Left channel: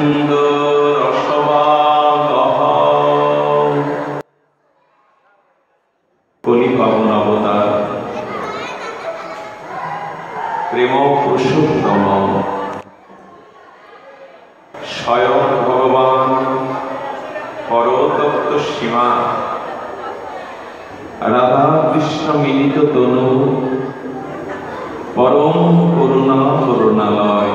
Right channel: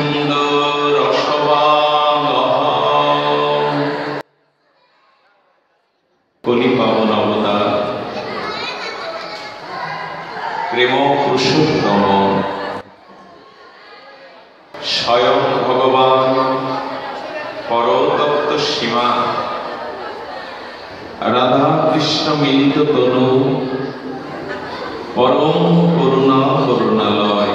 গোবিন্দ রসবাদহম। কলি পাবন অবতার প্রেম পুরুষোত্তম স্বয়ং ভগবান পরতত্ত্ব সীমা রাধা কৃষ্ণ মিলিত তনু পরম করুণা করুণালয়।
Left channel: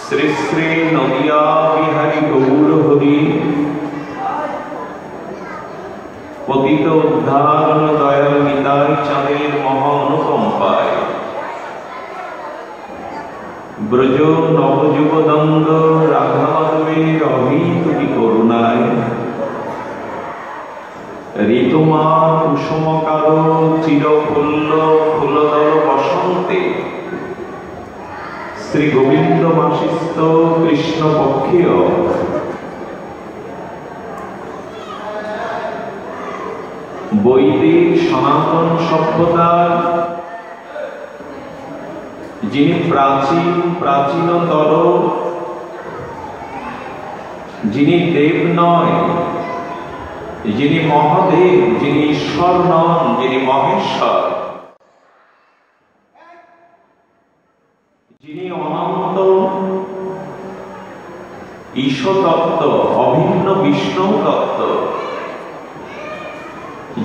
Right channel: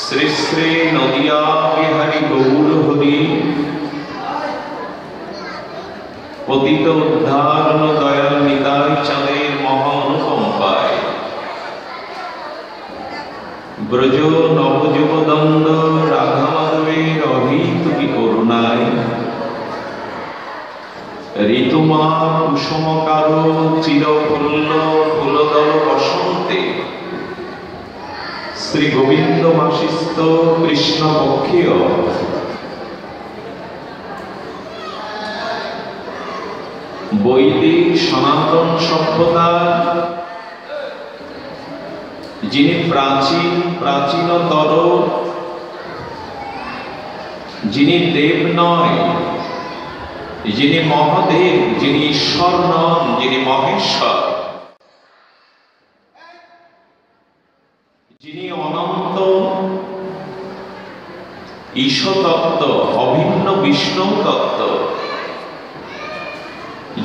শ্রী শ্রী নদিয়া বিহারী গৌর হরি পতিত উদ্ধারণ দয়াল নিতাই চাঁদের মহানুকম্পায় ব্রজ নবযুগদণ্ড রাধা মাধবের অভীতি করুণায় ঋতুমা কুসুমকার চিরফুল্ল ফুলদল বসন্তে শ্রী গোবিন্দ মাসিস্থ কৃষ্ণ পক্ষীয় বৈদিক সনাতন সভ্যতা যিনি প্রাচীনতর, যিনি দেব নয়, যিনি মহাদেব, যিনি ঈশ্বর নন, যিনি মহেশ্বর, যিনি অনন্ত ঈশ্বর তত্ত্ব, অভিন্ন বিষ্ণু তত্ত্ব,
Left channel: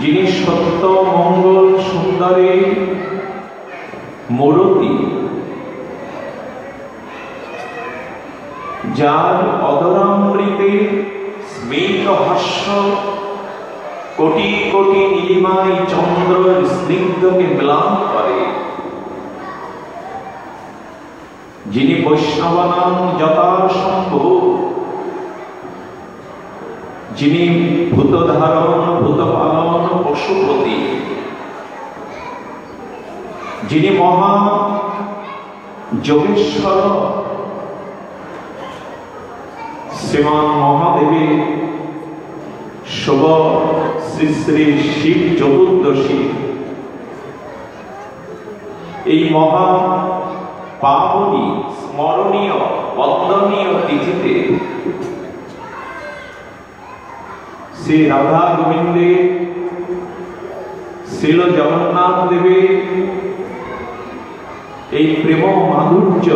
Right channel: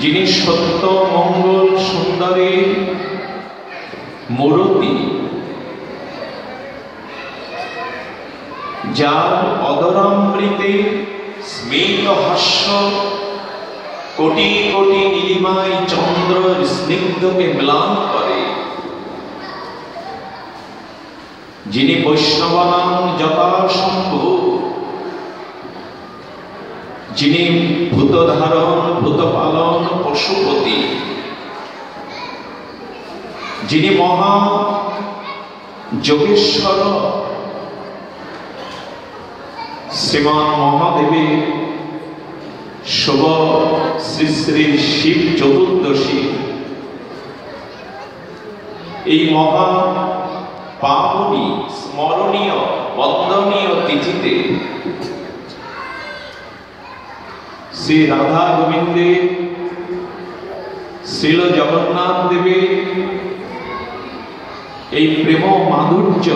যিনি সত্য মঙ্গল সুন্দরের মূরতি, যার অদরামৃতে স্মিত হাস্য কোটি কোটি নীলিমায় চন্দ্র স্নিগ্ধকে ম্লান করে, যিনি বৈষ্ণবানাং যথাসম্ভব, যিনি ভূতধারণ ভূতপালন পশুপতি, যিনি মহা যোগেশ্বর শ্রীমান মহাদেবের শুভ শ্রী শ্রী শিব চতুর্দশী এই মহা পাবনী স্মরণীয় বন্দনীয় তিথিতে শ্রী রাধা গোবিন্দের শ্রীল জগন্নাথ দেবের এই প্রেম মাধুর্য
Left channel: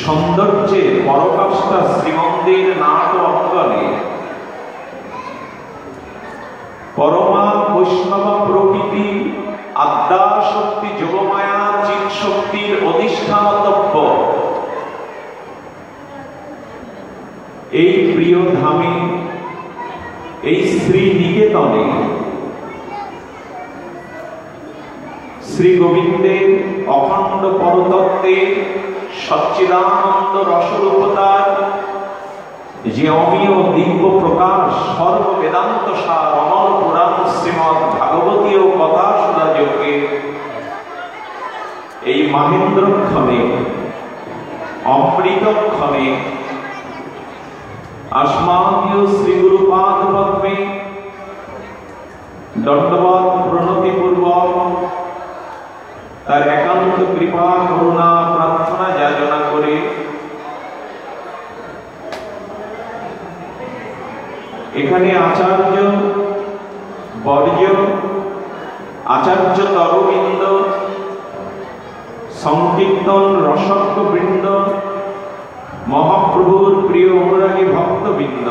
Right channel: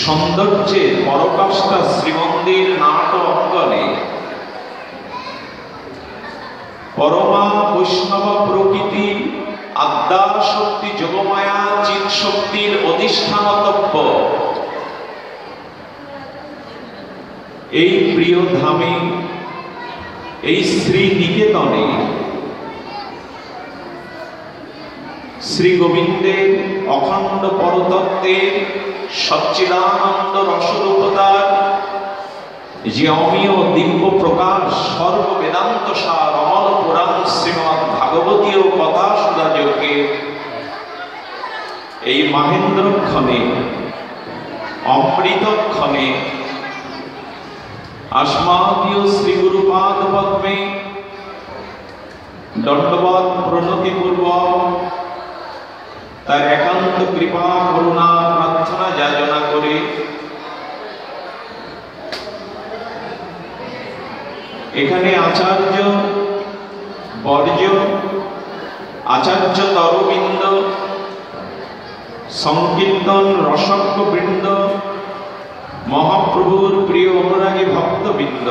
সৌন্দর্যের পরকাষ্ঠা শ্রীমন্দির নাট অঙ্গনে পরমা বৈষ্ণব প্রকৃতি আদ্যা শক্তি যোগমায়া চিৎ শক্তির অধিষ্ঠানতব্য এই প্রিয় ধামে, এই শ্রী নিকেতনে শ্রী গোবিন্দের অখণ্ড পরতত্ত্বের সচ্চিদানন্দ রসরূপতার যে অমীয় দিব্য প্রকাশ সর্ব বেদান্ত সার অমল পুরাণ শ্রীমৎ ভাগবতীয় কথা সুধাযোগে এই মাহেন্দ্রক্ষণে অমৃতক্ষণে আসমাদীয় শ্রী গুরুপাদ পদ্মে দণ্ডবৎ প্রণতিপূর্বক তার একান্ত কৃপা করুণা প্রার্থনা যাচনা করে এখানে আচার্য বর্জ, আচার্য তরবৃন্দ, সংকীর্তন রসজ্ঞ বৃন্দ, মহাপ্রভুর প্রিয় অনুরাগী ভক্তবৃন্দ,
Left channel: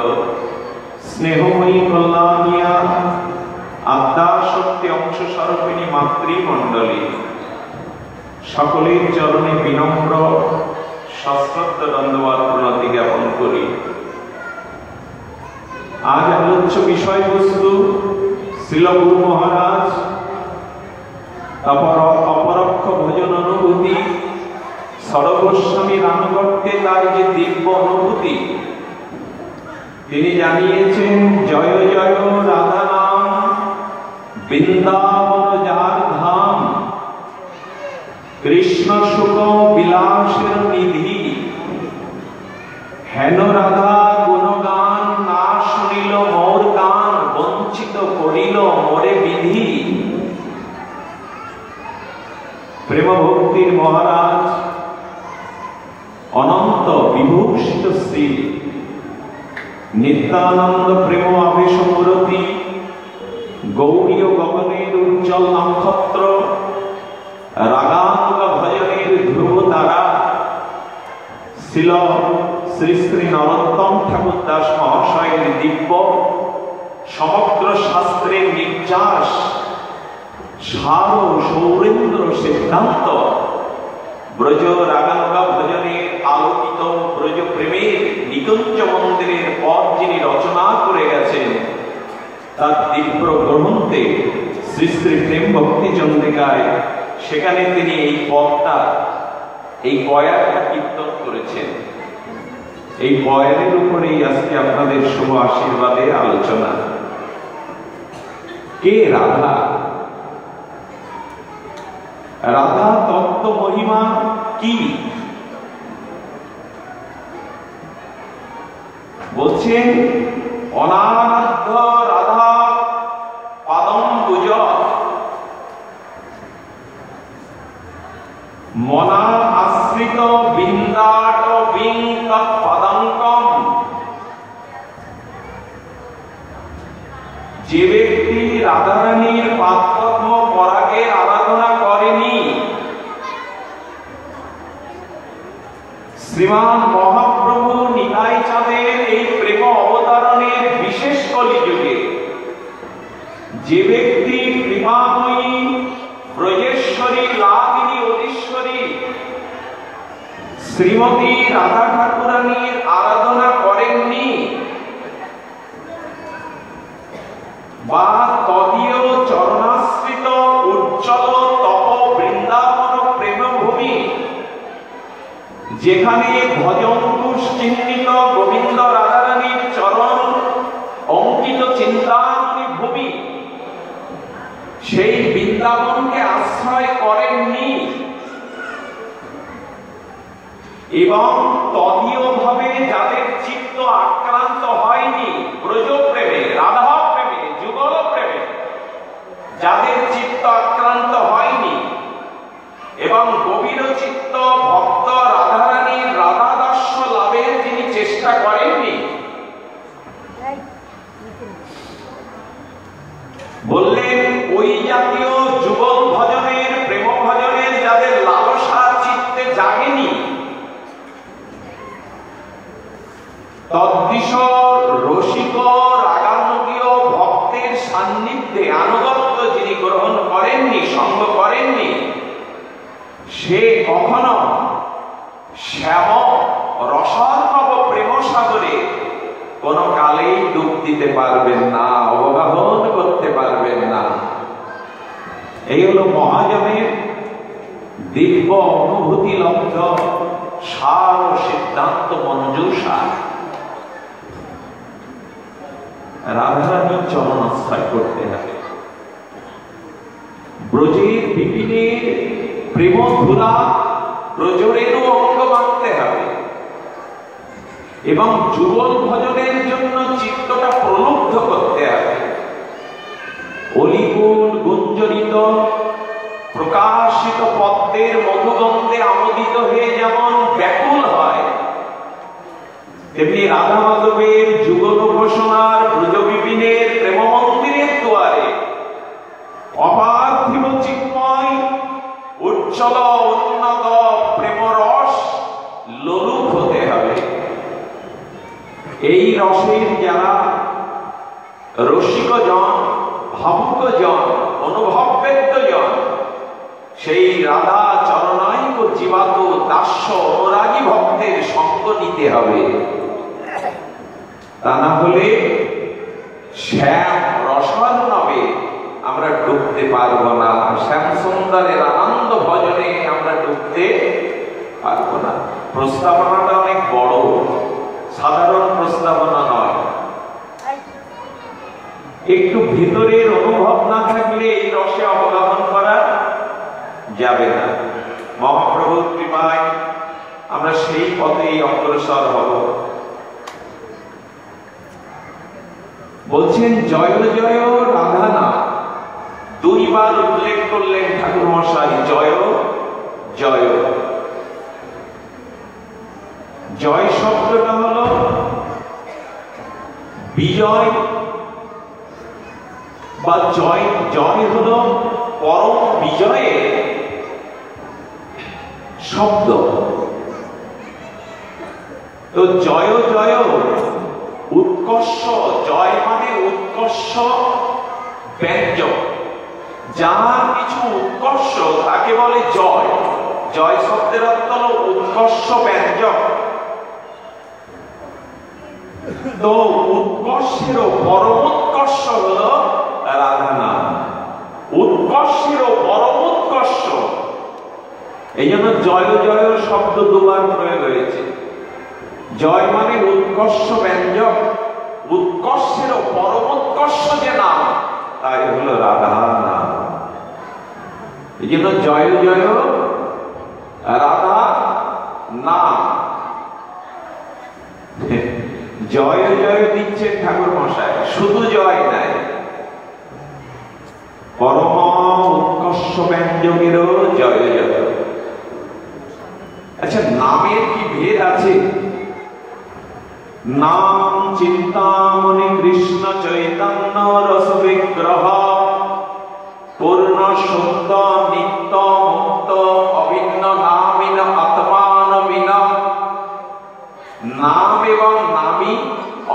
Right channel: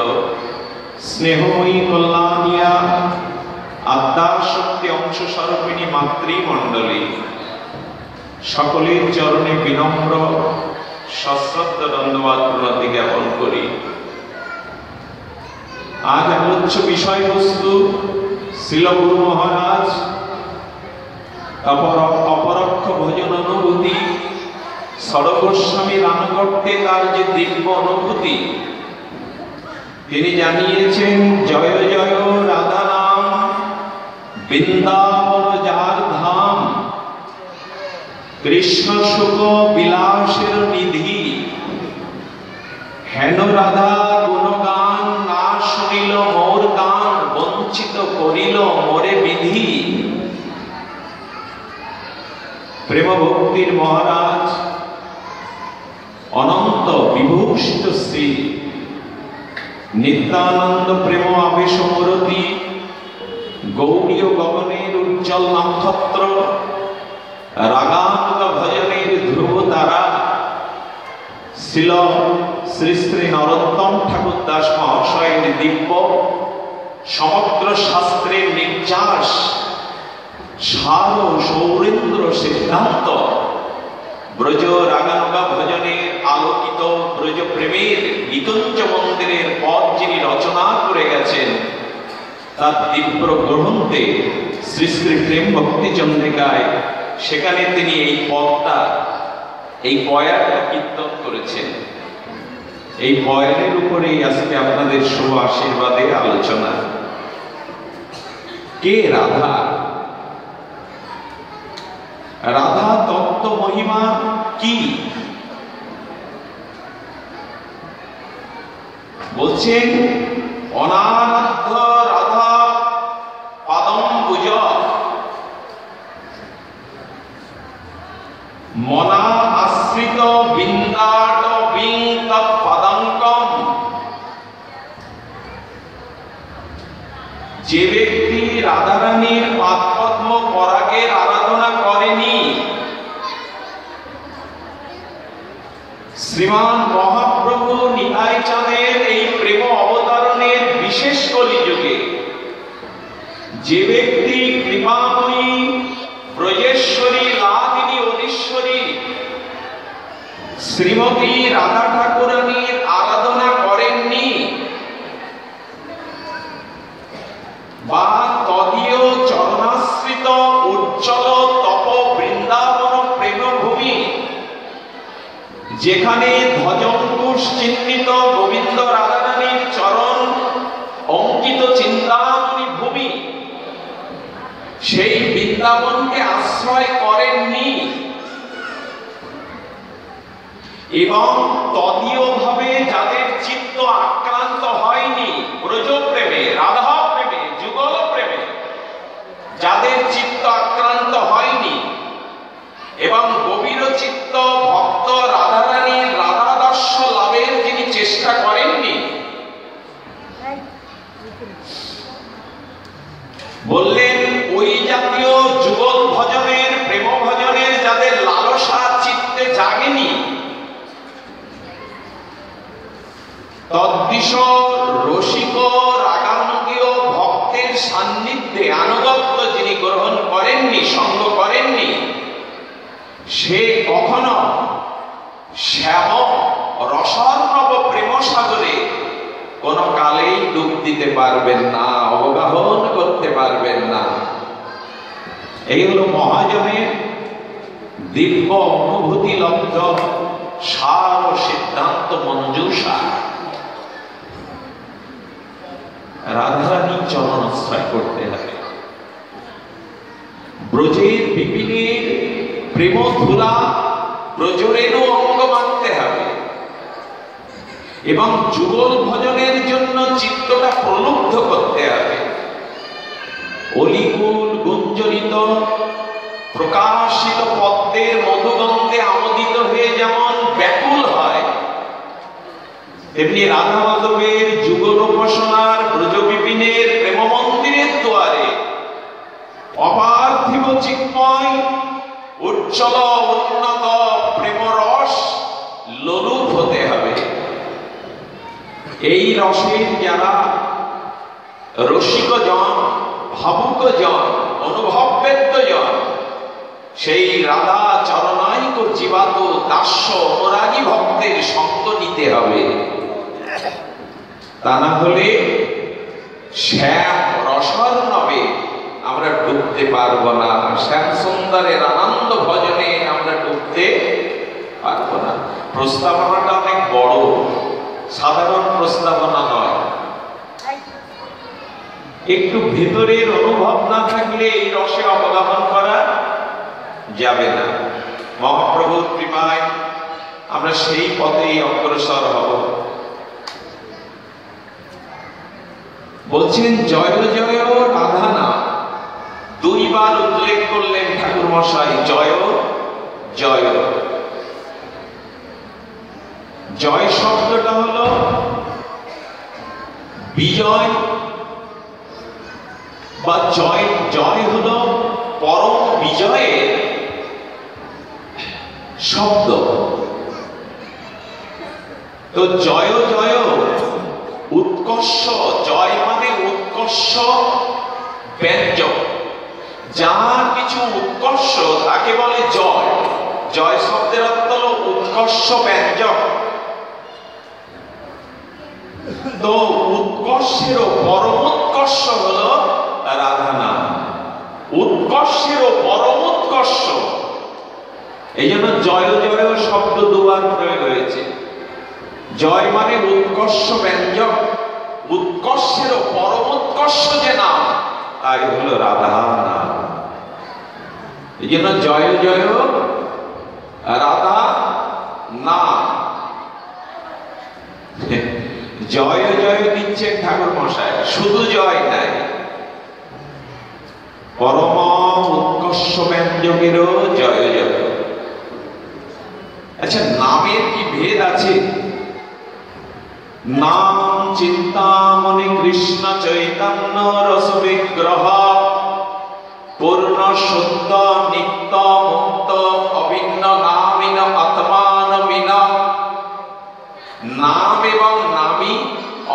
স্নেহময়ী কল্যাণিয়া আদ্যাশক্তি অংশ স্বরূপিণী মাতৃমণ্ডলী, সকলের চরণে বিনম্র সশ্রদ্ধ ধন্যবাদ প্রণতি জ্ঞাপন করি। আজ আলোচ্য বিষয়বস্তু শ্রীল গুরু মহারাজ অপরোক্ষ ভজন অনুভূতি, সর্বস্বামীর আনুগত্যে তার যে দিব্য অনুভূতি তিনি জানিয়েছেন। জয় জয় রাধা নাম বৃন্দাবন যার ধাম, কৃষ্ণ সুখ বিলাসের নিধি, হেন রাধা গুণগান না শুনিল মোর গান, বঞ্চিত করিল মোরে বিধি। প্রেম ভক্তির মহারাজ অনন্ত বিভূষিত শ্রী নিত্যানন্দ প্রেম আবেশ মূরতি গৌরীয় গগনের উজ্জ্বল নক্ষত্র রাগাঙ্গ ভজনের ধ্রুব তারা শ্রীল শ্রী শ্রী নরোত্তম ঠাকুর দাস মহাশয়ের দিব্য সমগ্র শাস্ত্রের নির্যাস সার সৌরেন্দ্র সিদ্ধান্ত ব্রজ রাগাঙ্গা ভজনের আলোকিত ব্রজ প্রেমের নিকুঞ্জ মন্দিরের পথ যিনি রচনা করে গেছেন তার দিব্য গ্রন্থে শ্রী শ্রী প্রেম ভক্তি চন্দ্রিকায় সেখানে তিনি এই পথটা এই বয়ানটা কীর্তন করেছেন। এই বয়ানের উপরেই আজকে আপনাদের শুভ আশীর্বাদের আলোচনা। কে রাধা? রাধা তত্ত্ব মহিমা কি বলছেন? অনারাধ্য রাধা পাদম পূজ মনা আশ্রিত বিন্দাট বিঙ্গ পদঙ্কম। যে ব্যক্তি রাধারানীর পাদপদ্ম পরাগের আরাধনা করেনি, শ্রীমান মহাপ্রভু নিতাই চাঁদের এই প্রেম অবতারণের বিশেষ কলিযুগে যে ব্যক্তি কৃপাময়ী ব্রজেশ্বরী লাদিনী অধীশ্বরী শ্রীমতী রাধা ঠাকুরানীর আরাধনা করেননি বা তদীয় চরণাশ্রিত উজ্জ্বল তপ বৃন্দাবন প্রেমভূমি যেখানে ধ্বজঙ্কুশ চিহ্নিত গোবিন্দ রাধারানীর চরণ অঙ্কিত চিন্তামণি ভূমি, সেই বৃন্দাবনকে আশ্রয় করেননি এবং তদীয় ভাবে যাদের চিত্ত আক্রান্ত হয়নি ব্রজ প্রেমে, রাধা প্রেমে, যুগল প্রেমে যাদের চিত্ত আক্রান্ত হয়নি এবং গভীর চিত্ত ভক্ত রাধারানীর রাধাদর্শ লাভের যিনি চেষ্টা করেননি, বললেন ওই জাতীয় যুগল ভজনের প্রেম ভজনের যাদের লালসা চিত্তে জাগেনি, তদ্বিষ রসিক রাগাঙ্গীয় ভক্তের সান্নিধ্যে আনুগত্য যিনি গ্রহণ করেননি, সঙ্গ করেননি, সে কখনো শ্যাম রসার্ণব প্রেম সাগরে কোন কালেই ডুব দিতে পারবেন না, অবগাহন করতে পারবেন না। এই হলো মহাজনের দীর্ঘ অনুভূতি লব্ধ সার ও সিদ্ধান্ত মঞ্জুষা। রাধারানীর চরণাশ্রয় করতে হবে, ব্রজের বিপিনের প্রেম ধুরা ব্রজরেরও অঙ্গ মানতে হবে এবং যুগল ভজনের জন্য চিত্তটা প্রলুব্ধ করতে হবে। অলিকুল গুঞ্জরিত প্রকাশিত পদ্মের মধুগন্ধে আমোদিত হয়ে যেমন ব্যাকুল হয়, তেমনি রাধা মাধবের যুগল উপাসনার ব্রজ বিপিনের প্রেম মন্দিরের দুয়ারে অপার্থিব চিন্ময় উজ্জ্বল উন্নত প্রেমরস লোলুপ হতে হবে। এই রসের যারা রসিক জন, ভাবুক জন, অনুভববেদ্য জন, সেই রাধা চরণায়িক জীবাত দাস্য অনুরাগী ভক্তের সঙ্গ নিতে হবে। তা না হলে শ্যাম রসার্ণবে আমরা ডুবতে পারবো না, শ্যাম সুন্দরের আনন্দ ভজনে আমরা ডুবতে পারবো না। প্রস্তাবনাটা অনেক বড়, সাধারণ প্রস্তাবনা নয়। একটু ভিতরের অনুভব না থাকলে এই রসে অবগাহন করা যাবে না। মহাপ্রভুর কৃপায় আমরা সেই পথেই অগ্রসর হব। বলছেন জয় জয় রাধা নাম দুইবার উল্লেখ করলেন ঠাকুর মশাই, জয় জয় শব্দটা হলো বিজয় বা জয়। জয় হলো পরম বিজয়ের শব্দ। তো জয় জয় উৎকর্ষ, জয় মানে উৎকর্ষ ব্যঞ্জক। যার কিছু উৎকর্ষ তাকে বলে জয়। জয় শব্দের অর্থ উৎকর্ষ ব্যঞ্জক। তো উৎকর্ষেরও পরমোৎকর্ষ হলো রাধা নাম। উৎকর্ষেরও পরমোৎকর্ষ, এই জন্য জয় জয় শব্দ দুবার প্রয়োগ হয়েছে। জয় মানে উৎকর্ষ ব্যঞ্জক, উৎকর্ষেরও পরমোৎকর্ষ যে নাম তাই হলো রাধা নাম। এই জন্য জয় জয় রাধা নাম। জয় জয় দিচ্ছে ঠাকুর মশাই, শুধু জয় নাই, পরম উৎকর্ষ ব্যঞ্জকেরও জয় জয়। আচ্ছা, নামের কি ভেদ আছে? নাম চিন্তামণি কৃষ্ণ চৈতন্য রস বিগ্রহ পূর্ণ শুদ্ধ নিত্য মুক্ত অভিন্ন নামিন আত্মানমিন। নাম এবং নামী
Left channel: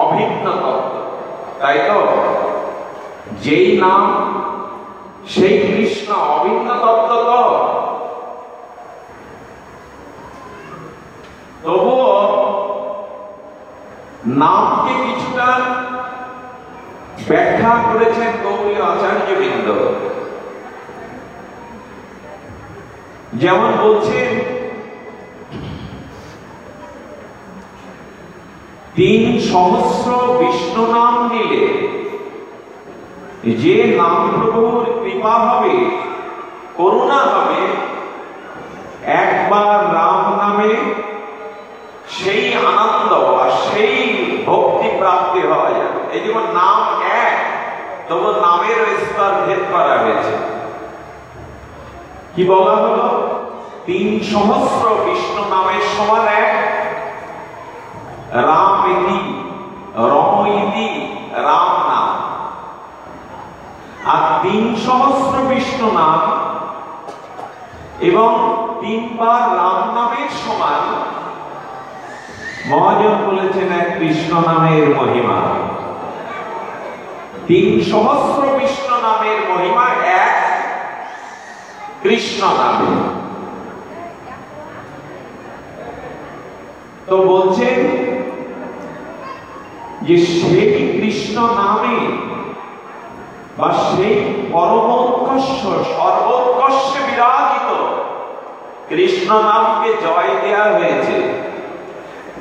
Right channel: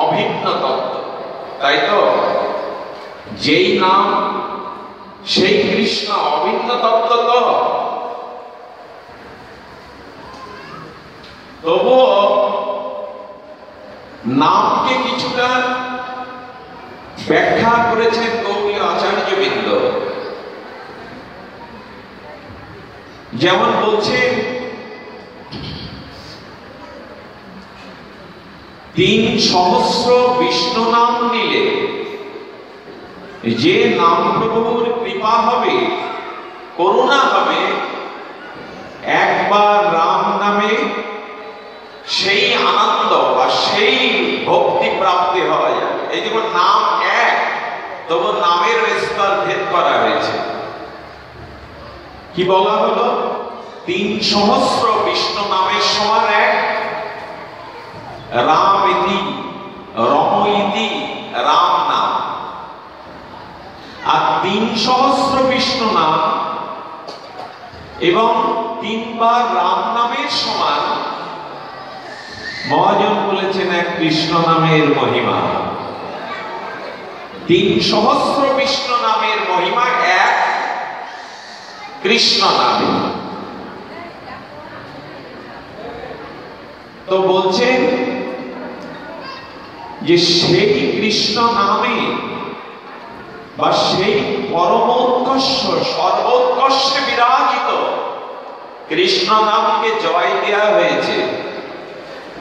অভিন্ন তত্ত্ব, তাই তো? যেই নাম সেই কৃষ্ণ, অভিন্ন তত্ত্ব তো। তবুও নামকে কিছুটা ব্যাখ্যা করেছেন গৌড়ীয় আচার্যবৃন্দ। যেমন বলছেন, ৩ সহস্র বিষ্ণু নাম নিলে যে নাম প্রভুর কৃপা হবে, করুণা হবে, একবার রাম নামে সেই আনন্দ আর সেই ভক্তি প্রাপ্তি হওয়া যাবে। এই জন্য নাম এক, তবু নামের স্তর ভেদ করা হয়েছে। কি বলা হলো? ৩ সহস্র বিষ্ণু নামের সমান এক। রাম ইতি, রম ইতি রাম নাম। আর ৩ সহস্র বিষ্ণু নাম এবং ৩ বার রাম নামের সমান মহাজন বলেছেন এক কৃষ্ণ নামের মহিমা। ৩ সহস্র বিষ্ণু নামের মহিমা এক কৃষ্ণ নামে। তো বলছেন যে সেই কৃষ্ণ নামে বা সেই পরমোৎকর্ষ সর্বোৎকর্ষে বিরাজিত কৃষ্ণ নামকে জয় দেওয়া হয়েছে।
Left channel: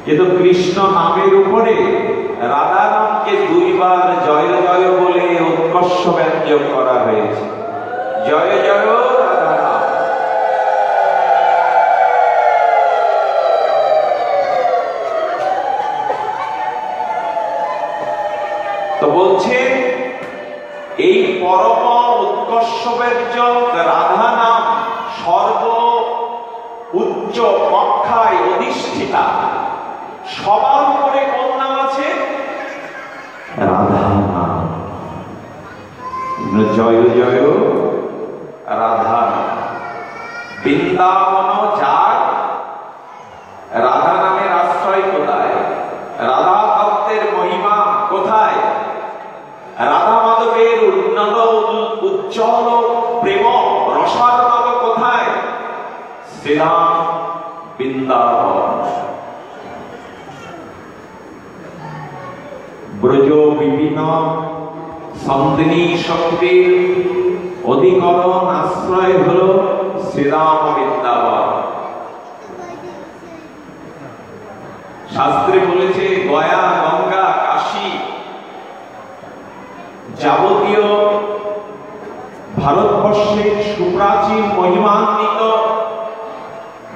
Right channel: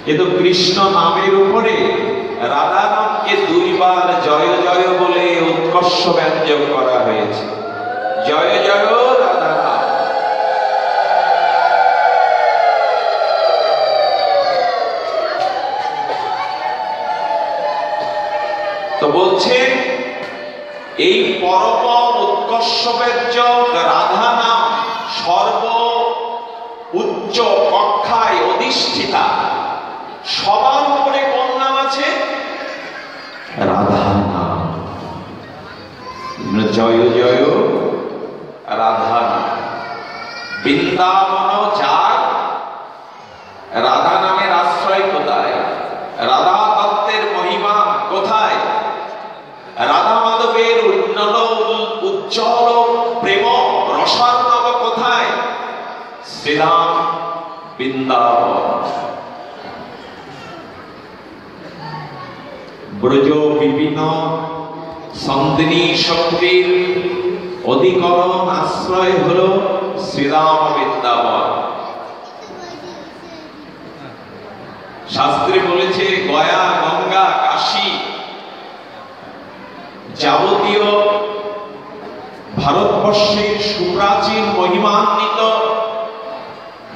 কিন্তু কৃষ্ণ নামের উপরে রাধা নামকে 2 বার জয় জয় বলে উৎকর্ষ ব্যঞ্জক করা হয়েছে। জয় জয় রাধা নাম। তো বলছেন এই পরম উৎকর্ষ ব্যঞ্জক রাধা নাম সর্ব উচ্চ কক্ষায় অধিষ্ঠিতা। সবার উপরে কোন নাম আছে? রাধা নাম। জয় জয় রাধা নাম। বৃন্দাবন যার, রাধা নামের আশ্রয় কোথায়? রাধা তত্ত্বের মহিমা কোথায়? রাধা মাধবের উন্নত উজ্জ্বল প্রেম রসার্ণব কোথায়? শ্রীরাম বৃন্দাবন। ব্রজ বিপিন সন্দিনী শক্তির অধিকরণ আশ্রয় হল শ্রীরাম বৃন্দাবন। শাস্ত্রে বলেছে গয়া, গঙ্গা, কাশী যাবতীয় ভারতবর্ষের সুপ্রাচীন মহিমান্বিত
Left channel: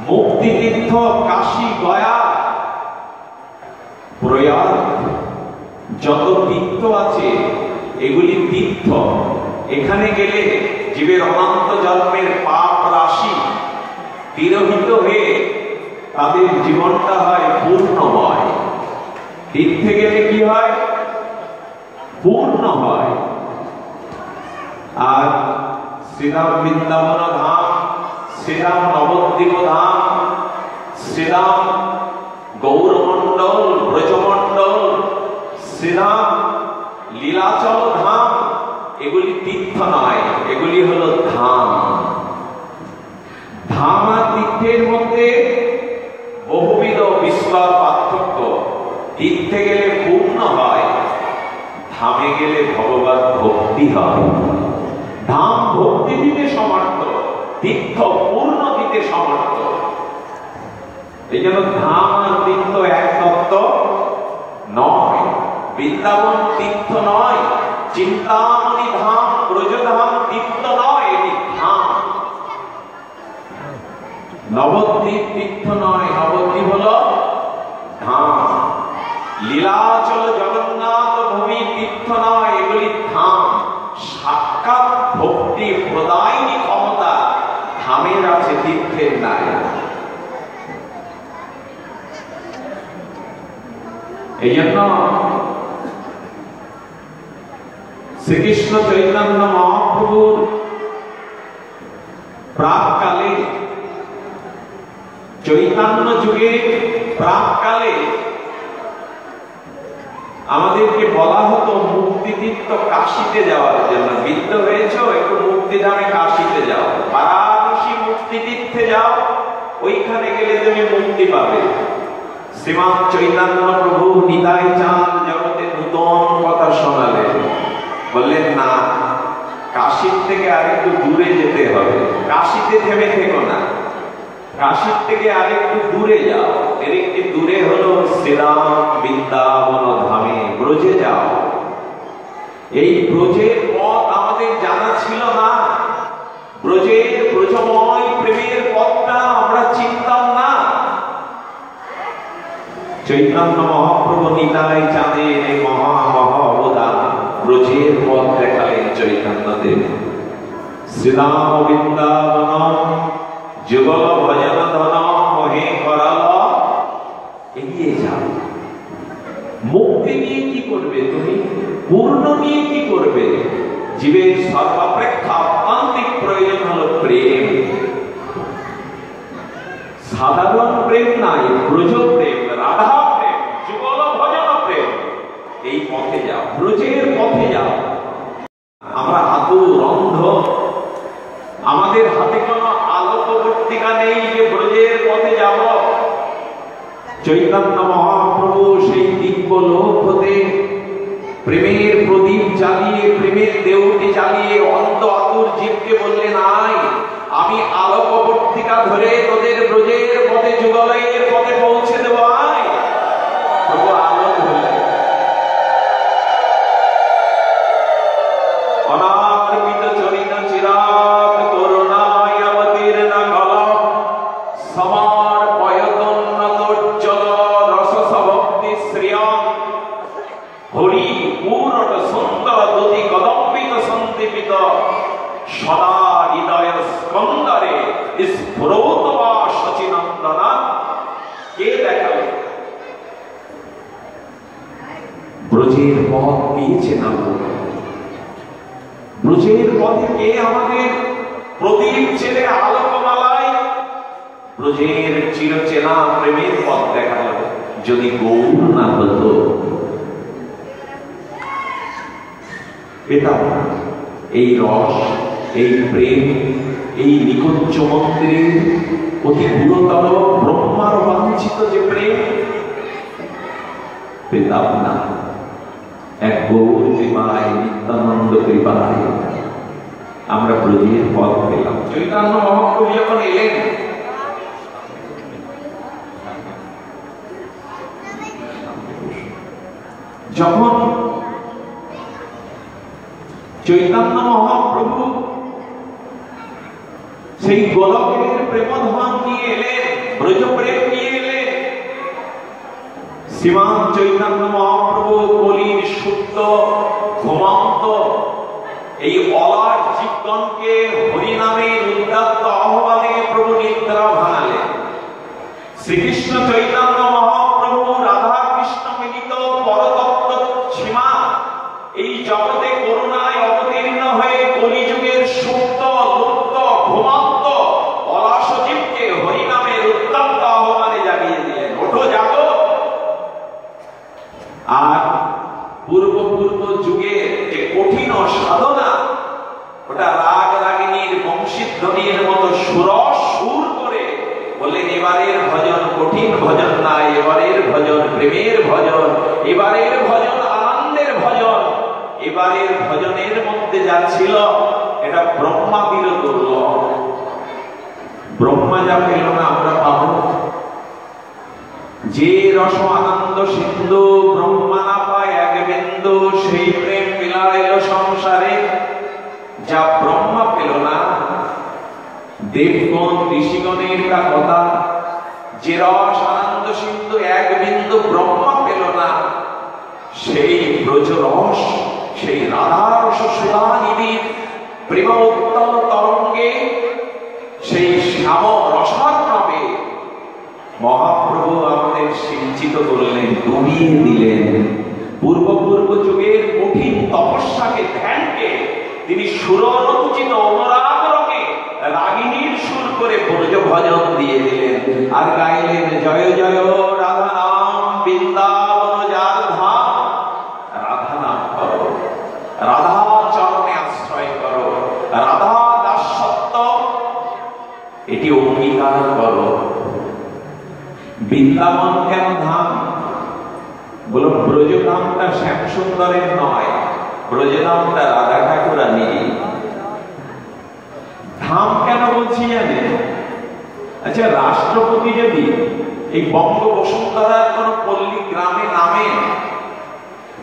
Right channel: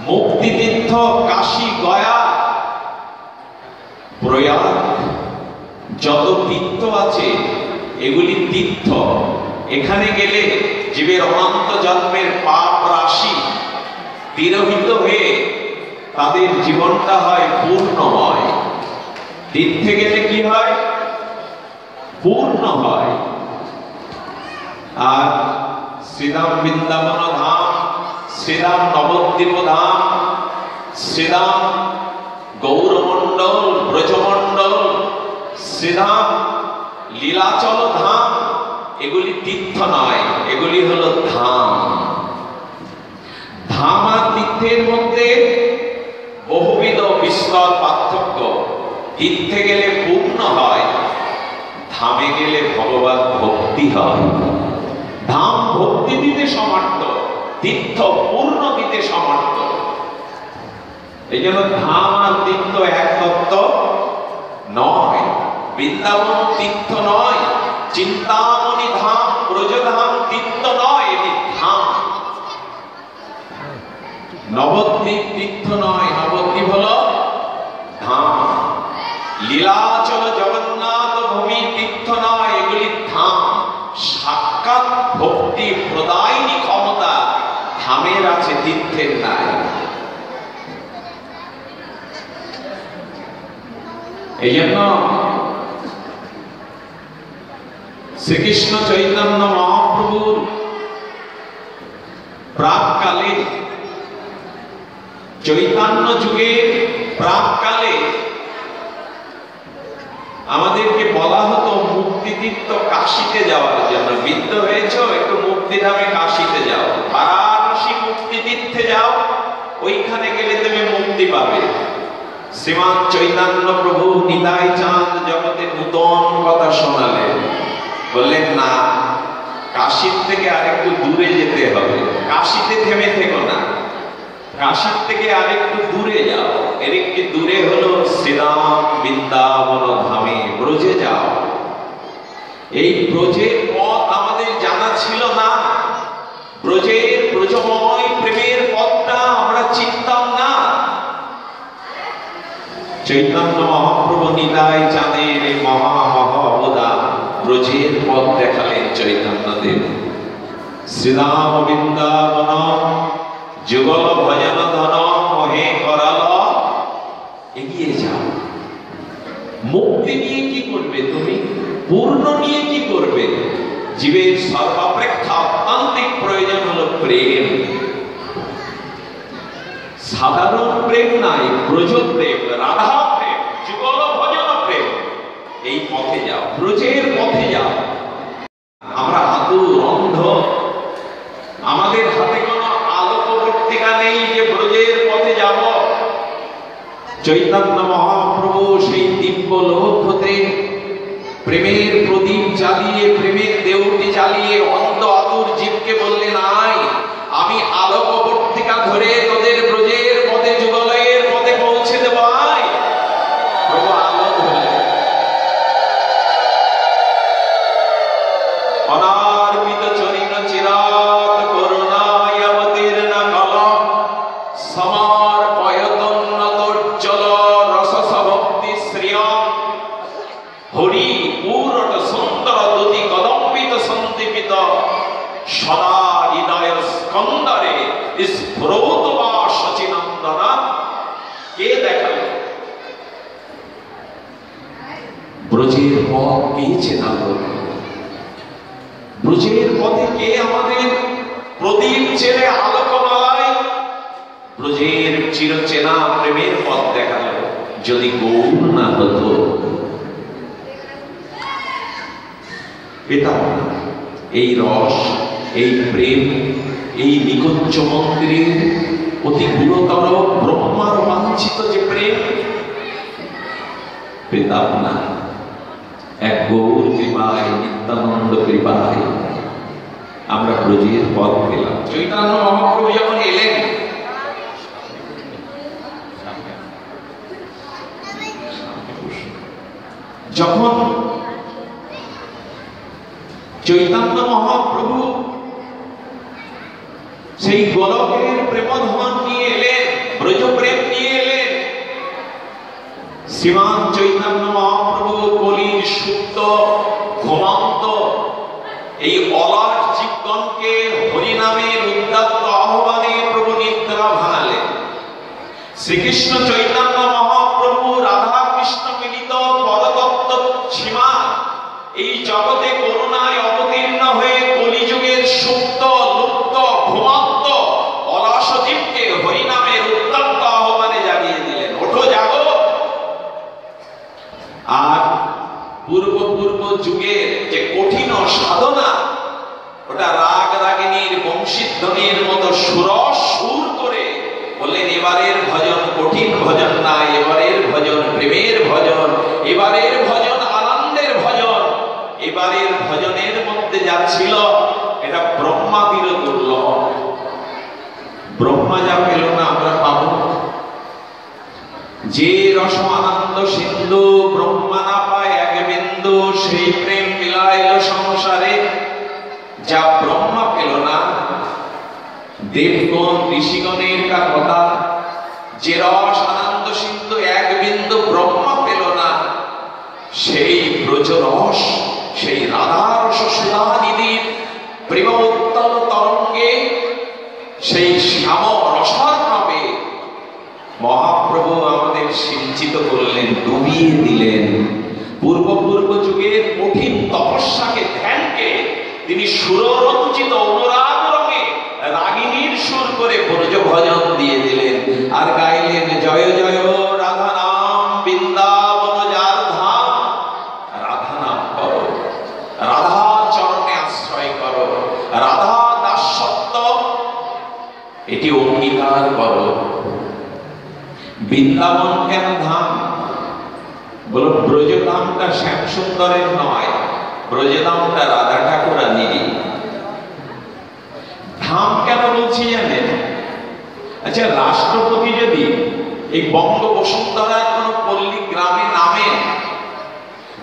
মুক্তিতীর্থ কাশী, গয়া, প্রয়াগ যত তীর্থ আছে এগুলি তীর্থ। এখানে গেলে জীবের অনন্ত জন্মের পাপ রাশি তিরোহিত হয়ে তাদের জীবনটা হয় পূর্ণময়। তীর্থে গেলে কি হয়? পূর্ণ হয়। আর শ্রীরাম বৃন্দাবন ধাম, শ্রীরাম নবদ্বীপ ধাম, শ্রীরাম গৌরমণ্ডল, ব্রজমণ্ডল, শ্রীরাম লীলাচল ধাম, এগুলি তীর্থ নয়, এগুলি হলো ধাম। ধাম আর তীর্থের মধ্যে বহুবিধ বিস্তর পার্থক্য। তীর্থে গেলে পূর্ণ হয়, ধামে গেলে ভগবত ভক্তি হয়। ধাম ভক্তি দিতে সমর্থ, তীর্থ পূর্ণ দিতে সমর্থ। এই জন্য ধাম আর তীর্থ এক তত্ত্ব নয়। বৃন্দাবন তীর্থ নয়, চিন্তামণি ধাম, ব্রজধাম তীর্থ নয়, এটি ধাম। নবদ্বীপ তীর্থ নয়, নবদ্বীপ হলো ধাম। লীলাচল জগন্নাথ ভূমি তীর্থ নয়, এগুলি ধাম। সাক্ষাৎ ভক্তি প্রদায়িনী ক্ষমতা ধামের আছে, তীর্থের নাই। এই জন্য শ্রীকৃষ্ণ চৈতন্য মহাপ্রভুর প্রাককালে, চৈতন্য যুগে প্রাককালে আমাদেরকে বলা হতো মুক্তিতীর্থ কাশীতে যাওয়ার জন্য। বিদ্ধ হয়েছ, একটু মুক্তিধামে কাশীতে যাও, বারাণসী মুক্তিতীর্থে যাও, ওইখানে গেলে তুমি মুক্তি পাবে। শ্রীমান চৈতন্য প্রভু নিতাই চাঁদ জগতে নূতন কথা শোনালেন। বললেন না, কাশীর থেকে আরেকটু দূরে যেতে হবে। কাশীতে থেমে থেকো না, কাশীর থেকে আরেকটু দূরে যাও। এর একটু দূরে হলো শ্রীরাম বৃন্দাবন ধামে, ব্রজে যাও। এই ব্রজের পথ আমাদের জানা ছিল না। ব্রজের ব্রজময় প্রেমের পথটা আমরা চিনতাম না। চৈতন্য মহাপ্রভু নিতাই চাঁদের মহা অবদান, ব্রজের পথ দেখালেন চৈতন্যদেব। শ্রীরাম বৃন্দাবন যুগল ভজন ধন মহে করাল, এগিয়ে যাও। মুক্তি নিয়ে কি করবে তুমি? পূর্ণ নিয়ে কি করবে? জীবের সর্বাপেক্ষা আত্মান্তিক প্রয়োজন হলো প্রেম। সাধারণ প্রেম নাই, ব্রজ প্রেম, রাধা প্রেম, যুগল ভজন প্রেম। এই পথে যাও, ব্রজের পথে যাও। আমরা আতুর অন্ধ, আমাদের হাতে কোনো আলোকবর্তিকা নেই যে ব্রজের পথে যাব। চৈতন্য মহাপ্রভু সেই দিব্য লোক হতে প্রেমের প্রদীপ জ্বালিয়ে, প্রেমের দেউটি জ্বালিয়ে অন্ধ আতুর জীবকে বললেন, আয় আমি আলোকবর্তিকা ধরে তোদের ব্রজের পথে, যুগলয়ের পথে পৌঁছে দেব। আয় প্রভু আলো ধরলেন। অনার্পিত চরিত চিরাত করুণায় অবতীর্ণ কলম সমর্পয়তোন্নতোজ্জ্বল রসস ভক্তি শ্রিয়ম হরি পূরণ সুন্দর দুতি কদম্বিত সন্দীপিত সদা হৃদয়ের স্কন্দরে স্ফুরত বা সচিনন্দনা। কে দেখাবে? ব্রজের পথ কে চেনাবো? ব্রজের পথে কে আমাদের প্রদীপ ছেড়ে আলোকমালায় ব্রজের চিরচেনা প্রেমের পথ দেখাবে? যদি গৌর না হতো, পেতাম না এই রস, এই প্রেম, এই নিকুঞ্জ মন্দিরের অতি গুরুতর ব্রহ্মার বাঞ্ছিত যে প্রেম, পেতাম না। এক গৌর কৃপায়, নিত্যানন্দ কৃপায় আমরা ব্রজের পথ পেলাম। চৈতন্য মহাপ্রভু যখন এলেন, যখন চৈতন্য মহাপ্রভু সেই গোলকের প্রেমধাম নিয়ে এলেন, ব্রজ প্রেম নিয়ে এলেন, শ্রীমান চৈতন্য মহাপ্রভু কলির সুপ্ত ঘুমন্ত এই অলাট জীবগণকে হরিনামের উদ্যত্ত আহ্বানে প্রভু নিদ্রা ভাঙালেন। শ্রীকৃষ্ণ চৈতন্য মহাপ্রভু রাধা কৃষ্ণ মিলিত পরতত্ত্ব সীমা এই জগতে করুণায় অবতীর্ণ হয়ে কলিযুগের সুপ্ত লুপ্ত ঘুমন্ত অলস জীবকে হরিনামের উত্তপ্ত আহ্বানে জাগিয়ে দিলেন, ওঠো জাগো। আর পূর্ব যুগের যে কঠিন সাধনা, ওটা রাগ রাগিনীর বংশীধ্বনির মতো সুর করে বললেন, এবারের ভজন কঠিন ভজন নাই, এবারের ভজন প্রেমের ভজন, এবারের ভজন আনন্দের ভজন। এবারের ভজনের মধ্যে যা ছিল এটা ব্রহ্মাদির দুর্লভ। ব্রহ্মা যা পেল না আমরা পাবো। যে রস আনন্দ সিন্ধু ব্রহ্মা না পায় এক বিন্দু, সেই প্রেম মিলাইল সংসারে যা ব্রহ্মা পেল না। দেবগণ ঋষিগণের কথা, যে রস আনন্দ সিন্ধু এক বিন্দু ব্রহ্মা পেল না, সেই ব্রজরস, সেই রাধারস সুধানিধির প্রেম উত্তম তরঙ্গে, সেই শ্যাম রসার্ণবে মহাপ্রভু আমাদের সিঞ্চিত করলেন, ডুবিয়ে দিলেন। পূর্ব যুগের কঠিন তপস্যাকে, ধ্যানকে তিনি সুররচিত অনুরাগ রঙে রাগিনীর সুর করে ব্রজ ভজন দিয়ে দিলেন। আর গাইলেন, জয় জয় রাধা নাম বৃন্দাবন যার ধাম। রাধা নাম করো, রাধা চরণে আশ্রয় করো, রাধা দাসত্ব এটি অঙ্গীকার করো। বৃন্দাবন কেন ধাম? বলো, ব্রজ ধামটা শ্যাম সুন্দরের নয়, ব্রজ ধামটা রাধা ঠাকুরানীর। ধাম কেন বলছি জানেন? আচ্ছা, রাষ্ট্রপতি যদি এই বঙ্গবসুন্ধরার কোন পল্লী গ্রামে নামে,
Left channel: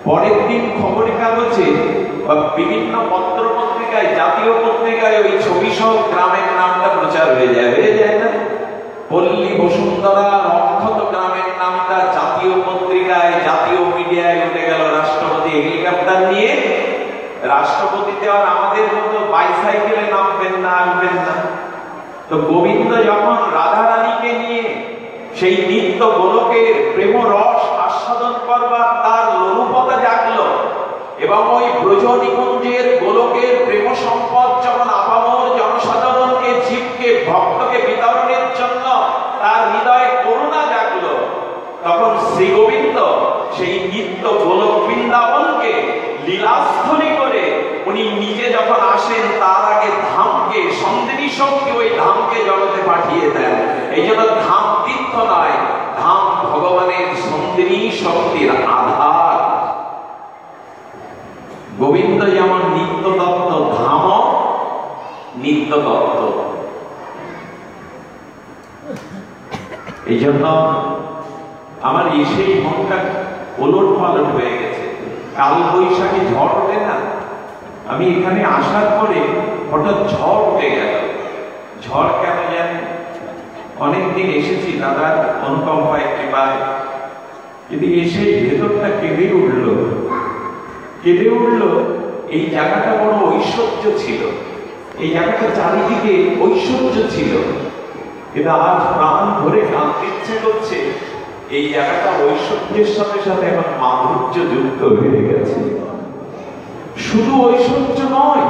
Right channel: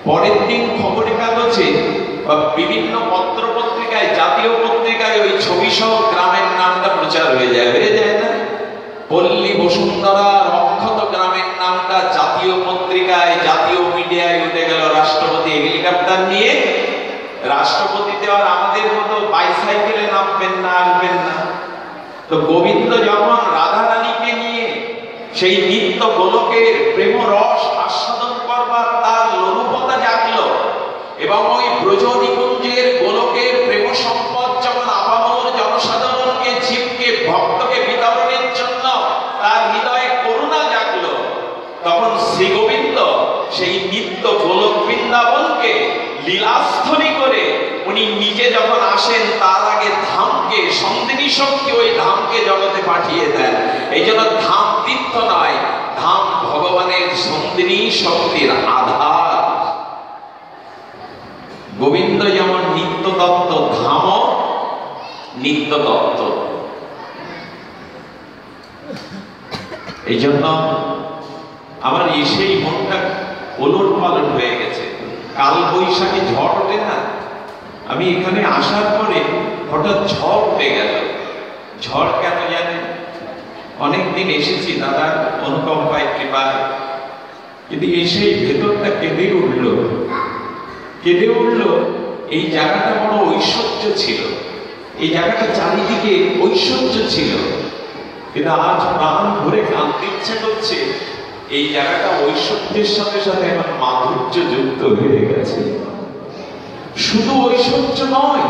পরের দিন খবরের কাগজে বা বিভিন্ন পত্র পত্রিকায়, জাতীয় পত্রিকায় ওই ছবি সহ গ্রামের নামটা প্রচার হয়ে যায় না? পল্লী বসুন্ধরা রক্ষত গ্রামের নামটা জাতীয় পত্রিকায়, জাতীয় মিডিয়ায় উঠে গেল। রাষ্ট্রপতি হেলিকপ্টার নিয়ে, রাষ্ট্রপতিতে আর আমাদের মতো বাইসাইকেলে নামবেন না, আসবেন না। তো গোবিন্দ যখন রাধা রানীকে নিয়ে সেই নিত্য গোলকের প্রেম রস আস্বাদন করবার তার লোলুপতা জাগলো, এবং ওই ব্রজ নিকুঞ্জের গোলকের প্রেম সম্পদ যখন আপামর জনসাধারণকে, জীবকে, ভক্তকে বিতরণের জন্য তার হৃদয়ে করুণা জাগলো, তখন শ্রী গোবিন্দ সেই নিত্য গোলক বৃন্দাবনকে লীলাস্থলী করে উনি নিজে যখন আসেন, তার আগে ধামকে, সন্দিনী শক্তি ওই ধামকে জগতে পাঠিয়ে দেন। এই জন্য ধাম তীর্থ নয়, ধাম ভগবানের সন্দিনী শক্তির আধার। গোবিন্দ যেমন নিত্য দত্ত, ধাম নিত্য দত্ত। এই জন্য আমার এসেই মনটা ওলট পালট হয়ে গেছে। কাল বৈশাখী ঝড় ওঠে না, আমি এখানে আসার পরে হঠাৎ ঝড় উঠে গেল। ঝড় কেন জানেন? অনেকদিন এসেছি দাদা অনুকম্পায়, কৃপায়, কিন্তু এসে ভেতরটা কেঁদে উঠলো। এই জায়গাটা বড় ঐশ্বর্য ছিল, এই জায়গাটা চারিদিকে ঐশ্বর্য ছিল, কিন্তু আজ প্রাণ ভরে কাঁদতে ইচ্ছে করছে। এই জায়গাটা ঐশ্বর্যের সাথে সাথে এখন মাধুর্য যুক্ত হয়ে গেছে। শুধু ঐশ্বর্য নয়,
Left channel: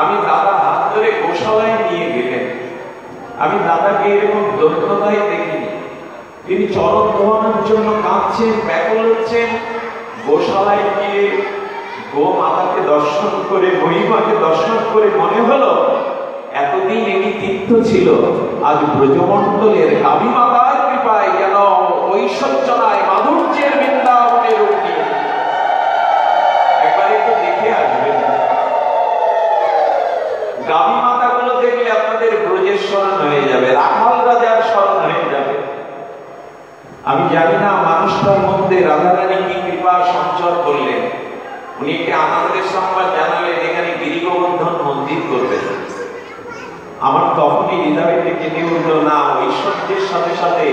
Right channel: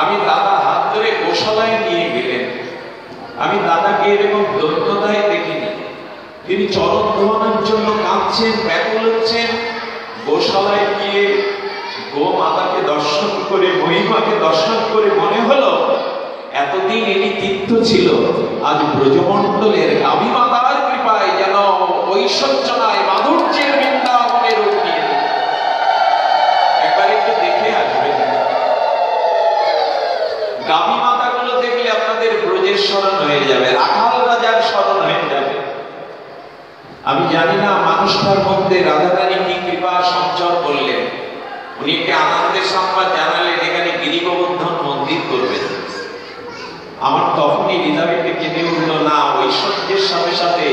আমি দাদা হাত ধরে গোশালায় নিয়ে গেলেন। আমি দাদাকে এরকম দত্ততায় দেখিনি। তিনি চরণ গ্রহণের জন্য কাঁদছেন, ব্যাকুল হচ্ছেন। গোশালায় গিয়ে গো মাতাকে দর্শন করে, মহিমাকে দর্শন করে মনে হলো এতদিন এটি তীর্থ ছিল, আজ ব্রজমণ্ডলের গাভী মাতার কৃপায় যেন ঐশ্বর্য নয়, মাধুর্যের বৃন্দাবনে রূপ নিয়ে। একবার একটু দেখে আসবেন। গাভী মাতাগুলো দেখলে আপনাদের ব্রজের স্মরণ হয়ে যাবে, রাখাল রাজার স্মরণ হয়ে যাবে। আমি জানি না মানুষটার মধ্যে রাধারানী কি কৃপা সঞ্চয় করলেন। উনি আনন্দের সংবাদ জানালেন এখানে গিরিগোবর্ধন মন্দির করবেন। আমার তখনই হৃদয়ে কেঁদে উঠল, না, ঐশ্বর্যের সাথে সাথে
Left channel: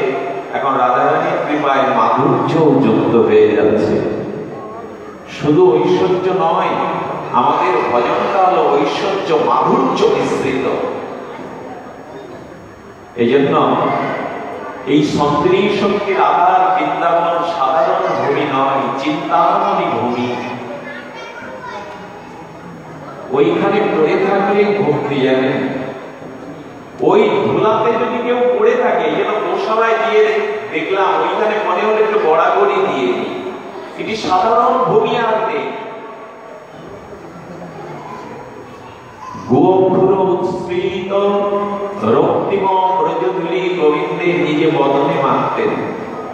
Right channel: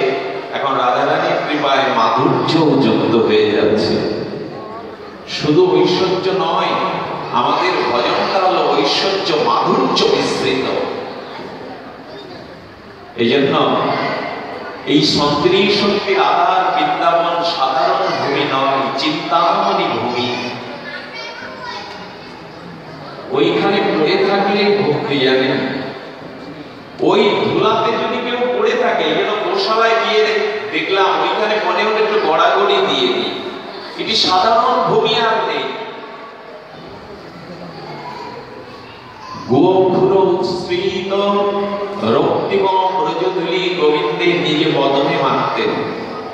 এখন রাধারানীর কৃপায় মাধুর্য যুক্ত হয়ে যাচ্ছে। শুধু ঐশ্বর্য নয়, আমাদের ভজনটা হলো ঐশ্বর্য মাধুর্য মিশ্রিত। এই জন্য এই সন্ত্রীর সঙ্গে রাধার বৃন্দাবন সাধারণ ভূমি নয়, চিন্তামণি ভূমি। ওইখানে পড়ে থাকলে ভক্তি জানেন, ওই ধুলাতে যদি কেউ পড়ে থাকে, যেন গোশালায় গিয়ে দেখলাম ওইখানে মনে হলে একটু গড়াগড়ি দিয়ে দিই, এটি সাধারণ ভূমি আর নেই। গোপুর উৎসৃত রক্তিম ব্রজধূলি গোবিন্দের নিজে বদনে মাখতেন।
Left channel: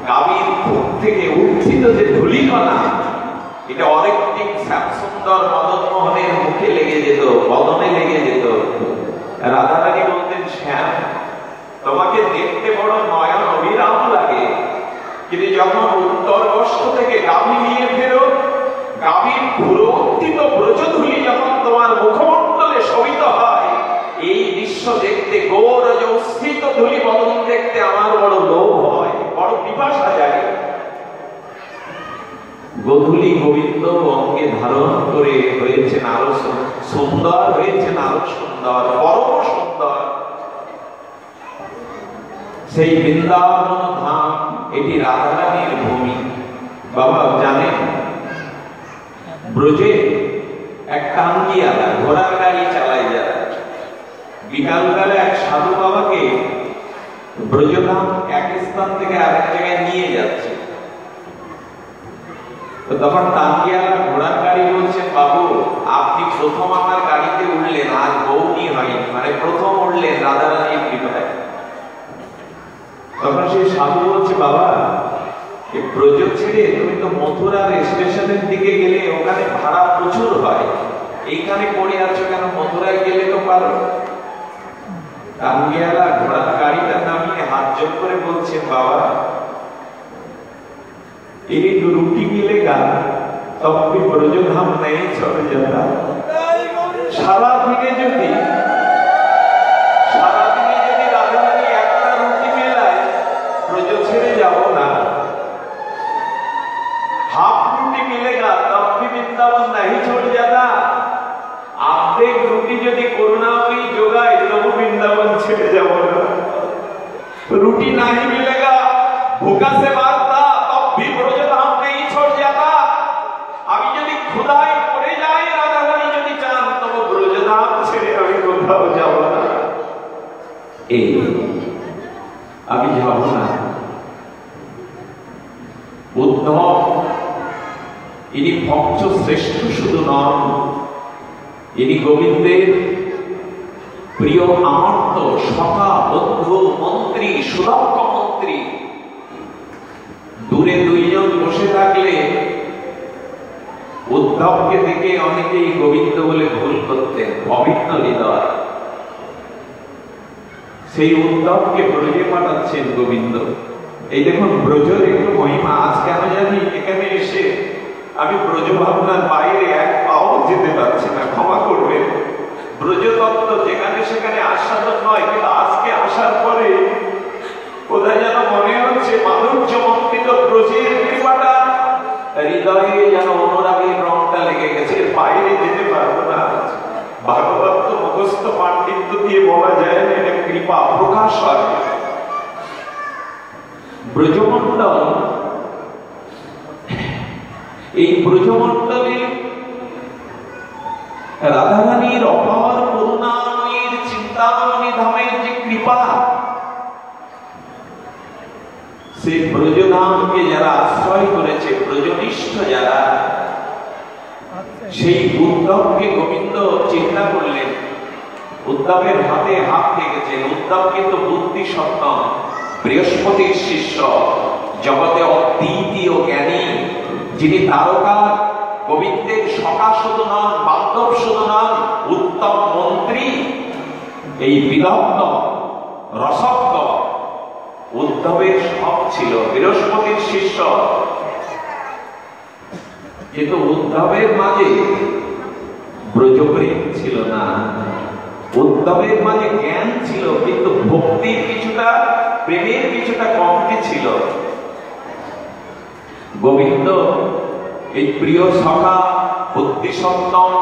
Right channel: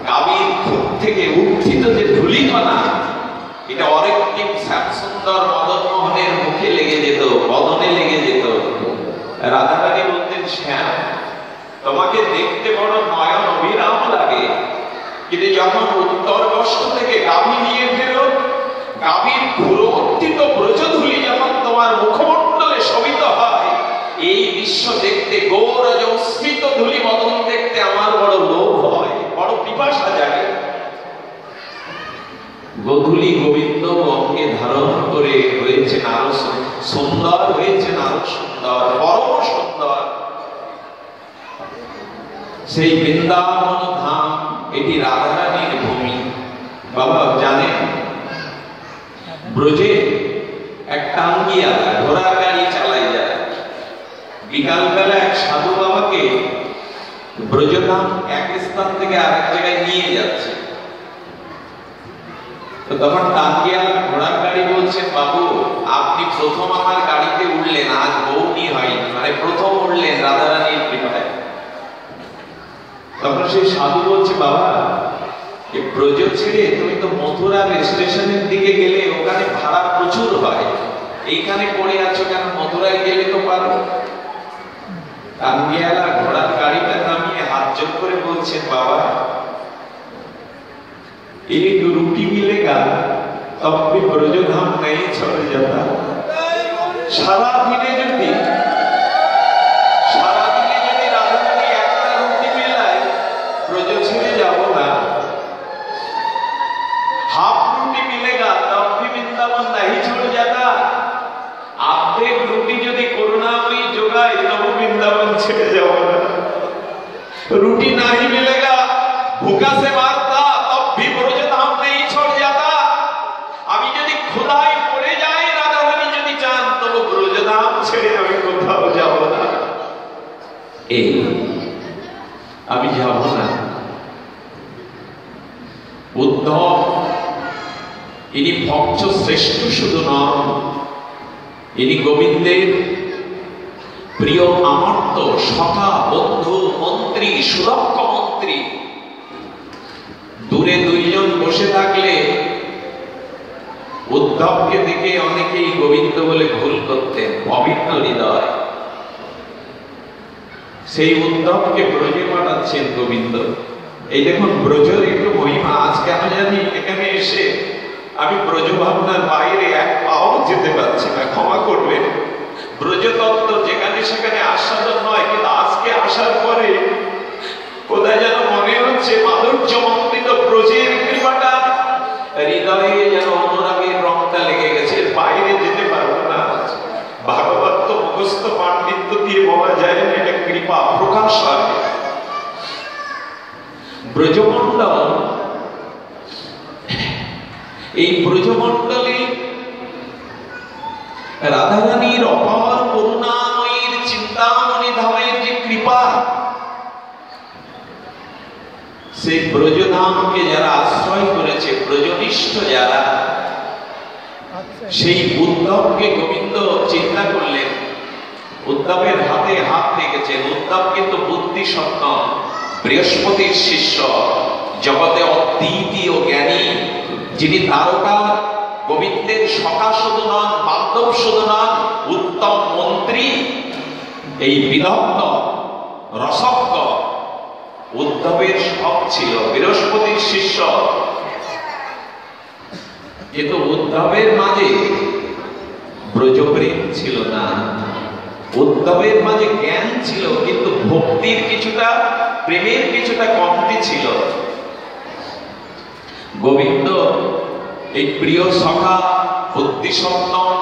কাবির খুব থেকে উত্থিত যে ধূলিকণা, এটা অরেকটিম শ্যামসুন্দর মদন মোহনের মুখে লেগে যেত, বদনে লেগে যেত। রাধারানী বলতেন, শ্যাম তোমাকে দেখতে বড় নয়ন অভিরাম লাগে, কিন্তু যখন উত্তর কষ্ট থেকে গাভী নিয়ে ফেরো, গাভীর পুরোত্থিত ব্রজধূলি যখন তোমার মুখমণ্ডলে শোভিত হয়, এই দৃশ্য দেখতে, গৌরজ উৎসৃত ধূলি বদন দেখতে আমার বড় লোভ হয়, বড় পিপাসা জাগে। গোধূলি গোবিন্দ অঙ্গে ধারণ করে হয়েছেন আরো সুন্দর, হয়েছেন আরো সুন্দর, পরম সুন্দর। সেই বৃন্দাবন ধাম, এটি রাধারানীর ভূমি। বাবা জানেন, ব্রজে এক টাঙ্গিয়ালা ঘোড়ার গাড়ি চালাই যায়। বিকালবেলা এক সাধু বাবাকে ব্রজধাম এক স্থান থেকে আরেক জায়গায় নিয়ে যাচ্ছে। তো তখন টাঙ্গিয়ালা ঘোড়ার গাড়ি বলছে, বাবু আপনি প্রথম আমার গাড়িতে উঠলেন, আজ বৌনি হয়নি, মানে প্রথম উঠলেন রাধারানীর কৃপায়। তখন সেই সাধু বলছে, বাবা এই ব্রজ ছেড়ে তুমি তো মথুরার স্টেশনের দিকে গেলে, ওখানে ভাড়া প্রচুর হয়, এইখানে পড়ে আছো কেন? মথুরায় গেলে তো পারো। টাঙ্গিয়ালা ঘোড়ার গাড়িটা নামিয়ে হাত জোড় করে বলছে, বাবা एक रोटी मिलेगा तब भी ब्रजधाम नहीं छोड़ जाता। सारा दिने যদি রাধারানী একটা রুটি মেলায়, ব্রজ ছেড়ে যাব না। हाफ रोटी मिलेगा तब भी वृंदावन नहीं छोड़ जाता। आधे रोटी যদি করুণাময়ী জোগায়, তবু वृंदावन ছেড়ে যাব না। रोटी नहीं मिलेगा, भूखा से मारता, तब भी ब्रजधाम नहीं छोड़ जाता। আমি যদি ক্ষুধায় পড়ে যাই, রাধারানী যদি চান, তবু ব্রজধাম ছেড়ে আমি কোথাও যাব না। এই আমি যাব না। উদ্ধব ইনি ভক্ত শ্রেষ্ঠ শুধু নন, ইনি গোবিন্দের প্রিয় আমর্ত সখা, বন্ধু, মন্ত্রী, সুরক্ষা মন্ত্রী। দূরে দুইজন বসে থাকলে উদ্ধবকে দেখে অনেকেই গোবিন্দ বলে ভুল করতেন, অভিন্ন হৃদয়। সেই উদ্ধবকে ব্রজে পাঠাচ্ছেন গোবিন্দ। এই দেখুন ব্রজের একটু মহিমা। আজ কেন জানি এখানে এসে আমি ব্রজ ভাবনার বাইরে এক পাও যেতে পারছি না, ক্ষমা করবেন। ব্রজতত্ত্ব যেখানে সেখানে আস্বাদন নয়, কিন্তু আজকে আসার পরে কোথায় যেন মনে হচ্ছে মাধুর্য মন্ত্রিত ব্রজের কৃপাটা হৃদয়ে যেন অনুরাগের রংটা লেগে গেছে, বাইরে যেতে পারবো না। ভাগবত তো মুখস্থ পাণ্ডিত্য দিয়ে বলা যায় না, এটা কৃপা প্রকাশ হয়। ব্রজমণ্ডল, এই ব্রজমণ্ডলে রাধারানীর অপার করুণাময়ীর চিন্তামণি ধামের যে কৃপা, সেই ব্রজধামকে যারা আশ্রয় করেছে, ব্রজনিষ্ঠ যারা, সেই উদ্ধবকে গোবিন্দ চিন্তা করলেন। উদ্ধবের হাতে হাত রেখেছেন। উদ্ধব কিন্তু বুদ্ধি সত্য, বৃহস্পতির শিষ্য, জগতে অদ্বিতীয় জ্ঞানী, যিনি তারকা গোবিন্দের সখা শুধু নন, বান্ধব শুধু নন, উত্তম মন্ত্রী। এই বিদগ্ধ রসজ্ঞ উদ্ধবের সব ছিল, বৃহস্পতির শিষ্য। কিন্তু উদ্ধবের মাঝে ব্রজপ্রেম ছিল না। উদ্ধবের মাঝে জ্ঞান ছিল, কিন্তু ভক্তির কিছুটা, প্রেমের কিছুটা কমতি ছিল। গোবিন্দ এই প্রিয় সখা, বুদ্ধিসত্তম,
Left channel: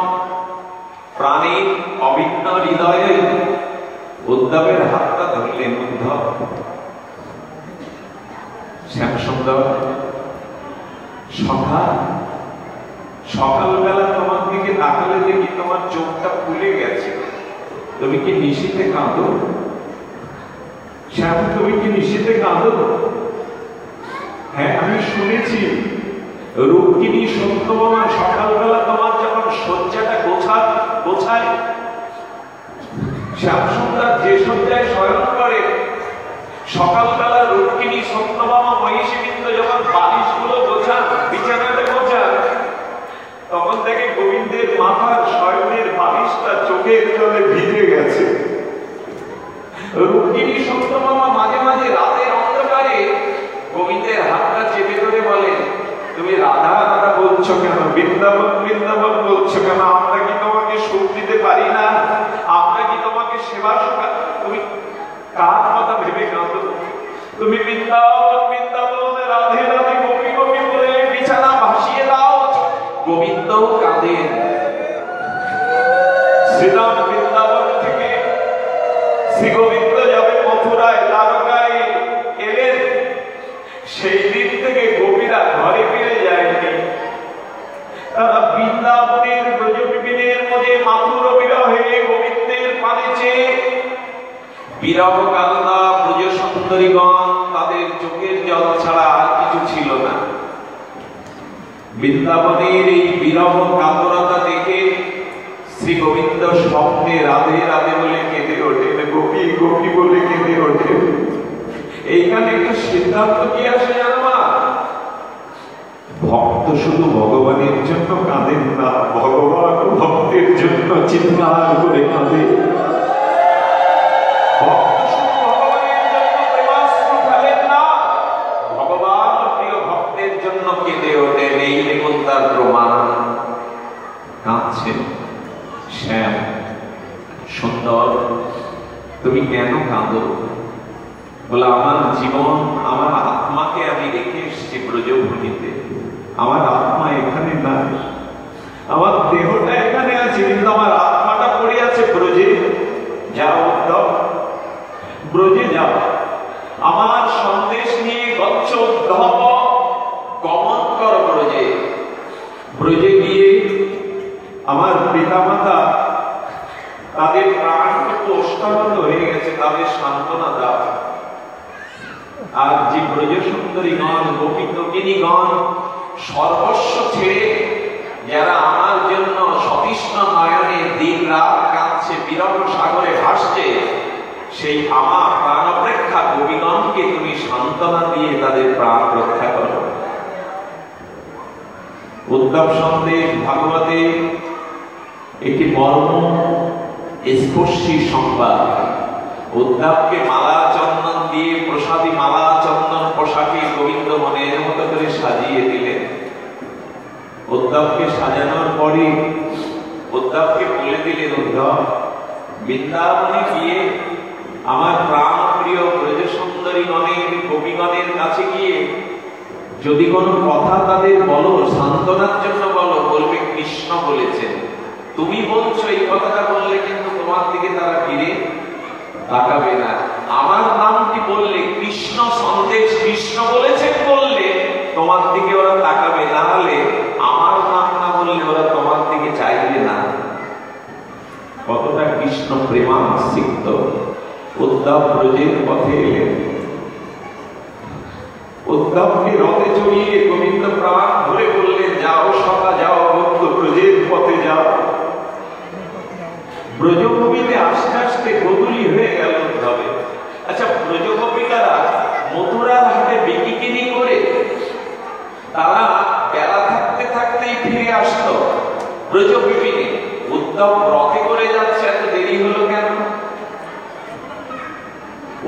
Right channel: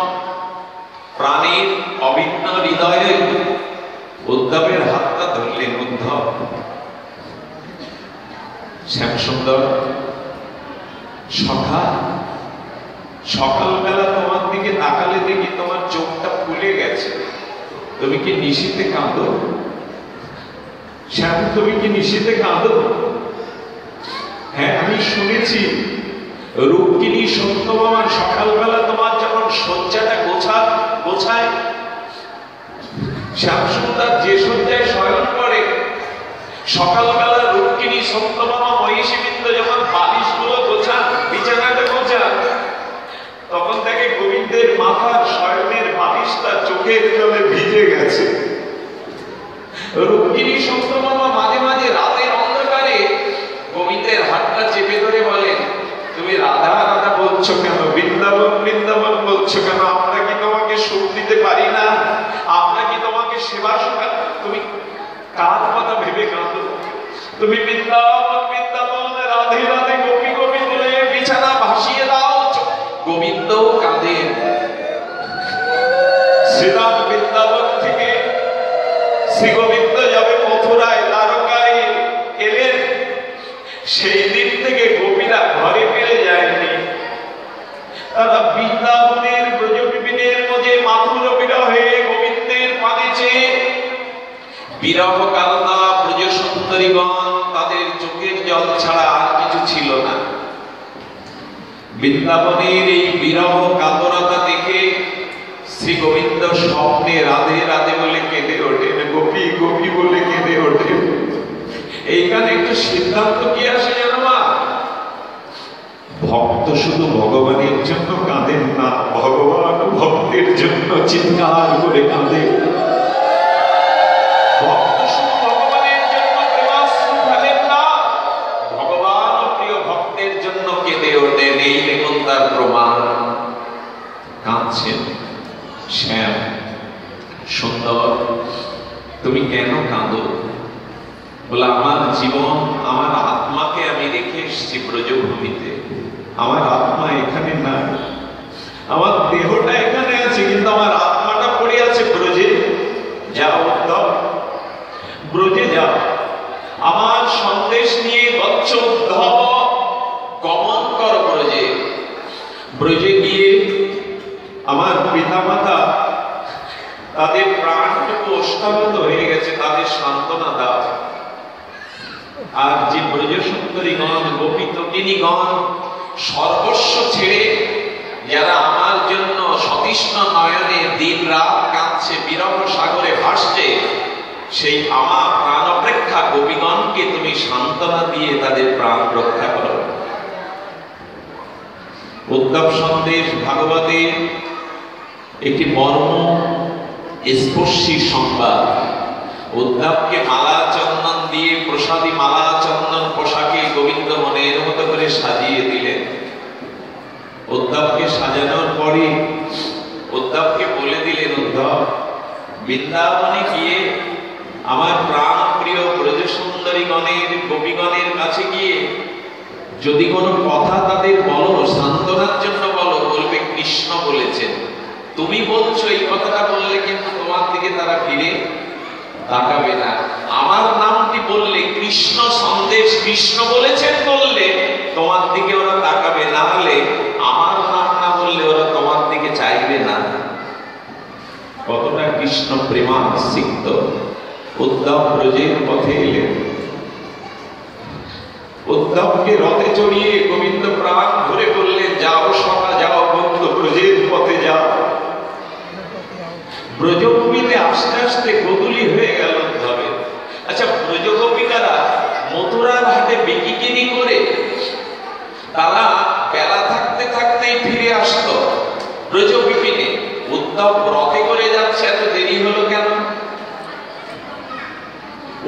প্রাণীর অভিন্ন হৃদয়ে উদ্ধবের হাতটা ধরলেন। উদ্ধব শ্যামসুন্দর, সকালবেলা তোমার দিকে তাকালে দেখি তোমার চোখটা ফুলে গেছে। তুমি কি নিশীথে কাঁদো? শ্যাম, তুমি কি নিশীথে কাঁদো? হ্যাঁ, আমি শুনেছি রুক্মিণী সত্যভামা সকালবেলা তোমার যখন শয্যাটা গোছায়, শ্যামসুন্দর যে শয্যায় শয়ন করে, সকালবেলা রুক্মিণী সত্যভামা মহিষীবৃন্দ যখন বালিশগুলো গোছান, বিছানাটা গোছান, তখন থেকে গোবিন্দের মাথার শয়নের বালিশটা চোখের জলে ভিজে গেছে। রুক্মিণী সত্যভামা মাঝে মাঝে রাতের অন্ধকারে গোবিন্দের হাতটা চেপে ধরে বলেন, তুমি রাধা রাধা বলছো কেন, বৃন্দাবন বৃন্দাবন বলছো কেন? আমরা কি তোমাকে সুখ দিতে পারি না? আমরা কি তোমাকে সেবা সেবা? তুমি কার কথা ভেবে কাঁদো? তুমি বৃন্দাবন বৃন্দাবন রাধে রাধে গোপী গোবিন্দ বিছানা ভাসিয়ে দাও। গোবিন্দ কাঁদেন। শ্রীরাম বৃন্দাবন থেকে শ্রী গোবিন্দ যাবেন মথুরায়, দ্বারকায় এলেন, সেই দিন থেকে গোপীরা ঘরে ফিরে যায়নি। তারা বৃন্দাবনের ব্রজবিপিনের মধ্যে মাথুর বিরহে গোবিন্দের পানে চেয়ে বিরহ কালনা ব্রজ সুন্দরীগণ, তাদের চোখের জল ছাড়া আর কিছু ছিল না। বৃন্দাবনের এই বিরহ কাতরতা দেখে শ্রী গোবিন্দ স্বপ্নে রাধে রাধে বলে কেঁদে ওঠেন, গোপী গোপী বলে কেঁদে ওঠেন। এইখানে একটু সিদ্ধান্ত কি আসে জানো মা? ভক্ত শুধু ভগবানের জন্য কাঁদেন না, ভগবান ভক্তের জন্য চিৎকার করে কাঁদে। ভক্ত শুধু ভগবানের জন্য প্রেমাশ্রু ঢালেন না, ভগবান প্রিয় ভক্তের জন্য কেঁদে ওঠেন। এই দেখুন তার প্রমাণ। কাঁদছেন। শ্যাম সুন্দর, তুমি কেন কাঁদো? বলে, আমার জীবন, আমার আত্মাকে আমি রেখে এসেছি ব্রজভূমিতে। আমার আত্মা এখানে নাই, আমার দেহটা এখানে আছে, কিন্তু আমার আত্মাটা পড়ে আছে ব্রজে। যাও ব্রজে যাও, আমার সন্দেশ নিয়ে গচ্ছ গমন কর ব্রজে। ব্রজে গিয়ে আমার পিতামাতা, তাদের প্রাণ একটু ওষ্ঠাগত হয়ে গেছে, তাদের সান্ত্বনা দাও। আর যে ব্রজ সুন্দরীগণ, গোপী তকিনীগণ সর্বস্ব ছেড়ে যারা আমার জন্য সতৃষ্ণ নয়নে দিন রাত কাঁদছে, বিরহ সাগরে ভাসছে, সেই আমার প্রাণ অপেক্ষা গোপীগণকে তুমি সান্ত্বনা দিয়ে তাদের প্রাণ রক্ষা করো। উদ্ধব সন্দেশ ভাগবতে একটি মর্ম স্পর্শী সংবাদ। উদ্ধবকে মালা চন্দন দিয়ে, প্রসাদী মালা চন্দন পোশাকে গোবিন্দ মনের মতো করে সাজিয়ে দিলেন। উদ্ধবকে সাজানোর পরে উদ্ধবকে বলে দিলেন, উদ্ধব, বৃন্দাবনে গিয়ে আমার প্রাণ প্রিয় ব্রজ সুন্দরীগণের গোপীগণের কাছে গিয়ে যদি কোনো কথা তাদের বলো, সান্ত্বনার জন্য বলো, বলবে কৃষ্ণ বলেছেন। তুমি বলছো এই কথাটা বললে কিন্তু তোমার দিকে তারা ফিরে তাকাবে না। আমার নামটি বললে, কৃষ্ণ সন্দেশ কৃষ্ণ বলেছেন বললে তোমার দিকে ওরা তাকাবে, না হলে আমার নাম না বললে ওরা তোমার দিকে চাইবে না। কতটা কৃষ্ণ প্রেমাসক্ত। উদ্ধব ব্রজের পথে এলেন। উদ্ধবকে রথে চড়িয়ে গোবিন্দ প্রাণ ধরে বললেন, যাও সভা যাও বন্ধু, ব্রজের পথে যাও। ব্রজভূমিতে আস্তে আস্তে গোধূলি হয়ে গেল উদ্ধবে। আচ্ছা, ব্রজগোপিকারা মথুরার হাটে বিকিকিনি করে তারা বেলা থাকতে থাকতেই ফিরে আসতো ব্রজবিপিনে। উদ্ধব রথে করে যাচ্ছে, এত দেরি হলো কেন?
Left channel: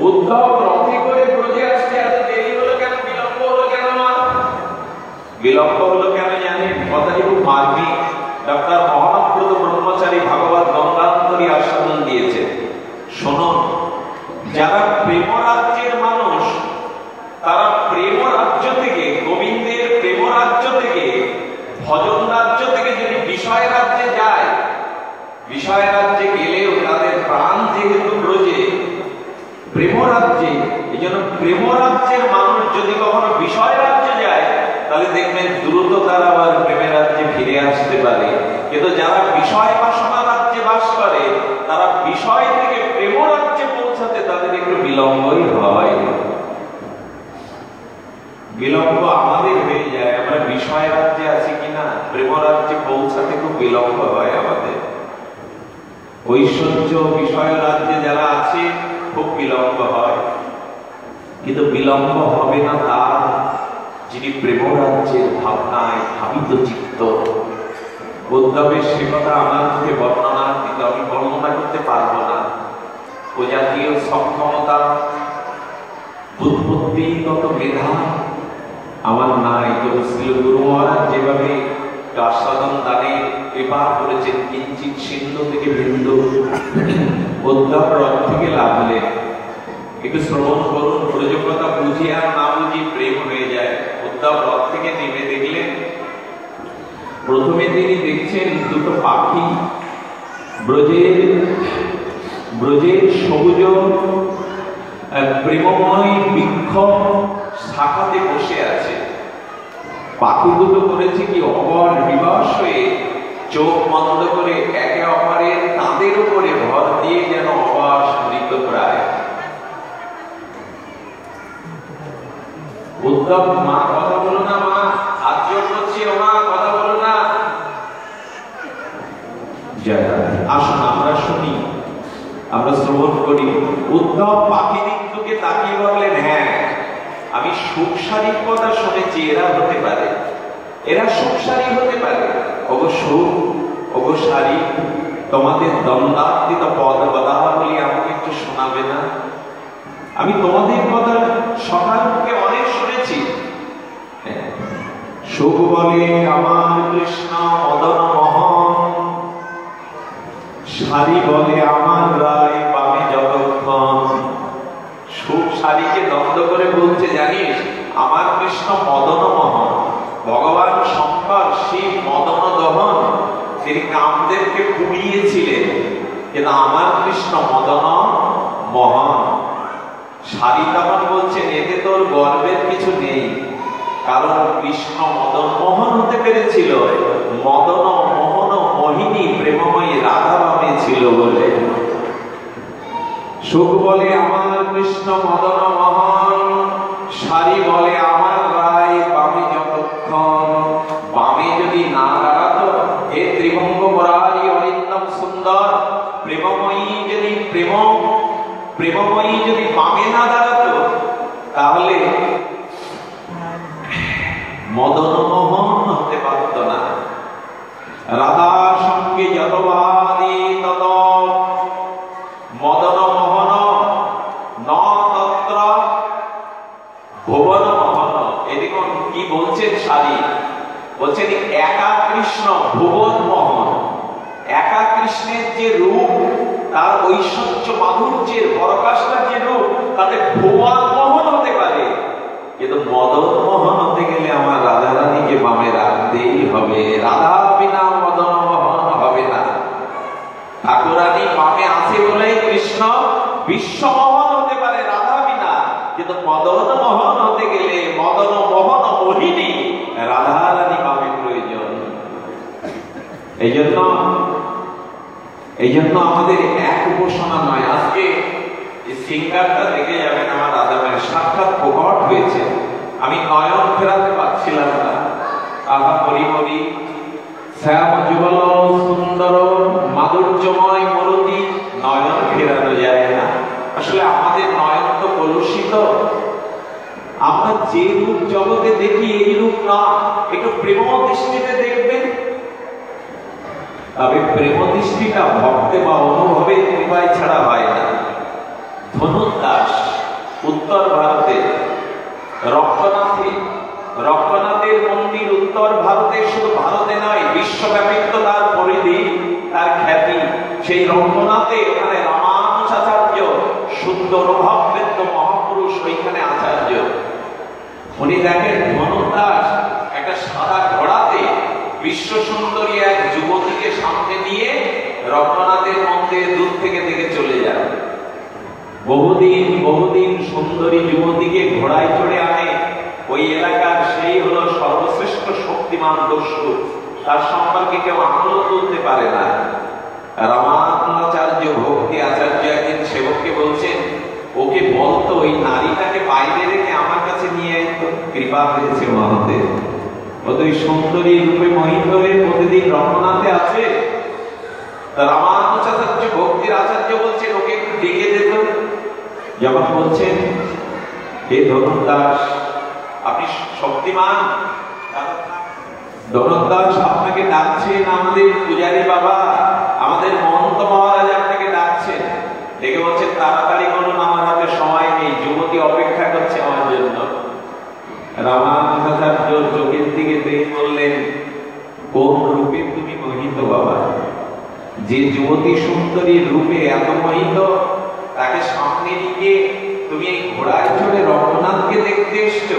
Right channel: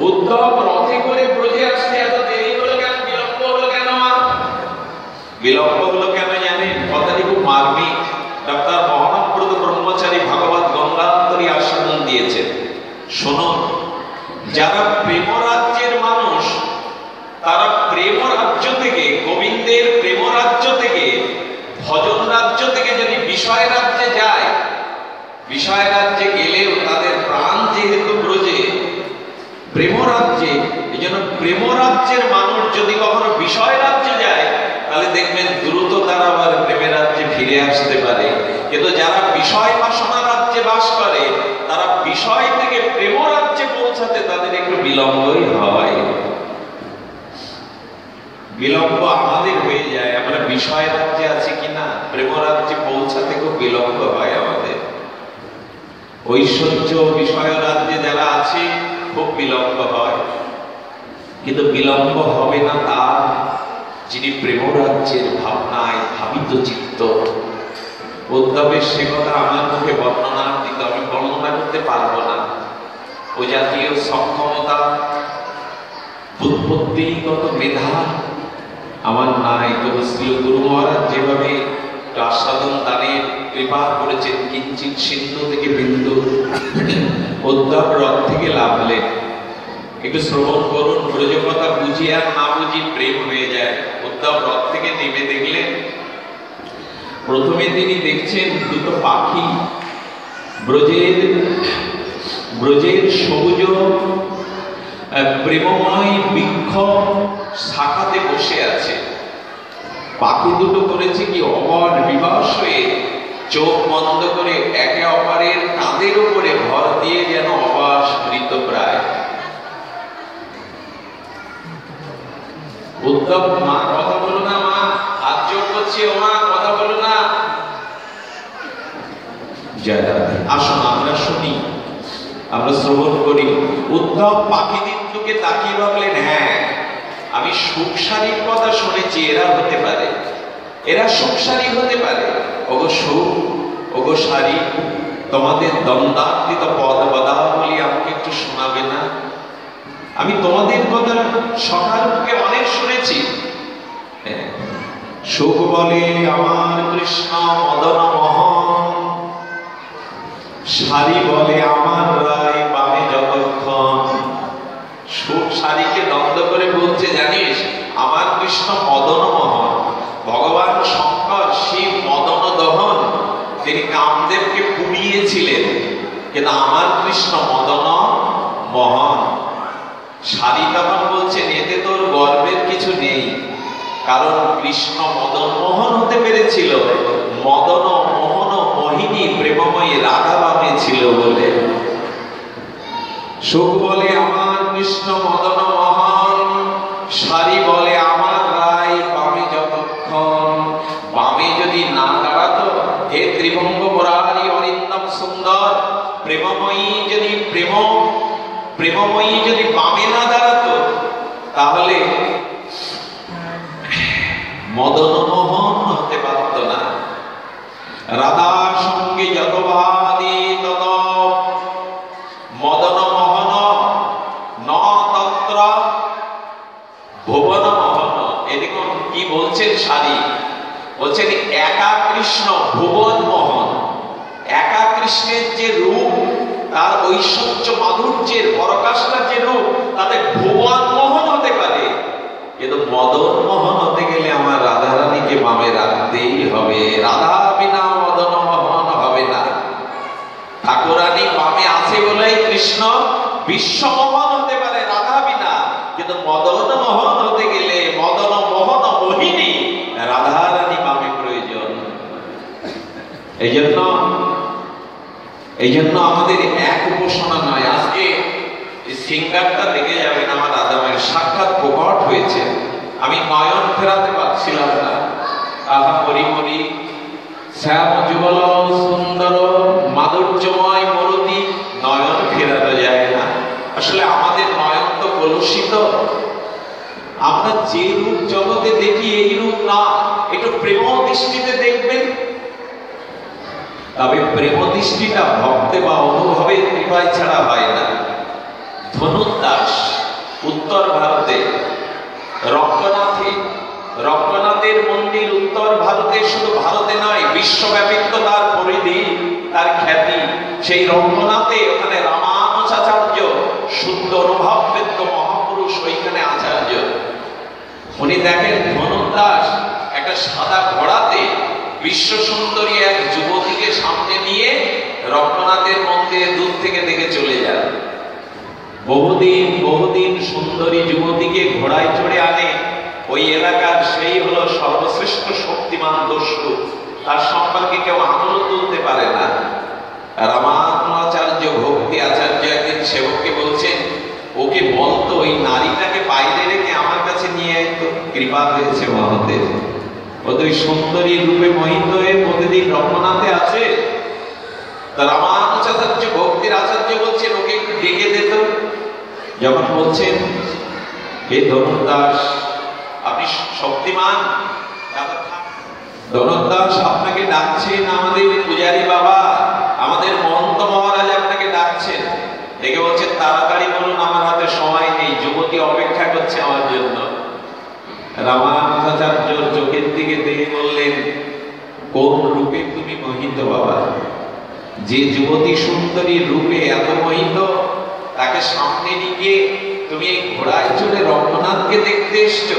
উদ্ধব রথে করে ব্রজে আসতে এত দেরি হলো কেন? বিলম্ব হলো কেন? মা, বিলম্ব হলো কেন জানেন? কথাটি খুব মার্মিক। ডক্টর মহাপ্রদ ব্রহ্মচারী ভাগবত গঙ্গান্তরী আস্বাদন দিয়েছেন। শুনুন, যারা প্রেম রাজ্যের মানুষ, তারা প্রেম রাজ্য থেকে, গোবিন্দের প্রেম রাজ্য থেকে, ভজন রাজ্য থেকে যদি বিষয় রাজ্যে যায়, বিষয় রাজ্যে গেলেও তাদের প্রাণ যেহেতু ব্রজে, প্রেম রাজ্যে, এই জন্য প্রেম রাজ্যের মানুষ যদি কখনো বিলম্বই হয়। বিলম্ব আমাদের হয়ে যায়। আমরা বিষয় রাজ্যে আছি কিনা, প্রেম রাজ্যে পৌঁছাতে খুব বিলম্ব হয় আমাদের। ঐশ্বর্য বিষয় রাজ্যে যারা আছে খুব বিলম্ব হয়, কিন্তু বিলম্ব হবে না তার যিনি প্রেম রাজ্যের ভাবনায় ভাবিত চিত্ত। উদ্ধবের সে কথা আমার মুখে বর্ণনা, কিন্তু আমি বর্ণনা করতে পারবো না। ও জাতীয় সক্ষমতা, বুদ্ধিগত মেধা আমার নাই। তবে শ্রী গুরু মহারাজ যেভাবে আস্বাদন দানের কৃপা করেছেন, কিঞ্চিৎ সিন্ধু থেকে বিন্দু, উদ্ধব রথ থেকে লাভলেন। একটু শ্রবণ করুন, প্রয়োজনতা বুঝি আর না বুঝি প্রেম হয়ে যায়। উদ্ধব রথ থেকে নেমে দেখলেন, প্রথমে তিনি দেখছেন দুটো পাখি ব্রজের সবুজ প্রেমময় বৃক্ষ শাখাতে বসে আছে। পাখি দুটো করেছে কি, অমর বিবশ হয়ে চোখ বন্ধ করে একে অপরের কাঁধের উপরে ভর দিয়ে যেন অবাস মৃত প্রায়। উদ্ধব, মা কথা বলো না, মা হাত জোর করছি, ও মা কথা বলো না। আসুন আমরা শুনি, আমরা শ্রবণ করি। উদ্ধব পাখি দিকে তাকিয়ে ভাবলেন, হ্যাঁ আমি সুখসারীর কথা শুনেছি, এরা হতে পারে, এরা সুখসারী হতে পারে। ওগো সুখ, ওগো সারি, তোমাদের দ্বন্দ্বাতীত পদ বলি আমাকে একটু শোনাবে না? আমি তোমাদের কথা সকালকে অনেক শুনেছি। সুখ বলে আমার কৃষ্ণ মদন মোহন, সারি বলে আমার রায় বামে যতক্ষণ। সুখ সারিকে দ্বন্দ্ব করে বলছে, জানিস আমার কৃষ্ণ মদন মোহন। ভগবান শঙ্কর শিব মদন দহন, তিনি কামদেবকে পুড়িয়েছিলেন, কিন্তু আমার কৃষ্ণ মদন মোহন। সারি তখন বলছেন, এতে তোর গর্বের কিছু নেই, কারণ কৃষ্ণ মদন মোহন হতে পেরেছিল, মদন মোহন মোহিনী প্রেমময়ী রাধা বামে ছিল বলে। সুখ বলে আমার কৃষ্ণ মদন মোহন, সারি বলে আমার রায় বামে যতক্ষণ। বামে যদি না দাঁড়াতো, হে ত্রিভঙ্গ মুরারি অরিন্দম সুন্দর, প্রেমময়ী যদি বামে না দাঁড়াতো, তাহলে মদন মোহন হতে পারত না। রাধার সঙ্গে যত ভাবি তত মদন মোহন ন তত্র ভুবন মোহন। এদিকে কি বলছেন সারি, বলছেন একা কৃষ্ণ ভুবন মোহন। একা কৃষ্ণের যে রূপ, তার ঐশ্বর্য মাধুর্যের পরকাশটার যে রূপ, তাতে ভুবন মোহন হতে পারে, কিন্তু মদন মোহন হতে গেলে আমার রাধা রানীকে বামে রাখতেই হবে। রাধা বিনা মদন মোহন হবে না। ঠাকুরানী বামে আছে বলে কৃষ্ণ বিশ্বমোহন হতে পারে রাধা বিনা, কিন্তু মদন মোহন হতে গেলে মদন মোহন মোহিনী রাধা রানী বামে প্রয়োজন। এই জন্য আমাদের এক উপাসনা নয়। আজকে সিঙ্গারটা দেখে যাবেন, আমার রাধা মায়ের সাক্ষাৎ প্রকট হয়েছে। আমি নয়ন ফেরাতে পারছিলাম না। তাহা পরিমরি শ্যাম যুগল সুন্দর মাধুর্যময় মরতি, নয়ন ফেরানো যায় না। আসলে আমাদের নয়ন তো কলুষিত। আমরা যে রূপ জগতে দেখি এই রূপ না, একটু প্রেম দৃষ্টিতে দেখবেন। তবে প্রেম দৃষ্টিটা ভক্তে বা অনুভবে কৃপায় ছাড়া হয় না। ধনুদাস উত্তর ভারতে, রক্তনাথের মন্দির উত্তর ভারতে, শুধু ভারতে নয় বিশ্বব্যাপী তার পরিধি, তার খ্যাতি। সেই রক্তনাথে ওখানে রামানুজাচার্য শুদ্ধ অনুভববেদ্য মহাপুরুষ, ওইখানে আচার্য। উনি দেখেন ধনুদাস একটা সাদা ঘোড়াতে বিশ্ব সুন্দরী এক যুবতীকে সামনে নিয়ে রক্তনাথের মন্দিরে দূর থেকে দেখে চলে যান। বহুদিন সুন্দরী যুবতীকে ঘোড়ায় চড়ে আনে। ওই এলাকার সেই হলো সর্বশ্রেষ্ঠ শক্তিমান দস্যু, তার সম্পর্কে কেউ আঙুল তুলতে পারে না। রামানুজাচার্য ভক্তি আচার্য একদিন সেবককে বলছেন, ওকে বল কৃপা হয়েছে মহাদেব। ওদের সুন্দরী রূপে মোহিত হয়ে প্রতিদিন রঙ্গনাথে আছে। রামানুজাচার্য ভক্তির আচার্য বলছে ওকে একটু ডেকে দিত। যখন বলছেন হে ধনুর্দাস আপনি শক্তিমান, ধনুর্দাস আপনাকে ডাকছেন আমাদের পূজারী বাবা, আমাদের মহন্ত মহারাজ আপনাকে ডাকছেন। ডেকে বলছেন তাড়াতাড়ি বলুন, আমার হাতে সময় নেই, যুবতী অপেক্ষা করছে আমার জন্য। রামানুজাচার্য চোখের দিকে দেখে বললেন কোন রূপে তুমি মোহিত বাবা? যে যুবতী সুন্দরী রূপে এত মোহিত, তাকে সামনে নিয়ে তুমি ঘোড়ায় চড়ে রঙ্গনাথকে দেখতে এসছো।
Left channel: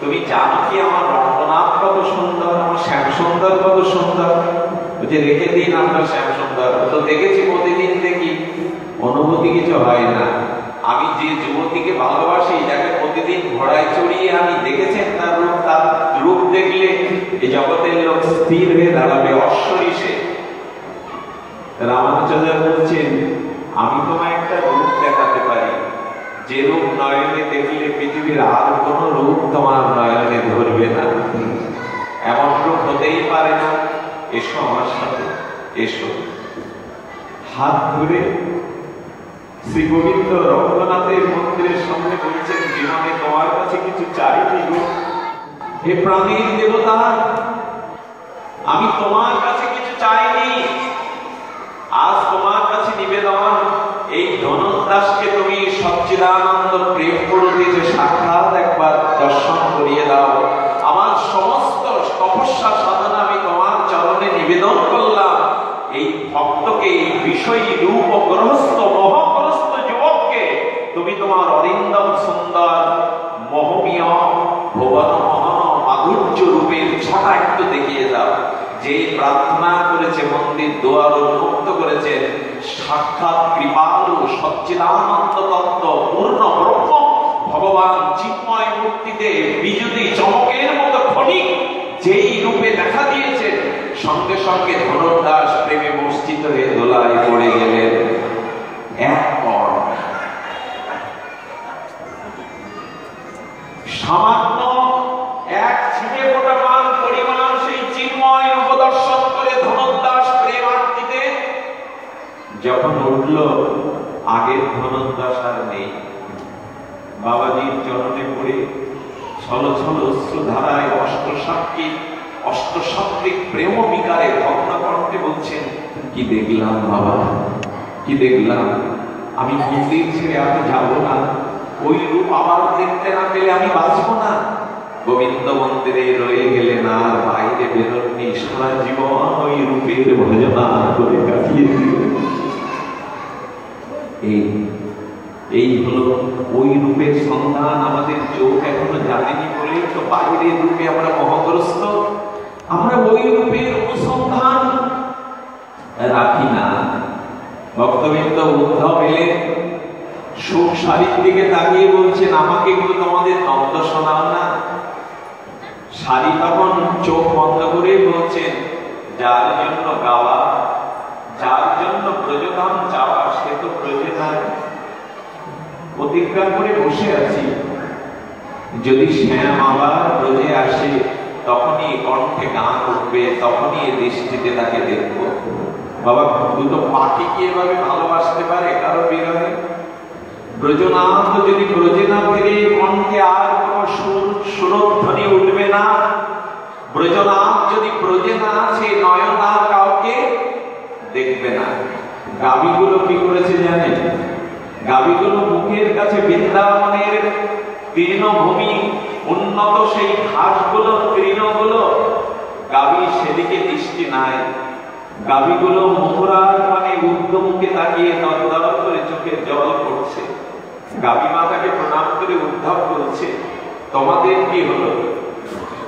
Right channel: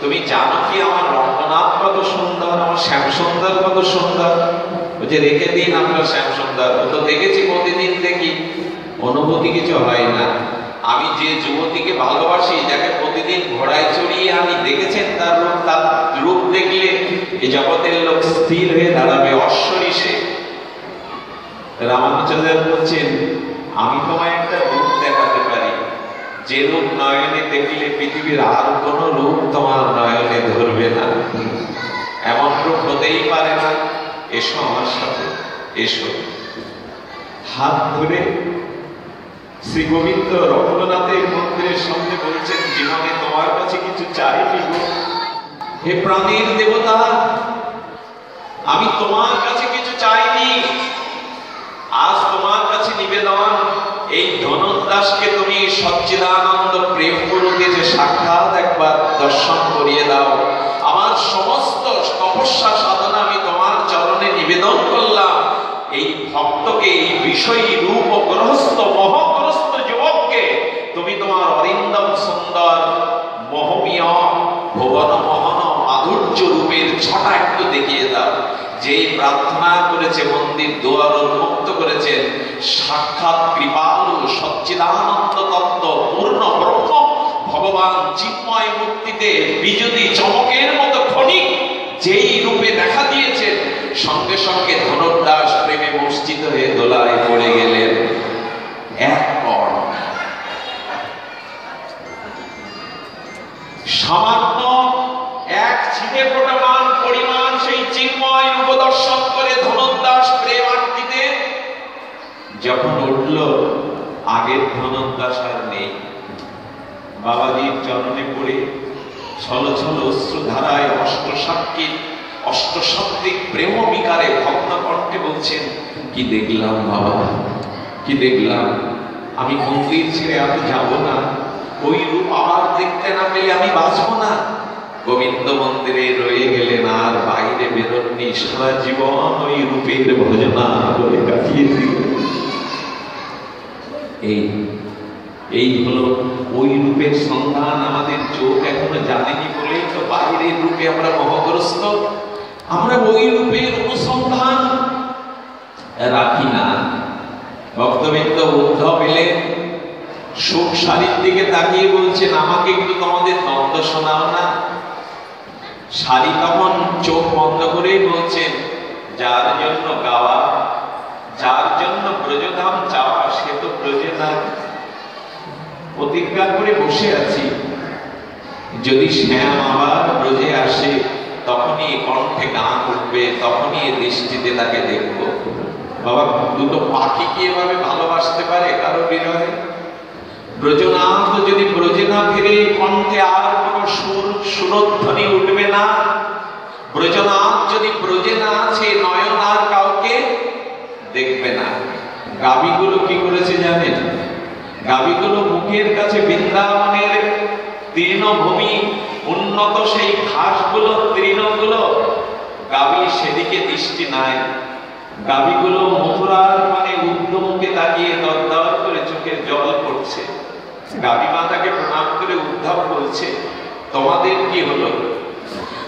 তুমি জানো কি আমার রঙ্গনাথ কত সুন্দর, আমার শ্যাম সুন্দর কত সুন্দর? যে রেখে দিন আপনার শ্যাম সুন্দর, তো দেখেছি প্রতিদিন দেখি, অনুভূতি কিছু হয় না। আমি যে যুবতীকে ভালোবাসি, যাকে প্রতিদিন ঘোড়ায় চড়িয়ে আমি দেখেছেন তার রূপ দেখলে এই জগতের লোক স্থির হয়ে দাঁড়াবে, অশ্বরীষে। রামানুজাচার্য বলছেন আমি তোমায় একটা রূপ দেখাতে পারি, যে রূপ নয়নে দেখলে পৃথিবীর আর কোন রূপ তোমার নয়নে ধরবে না। এমন রূপ হতেই পারে না। এসো আমার সাথে, এসো। হাত ধরে শ্রী গোবিন্দ রঙ্গনাথের মন্দিরের সামনে বলছেন জীবনে তোমার কাছে কিছু চাইনি গো। হে প্রাণীর দেবতা, আমি তোমার কাছে কিছু চাইনি। আজ তোমার কাছে নিবেদন, এই ধনুর্দাসকে তুমি সচ্চিদানন্দ প্রেম পুরুতে যে সাক্ষাৎ একবার দর্শন করিয়ে দাও। আমার সমস্ত তপস্যা সাধনা আমি তোমার চরণে নিবেদন করলাম। এই ভক্তকে, এই বিষয়ী রূপ ও গ্রহস্থ মহগ্রস্ত যুবককে তুমি তোমার অরিন্দম সুন্দর মোহমীয় ভুবন মোহন মাধুর্য রূপের ছটা একটু দেখিয়ে দাও। যে প্রার্থনা করেছে, মন্দির দুয়ার উন্মুক্ত করেছে, সাক্ষাৎ কৃপালু সচ্চিদানন্দ তত্ত্ব পূর্ণ ব্রহ্ম ভগবান চিন্ময় মূর্তিতে বিজুতি চমকের মতো ক্ষণিক যেই রূপে দেখা দিয়েছেন, সঙ্গে সঙ্গে ধনুর্দাস প্রেমে মূর্ছিত হয়ে দোলায় পড়ে গেলেন। এক পর সামান্য এক ছিটে ফোটামান পরিমাণ সেই চিন্ময় রূপ দর্শন করে ধনুর্দাস প্রেমান্বিতে যখন উঠল, আগের ধনুর্দাস আর নেই। বাবাজির চরণে পড়ে ছল ছল অশ্রুধারায় অষ্টসাত্ত্বিক প্রেম বিকারে ভগ্ন কণ্ঠে বলছেন কি দেখলাম বাবা, কি দেখলাম। আমি মন্দির ছেড়ে আমি যাব না, ওই রূপ আবার দেখতে না পেলে আমি বাঁচবো না। গোবিন্দ মন্দিরে রয়ে গেলেন, আর বাইরে বেরোননি। সারা জীবন ওই রূপের ভজনা করে কাটিয়ে দিলেন। এই হলো ওই রূপের সন্ধান। আমাদের চোখ এখনো জানেনি বলে তো বাইরের রূপে আমরা মহগ্রস্ত। আমরা ওই রূপের অনুসন্ধান রাখি না। ভক্তবৃন্দ উদ্ধব এলেন, সুখ শাড়ির দিকে তাকিয়ে বলছেন আমাকে একটু তোমাদের দ্বন্দ্ব শোনাও না। শাড়ি তখন চোখ বন্ধ করে বলছেন যার জন্য গাওয়া, যার জন্য ব্রজধাম যাওয়া, সে তো ব্রজে নাই। প্রতিজ্ঞা করে বসে আছি, যদি শ্যাম আবার ব্রজে আসে তখনই কণ্ঠে গান উঠবে, তখনই দৃষ্টিতে তাকে দেখব। বাবা, দুটো পাখি কি এভাবে ভালোবাসতে পারে কারো বিরহে? ব্রজনাথ যদি ব্রজে না ফিরে, কণ্ঠে আর কোনো সুরধ্বনি উঠবে না। ব্রজনাথ যদি ব্রজে না আছে, নয়ন আর কাউকে দেখবে না। গাভীগুলো কি করেছে জানেন? গাভীগুলো মুখের কাছে বৃন্দাবনের তৃণভূমি, উন্নত সেই ঘাসগুলো, তৃণগুলো, গাভী সেদিকে দৃষ্টি নাই। গাভীগুলো মথুরার মানে ঊর্ধ্বমুখে তাকিয়ে দরদর করে চোখের জল পড়ছে। গাভী মাতাকে প্রণাম করে উদ্ধব বলছে তোমাদের কি হলো?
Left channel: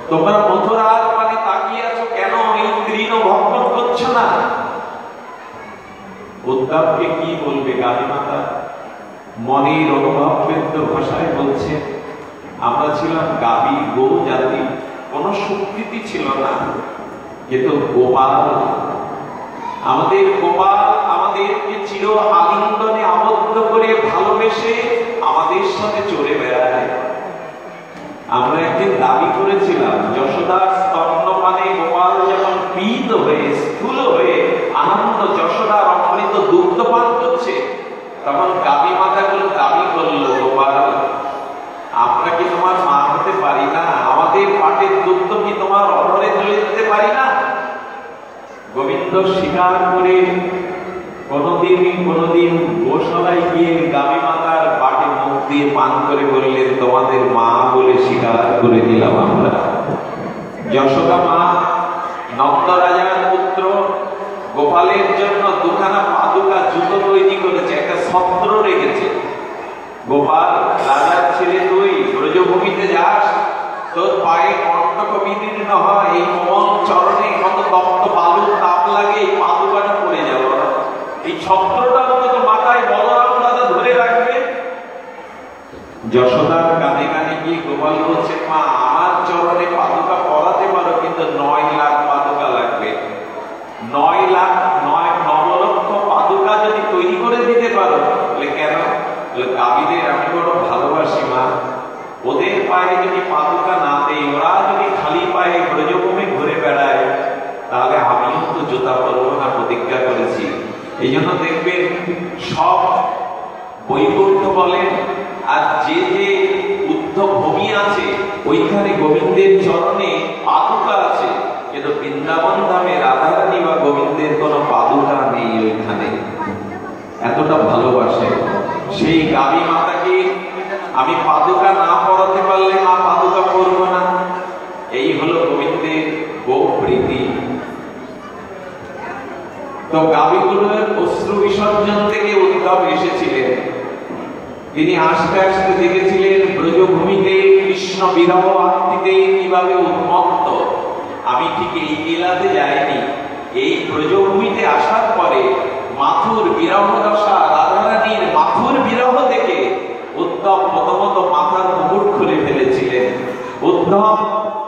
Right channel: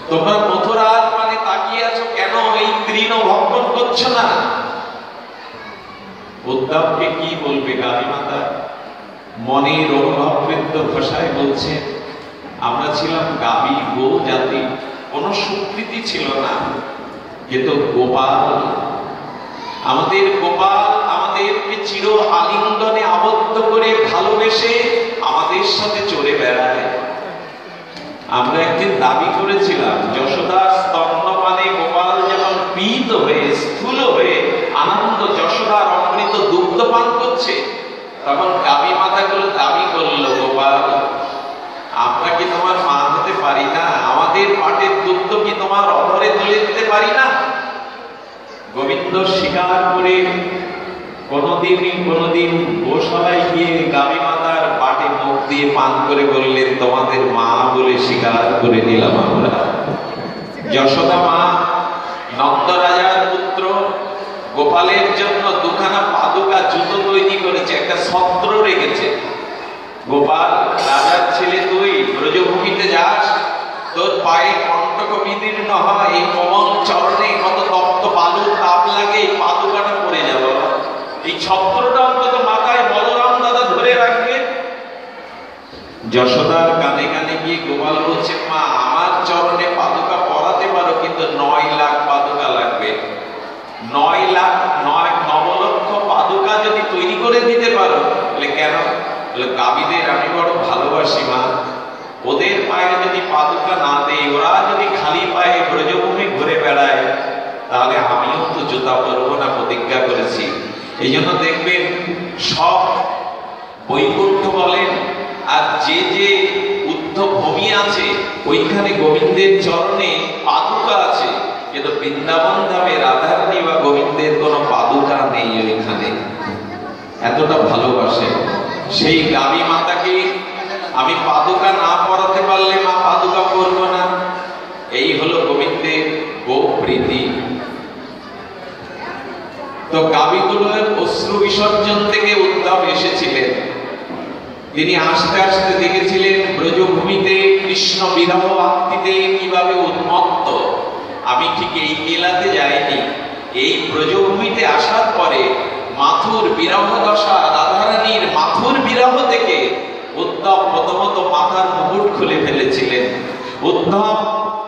তোমরা মথুরার মানে তাকিয়ে আছো কেন? এই তৃণ ভক্ষণ করছো না? উদ্ধবকে কি বলবে গাভী মাতা? মনের অনুভববৃদ্ধ ভাষায় বলছে আমরা ছিলাম গাভী, গো জাতি, কোনো স্বীকৃতি ছিল না, কিন্তু গোপাল, আমাদের গোপাল আমাদেরকে চির আলিঙ্গনে আবদ্ধ করে ভালোবেসে আমাদের সাথে চলে বেড়ায়। আমরা একদিন স্বীকার করে কোনদিন গোশালায় গিয়ে গাভী মাতার পাটে মুখ দিয়ে পান করে বললেন, তোমাদের মা বলে স্বীকার করে নিলাম আমরা। যশোদা মা নন্দ রাজার পুত্র গোপালের জন্য দুখানা পাদুকা জুতো তৈরি করেছে, একটা ছত্র রেখেছে। গোপাল, রাজার ছেলে তুই ব্রজভূমিতে যাস, তোর পায়ে কণ্টক বিদীর্ণ হয়, এই কোমল চরণে কত তপ্ত বালুর তাপ লাগে, এই পাদুকাটা পড়ে যাবে, এই ছত্রটা অন্তত মাথায় বলরাম দাদা ধরে রাখবে। যশোদার কানে কানে গিয়ে গোপাল বলছে, মা আমার চরণে পাদুকা পরাতে পারো, কিন্তু 9 লাখ পাদুকা লাগবে। 9 লক্ষ পাদুকা যদি তৈরি করে দিতে পারো। বলে কেন? বলে কাবিদের আমি বড় ভালোবাসি মা, ওদের পায়ে যদি পাদুকা না দেই, ওরা যদি খালি পায়ে ব্রজভূমি ঘুরে বেড়ায়, তাহলে আমিও তো জুতা পরবো না, প্রতিজ্ঞা করেছি। এই জন্য দেখবেন সব বৈকুণ্ঠ বলেন আর যে যে উদ্ধভূমি আছে, ওইখানে গোবিন্দের চরণে পাদুকা আছে, কিন্তু বৃন্দাবন ধামে রাধারানী বা গোবিন্দের কোনো পাদুকা নেই ওইখানে। এতটা ভালোবাসে সেই গাভী মাতাকে আমি পাদুকা না পরাতে পারলে মা পাদুকা পরবো না। এই হলো গোবিন্দের গো প্রীতি। তো গাভীগুলোর অশ্রু বিসর্জন থেকে উদ্ধব এসেছিলেন। তিনি আস্তে আস্তে দেখেছিলেন ব্রজভূমিতে কৃষ্ণ বিরহ আত্মীতে কিভাবে উন্মত্ত। আমি ঠিক এই কেলাতে যাইনি, এই ব্রজভূমিতে আসার পরে মাথুর বিরহ দশা, রাধারানীর মাথুর বিরহ থেকে উদ্ধব প্রথমত মাথার মুকুট খুলে ফেলেছিলেন। উদ্ধব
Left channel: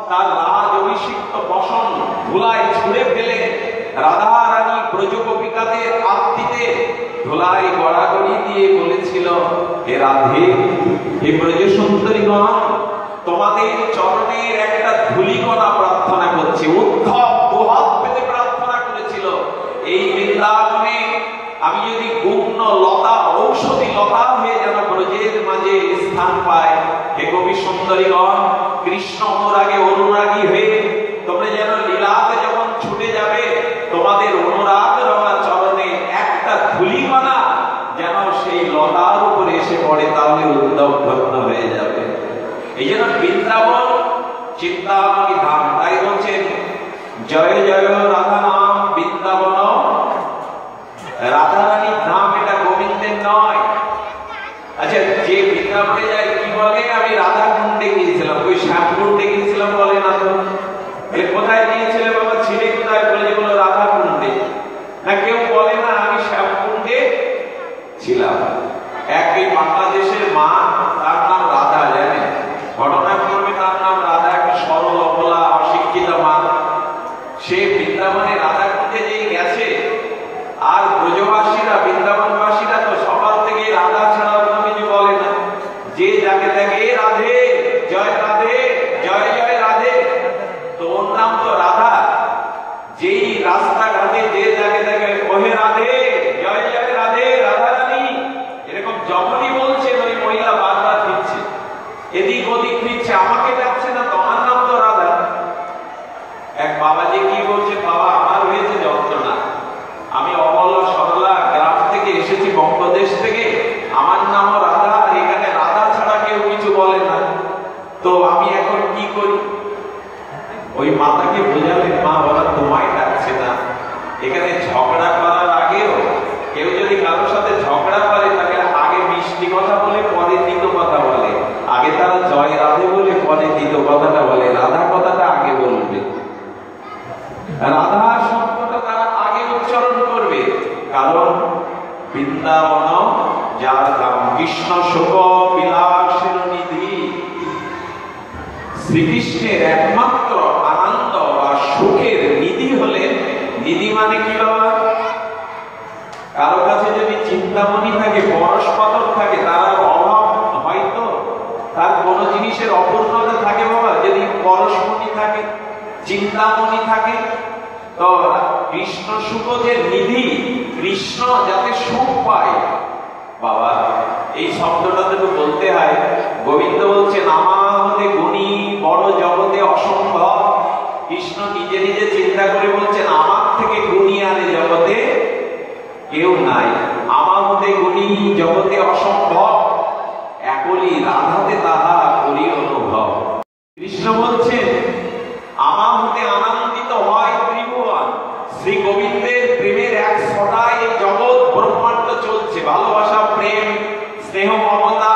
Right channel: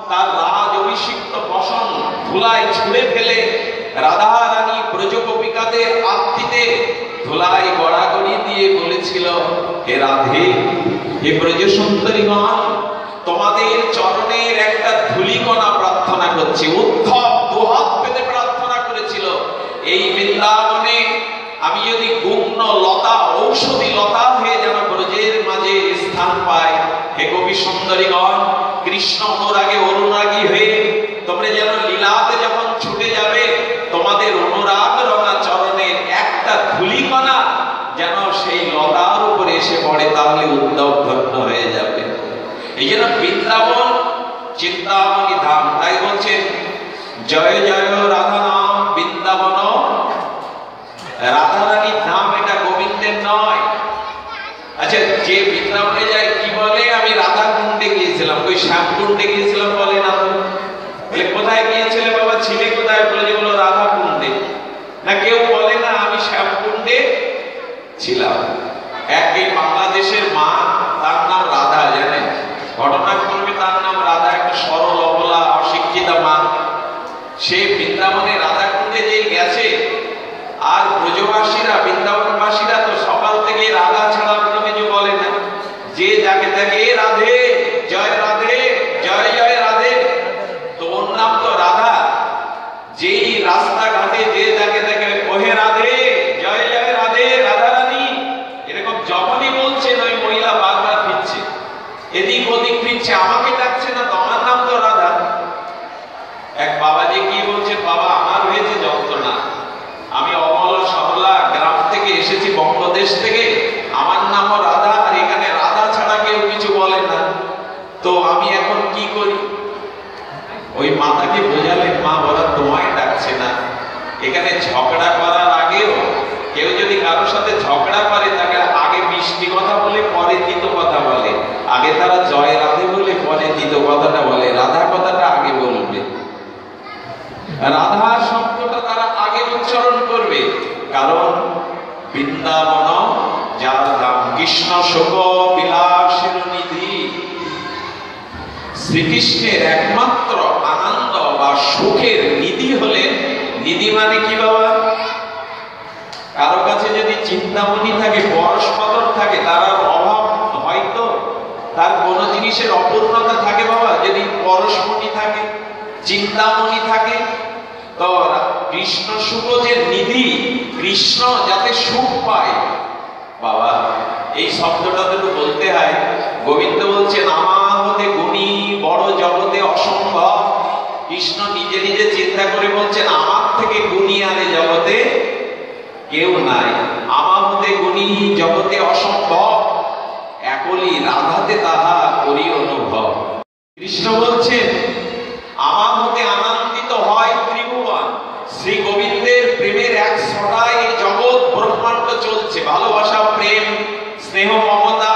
তার রাজ অভিষিক্ত বসন ধুলায় ছুঁড়ে ফেলে রাধারানী ব্রজগোপিকাদের আত্মীতে ধুলায় গড়াগড়ি দিয়ে বলেছিল, হে রাধে, হে ব্রজ সুন্দরীগণ, তোমাদের চরণের একটা ধূলিকণা প্রার্থনা করছি। উদ্ধব দুহাত পেতে প্রার্থনা করেছিল, এই বৃন্দাবনে আমি যদি গুগ্ন লতা, ঔষধি লতা হয়ে যেন ব্রজের মাঝে স্থান পায়। হে কবি সুন্দরীগণ, কৃষ্ণ অনুরাগে অনুরাগী হয়ে তোমরা যেন লীলাতে যখন ছুটে যাবে, তোমাদের অনুরাগ রঙা চরণের একটা ধূলিকণা যেন সেই লতার উপরে এসে পড়ে, তাহলে উদ্ধব ধন্য হয়ে যাবে। এই জন্য বৃন্দাবন চিন্তামণি ধাম। তাই বলছেন, জয় জয় রাধা নাম বৃন্দাবন। রাধারানীর ধাম, এটা গোবিন্দের নয়। আচ্ছা, যে বৃন্দাবনে যায় কি বলে, আমি রাধা কুণ্ডে গিয়েছিলাম, ওই শ্যাম কুণ্ডে গিয়েছিলাম বলে না তো। কোথায় গিয়েছিলে বাবা, ছিলে কোথায়? বলে যেগুলো রাধা কুণ্ডে। না, কেউ বলে না আমি শ্যাম কুণ্ডে ছিলাম। এই বাংলাদেশের মা, তার নাম রাধা, জানে ঘটনা করবে, তার নাম রাধা, একটা সরল অবলা অশিক্ষিতা মা। সে বৃন্দাবনে রাধা কুণ্ডে যে গেছে, আর ব্রজবাসীরা বৃন্দাবনবাসীরা তো সকাল থেকে রাধা ছাড়া কোনো কিছু বলে না। যে যাকে তাকে রাধে, জয় রাধে, জয় জয় রাধে, তোর নাম তো রাধা। যেই রাস্তাঘাটে যে যাকে তাকে ওহে রাধে, জয় জয় রাধে, রাধারানী, এরকম যখনই বলছে ওই মহিলা বারবার ফিরছে, এদিক ওদিক ফিরছে, আমাকে ডাকছে না, তোমার নাম তো রাধা। এক বাবাজি কি বলছে, বাবা আমার হয়েছে যন্ত্রণা, আমি অমল সরলা গ্রাম থেকে এসেছি, বঙ্গদেশ থেকে, আমার নামও রাধা, এখানে রাধা ছাড়া কেউ কিছু বলে না, তো আমি এখন কি করি? ওই মাতাকে বোঝালেন, মা বলা তোমায় ডাকছে না। এখানে ঝগড়া করার আগেও কেউ যদি কারোর সাথে ঝগড়া করে, তাকে আগে মিষ্টি কথা বলে পরে তিতো কথা বলে। আগে তারা জয় রাধে বলে পরে তিতো কথাটা বলে, রাধা কথাটা আগে বলবে, রাধা শব্দটা তারা আগে উচ্চারণ করবে। কারণ বৃন্দাবন যার ধাম, কৃষ্ণ শোক বিলাসের নিধি। শ্রীকৃষ্ণের একমাত্র আনন্দ বা সুখের নিধি হলেন, নিধি মানে কি বাবা? কারো কাছে যদি চিন্তামণি থাকে, পরস্পর থাকে, তার অভাব হয়তো, তার কোন জিনিসের অপূর্ণতা থাকে বাবা, যদি পরশমণি থাকে, চিন্তামণি থাকে, তো কৃষ্ণ সুখ যে নিধি, কৃষ্ণ যাতে সুখ পায় বাবা, এই শব্দটা তো বলতে হয়। গোবিন্দ বলছেন, আমাদের গুণী বড় জগতে অসম্ভব। কৃষ্ণ নিজে নিজে চিন্তা করে বলছেন, আমার থেকে গুণী আরে কৃষ্ণ বলছেন আমার হতে আনন্দিত হয় ত্রিভুবন। শ্রী গোবিন্দের প্রেমের এক ছড়ায় এই জগৎ ব্রহ্মাণ্ড চলছে। ভালোবাসা, প্রেম, স্নেহ, মমতা,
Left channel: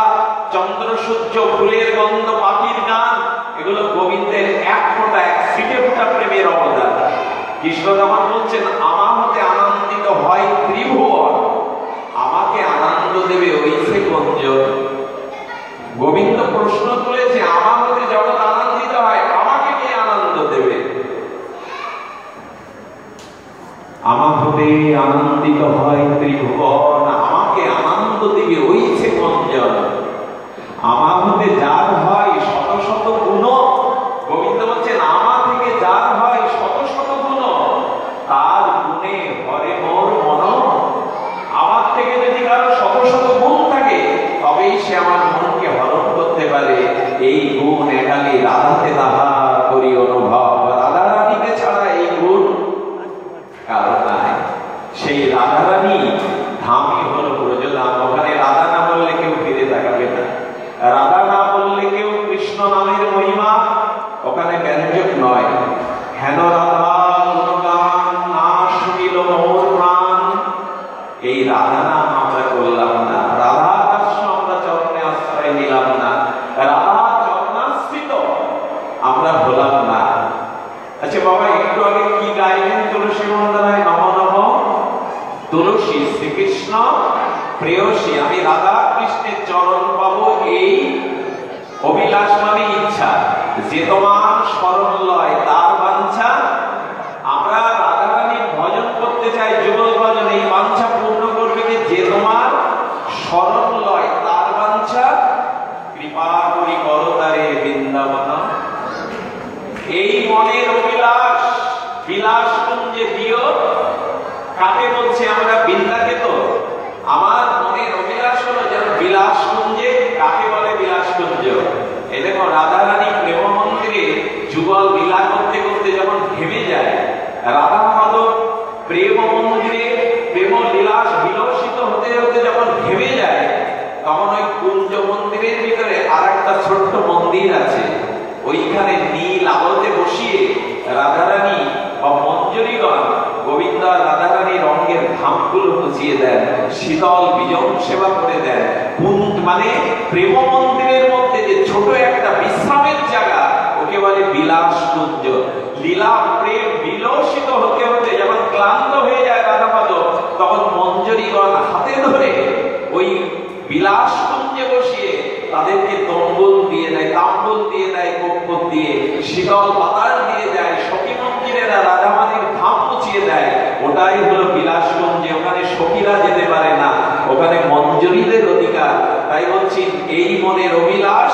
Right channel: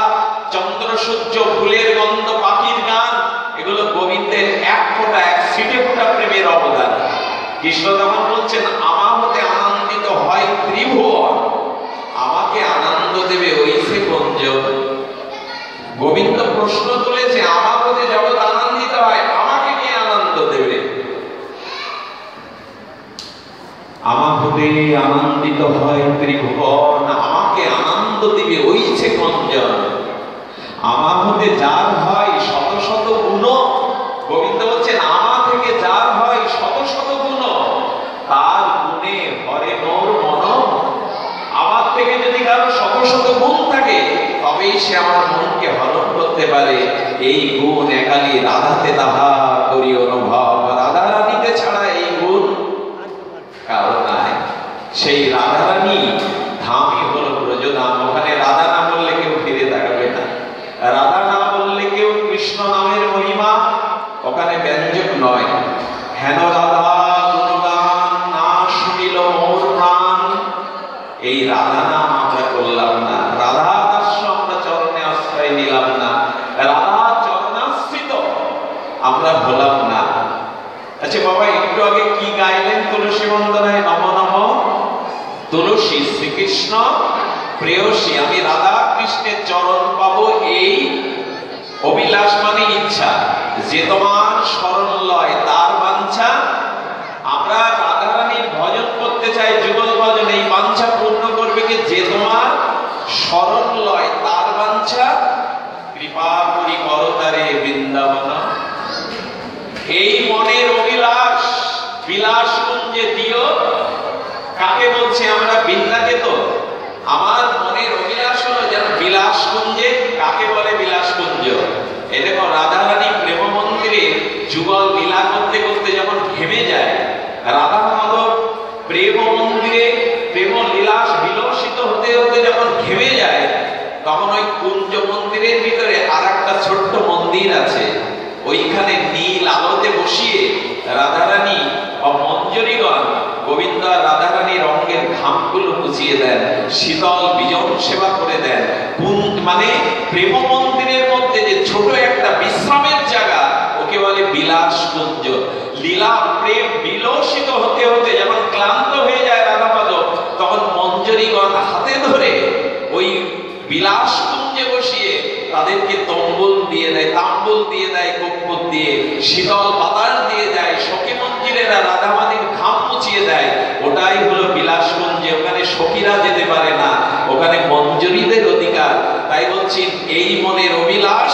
চন্দ্র সূর্য, ফুলের গন্ধ, পাখির গান, এগুলো গোবিন্দের এক ফোঁটা, এক সিটেপটা প্রেমের অবদান। কৃষ্ণ তখন বলছেন আমার হতে আনন্দিত হয় ত্রিভুবন, আমাকে আনন্দ দেবে ওই সে কুঞ্জ। গোবিন্দ প্রশ্ন তুলেছে আমার হতে জগৎ আনন্দিত হয়, আমাকে কে আনন্দ দেবে? আমার হতে আনন্দিত হয় ত্রিভুবন, আমাকে আনন্দ দেবে ওই সে কুঞ্জ। আমার হতে যার হয় শত শত গুণ, গোবিন্দ বলছেন আমার থেকে যার হয় শত শত গুণ, তার গুণে হরে মোর মন। আমার থেকে যদি কারো শত শত গুণ থাকে তবেই সে আমার মনকে হরণ করতে পারে। এই গুণ একালি রাধাতে তাহা করি অনুভব, রাধা রানীতে ছাড়া এই গুণ কারো নাই। সেই রাধা রানী ধামই হলো ব্রজধাম। ওখানে রাধা না বললে কেউ ফিরে তাকাবে না, রাধা না বললে কেউ কৃষ্ণ নামের মহিমা ওখানে ব্যঞ্জক নয়। হেন রাধা গুণগান না শুনিল মোর প্রাণ, এই রাধা নাম আমরা করলাম না, রাধা দাস্য আমরা চরণে আশ্রয় নিলাম না, রাধা চরণাশ্রিত আমরা হলাম না। আচ্ছা বাবা, একটু আগে কি গাইলেন? তুলসী বন্দনায় নম নম তুলসী শ্রীকৃষ্ণ প্রেয়সী, আমি রাধা কৃষ্ণের চরণ পাবো এই অভিলাষ মানে ইচ্ছা, যে তোমার শরণ লয় তার বাঞ্ছা। আমরা রাধা রানীর ভজন করতে চাই, যুগল ভজন, এই বাঞ্ছা পূর্ণ করবে কি? যে তোমার শরণ লয় তার বাঞ্ছা, কৃপা করি করতারে বৃন্দাবন। এই মনের অভিলাষ বিলাস কুঞ্জে দিও, কাকে বলছে? আমরা বৃন্দাকে। তো আমার মনের অভিলাষ হলো যেন বিলাস কুঞ্জে। কাকে বলে বিলাস কুঞ্জ? এই দেখো রাধা রানী প্রেম মন্দিরে যুগল লীলা করতে করতে যখন ঘেমে যায়, রাধা মাধব প্রেম মন্দিরে প্রেম লীলাস বিলসিত হতে হতে যখন ঘেমে যায়, তখন ওই কুঞ্জ মন্দিরের ভিতরে আর একটা ছোট্ট মন্দির আছে। ওইখানে নীল আলোতে বসিয়ে রাধারানী ও মঞ্জরীগণ গোবিন্দ আর রাধারানী রঙের ঘামগুলো মুছিয়ে দেন, শীতল বিজন সেবা করে দেন। মানে প্রেম মন্দিরের মধ্যে যে ছোট একটা বিশ্রামের জায়গা, ওকে বলে বিলাস কুঞ্জ। লীলা প্রেম বিলসিত হতে হতে যখন ক্লান্ত হয়ে যায় রাধা মাধব, তখন মঞ্জরীগণ হাতে ধরে ওই বিলাস কুঞ্জে বসিয়ে তাদেরকে তম্বুল দিয়ে দেয়, তাম্বুল দিয়ে দেয়, কপ্পর দিয়ে, শীতল বাতাস দিয়ে যায়, সখী মন্দিরেরা রাধা মাধবের ঘাম মুছিয়ে দেয়। ওটাই হলো বিলাস কুঞ্জে। ওখানে সখীরা যেতে পারে না, ওখানে মঞ্জরীদের অধিকার। তাই বলছি এই মনের অভিলাষ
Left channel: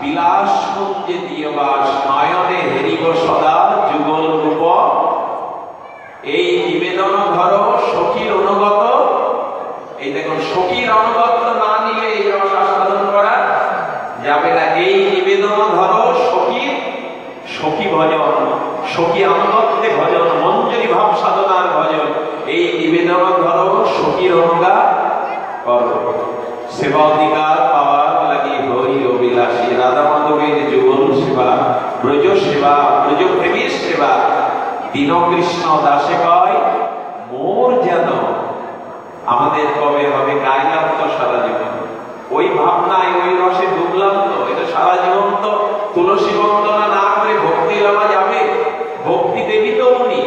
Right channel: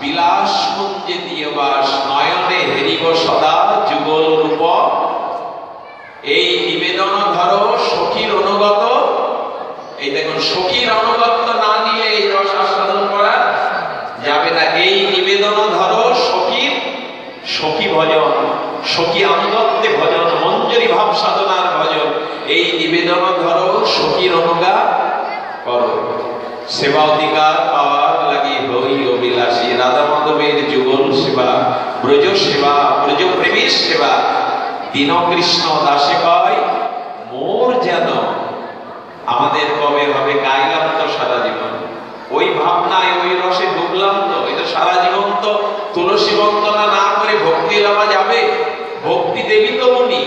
বিলাস কুঞ্জে দিয়ে বাস, নয়নে হেরিব সদা যুগল রূপ। এই নিবেদন ধরো সখীর অনুগত। এই দেখুন, সখীর অনুগত না নিলে এই রস আস্বাদন করা যাবে না। এই নিবেদন ধরো সখীর, সখী ভজন, সখী অনুগত্যে ভজন, মঞ্জরি ভাব সাধনার ভজন। এই নিবেদন ধরো সখীর অনুগা করো, সেবা অধিকার পাওয়ার লাগি হই অভিলাষী। রাধা মাধবের যুগল সেবা, ব্রজ সেবা, ব্রজ প্রেমীর সেবা। দীন কৃষ্ণ দাসে কয় মোর যেন। আমাদের কবে হবে? গাইলাম তো সারা জীবন, ওই ভাবনায় ওই রসে ডুবলাম তো। এটা সারা জীবন তো তুলসী বন্দনা না করে ভক্তি দেওয়া যাবে? ভক্তি দেবী তো উনি।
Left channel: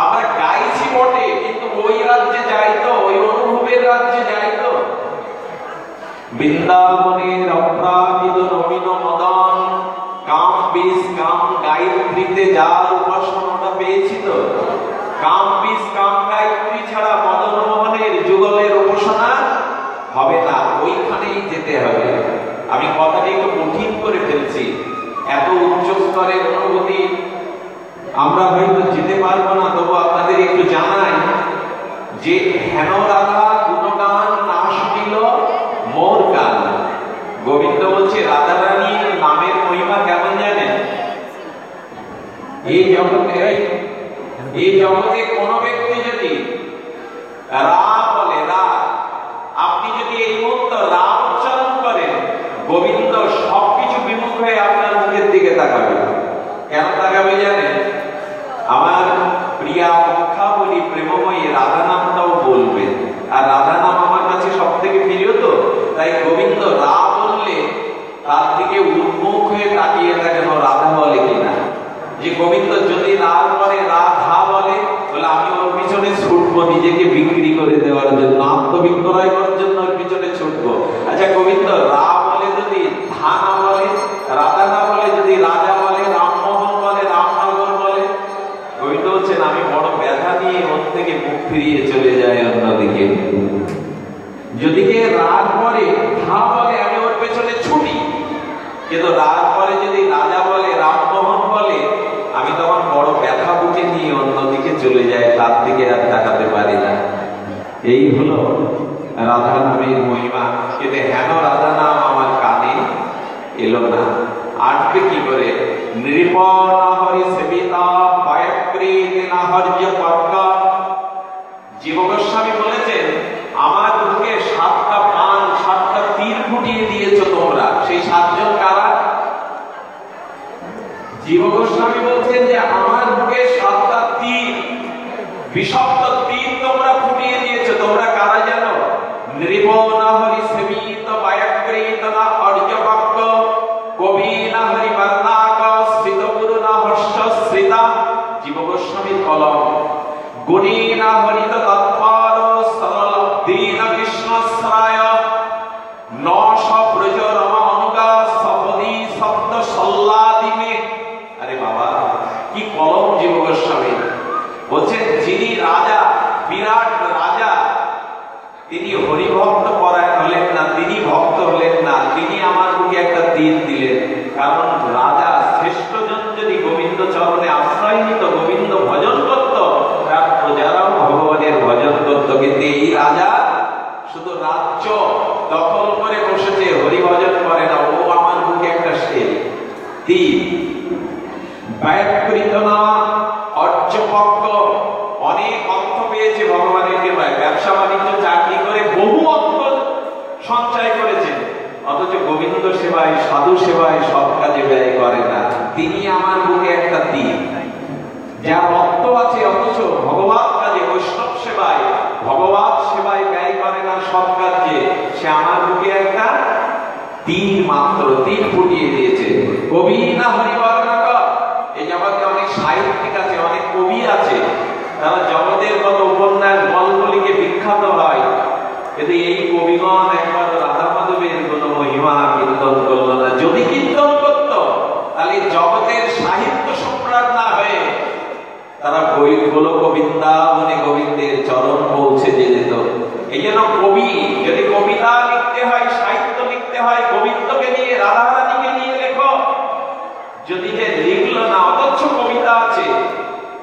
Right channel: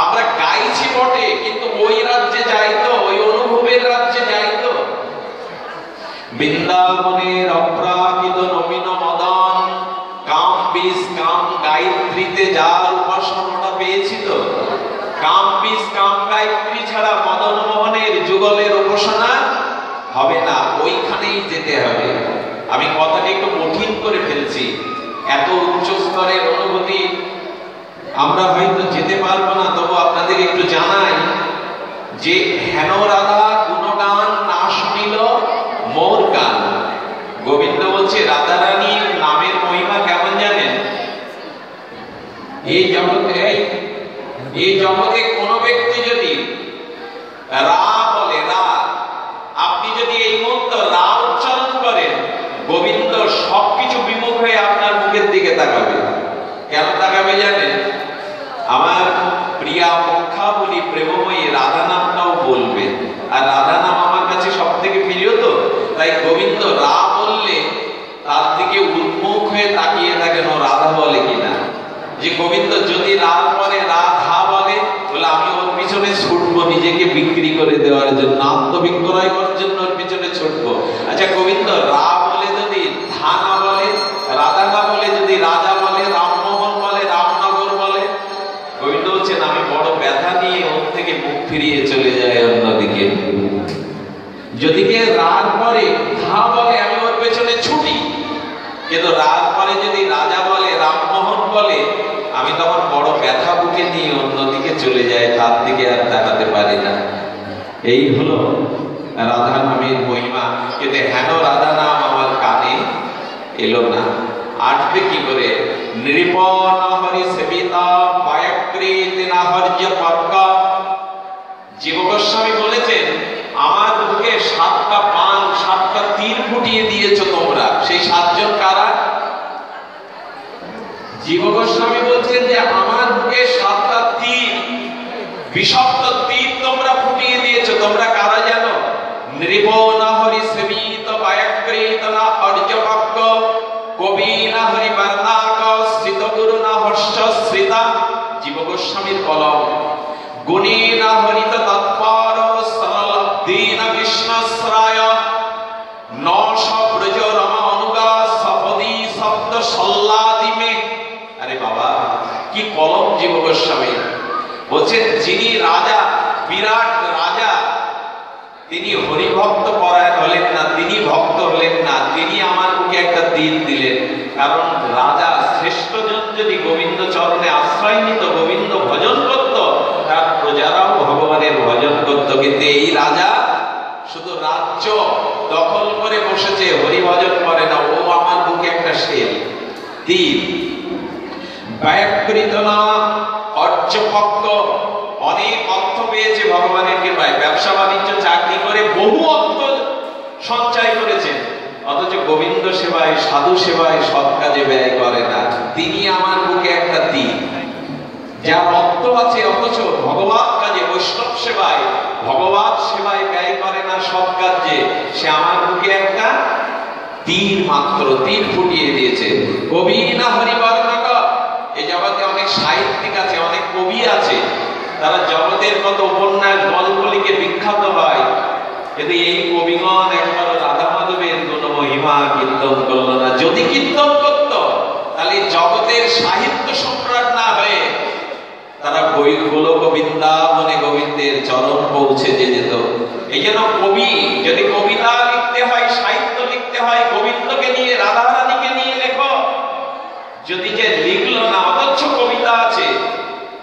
আমরা গাইছি বটে, কিন্তু ওই রাজ্যে যাই তো, ওই অনুভবের রাজ্যে যাই তো। বৃন্দাবনের অপ্রাকৃত নবীন মদন, কাম বিষ কাম গায়ত্রীতে যার উপাসনাটা পেয়েছিল, কাম বিষ কাম গায়ত্রী ছাড়া মদন মোহনের যুগলের উপাসনা হবে না, ওইখানেই যেতে হবে। আমি কথাটি একটু কঠিন করে ফেলছি, এত উচ্চ স্তরের অনুভূতি আমরা হয়তো যেতে পারবো না। তবু আপনাদের একটু জানাই যে হেন রাধা গুণগান না শুনিল মোর গান। গোবিন্দ বলছে রাধা রানীর নামের মহিমা কেমন জানেন? এই জগতে কোন ব্যক্তি যদি রা বলে, রা, আপনি যদি এই মুহূর্তে রা উচ্চারণ করেন, গোবিন্দ সবকিছু বিমুখ হয়ে আপনার মুখের দিকে তাকাবে। গোবিন্দ যদি রাত পরে রাধা বলে, তাহলে আমি ওর পিছনে ছুটবো নিজেকে বিক্রি করে দেওয়ার জন্য, আত্মবিক্রয় করার জন্য ওর পিছনে ছুটবো। আচ্ছা, গোবিন্দ রা বলে যদি ধানা বলে, রাধা না বলে যদি রাজা বলে, রামমোহন বলে, রামনগর বলে, গোবিন্দ বলছেন আমি বড় ব্যথা নিয়ে ওর থেকে মুখ ফিরিয়ে চলে যাই অন্যদিকে। যদি কে রাত পরে ধা বলে আমি ওর পেছনে ছুটি, কিন্তু রাত পরে যদি রাজা বলে, রামমোহন বলে, আমি তখন বড় ব্যথা বুকে নিয়ে অন্যদিকে চলে যাই, তার দিকে আর তাকাতে পারি না। এই হলো রাধা নামের মহিমা। কিন্তু হেন রাধা নাম আমার কানে এলো না, আটবে কি করে? নৃপন হরি সেবিতা পায়ক্রীত না হর্য পর্কা। জীব গোস্বামী বলেছেন আমার বুকে 7টা বাণ 7টা তীর ফুটিয়ে দিয়েছো তোমরা। সেই 7 জন কারা? জীব গোস্বামী বলছেন যে আমার বুকে 7টা তীর, বিষাক্ত তীর তোমরা ফুটিয়ে দিয়েছো। তোমরা কারা জানো? নৃপন হরি সেবিত পায়ক্রীত না হর্য পর্ক, কবি না হরি বর্ণাক, শ্রিত গুরু না হর্ষ শ্রিতা। জীব গোস্বামীর কলম। গুণী না হরিত তৎপর, সরল দীন বিষ্ণুশ্রয়, নশ ব্রজ রম অনুগা সপদি শব্দ সল্লাদিমে। আরে বাবা, কি কলম জীব গোস্বামী। বলছেন যিনি রাজা, বিরাট রাজা, তিনি হরিভক্ত পরায়ণ হলেন না, তিনি ভক্ত হলেন না, তিনি আমার বুকে একটা তীর দিলেন। কারণ রাজা শ্রেষ্ঠ জন যদি গোবিন্দ চরণে আশ্রয় নিত, গোবিন্দ ভজন করত, তার প্রজারাও ভগবানের ভজন করত। কিন্তু এই রাজা শুধু রাজ্য দখল করে বসেছে, হরি ভজন করে না। ও আমার বুকে একটা তীর। ব্যয়কৃত না অর্জপক্ষ, অনেক অর্থ পেয়েছে ভগবানের কৃপায়, ব্যবসা বাণিজ্য চাকরি করে বহু অর্থ সঞ্চয় করেছেন, অথচ গোবিন্দ সেবায় সাধু সেবায় সব কাজে ব্যয় করে না। তিনি আমার বুকে একটা তীর। যার অর্থ আছে অথচ ভগবান কাজে, বৈষ্ণব সেবায়, ভগবান সেবায় ব্যয় করে না সব কাজে, সে আমার বুকে একটা তীর, মাত্র তীর ফুটিয়ে দিয়েছে। কবি না হরিবর্ণক। এই জগতে অনেক সাহিত্যিক আছে, অনেক কবি আছে, তারা জগতের মতো উপন্যাস গল্প লিখে বিখ্যাত হয়, কিন্তু এই কবিগণ একবার রাধা মাধবের কোন মহিমা কীর্তন করলো না। যদি কীর্তন করত, তাহলে জগতের সাহিত্য সম্রাট না হয়ে তারা গোলক বৃন্দাবনে গোবিন্দের চরণ পৌঁছে যেত। এই জন্য কবি যদি কবিতা লিখতে হয়, সাহিত্য লিখতে হয়, গোবিন্দকে নিয়ে, রাধারানীকে নিয়ে লেখো। যদি কে লিখলো না, অথচ কবিতা আছে,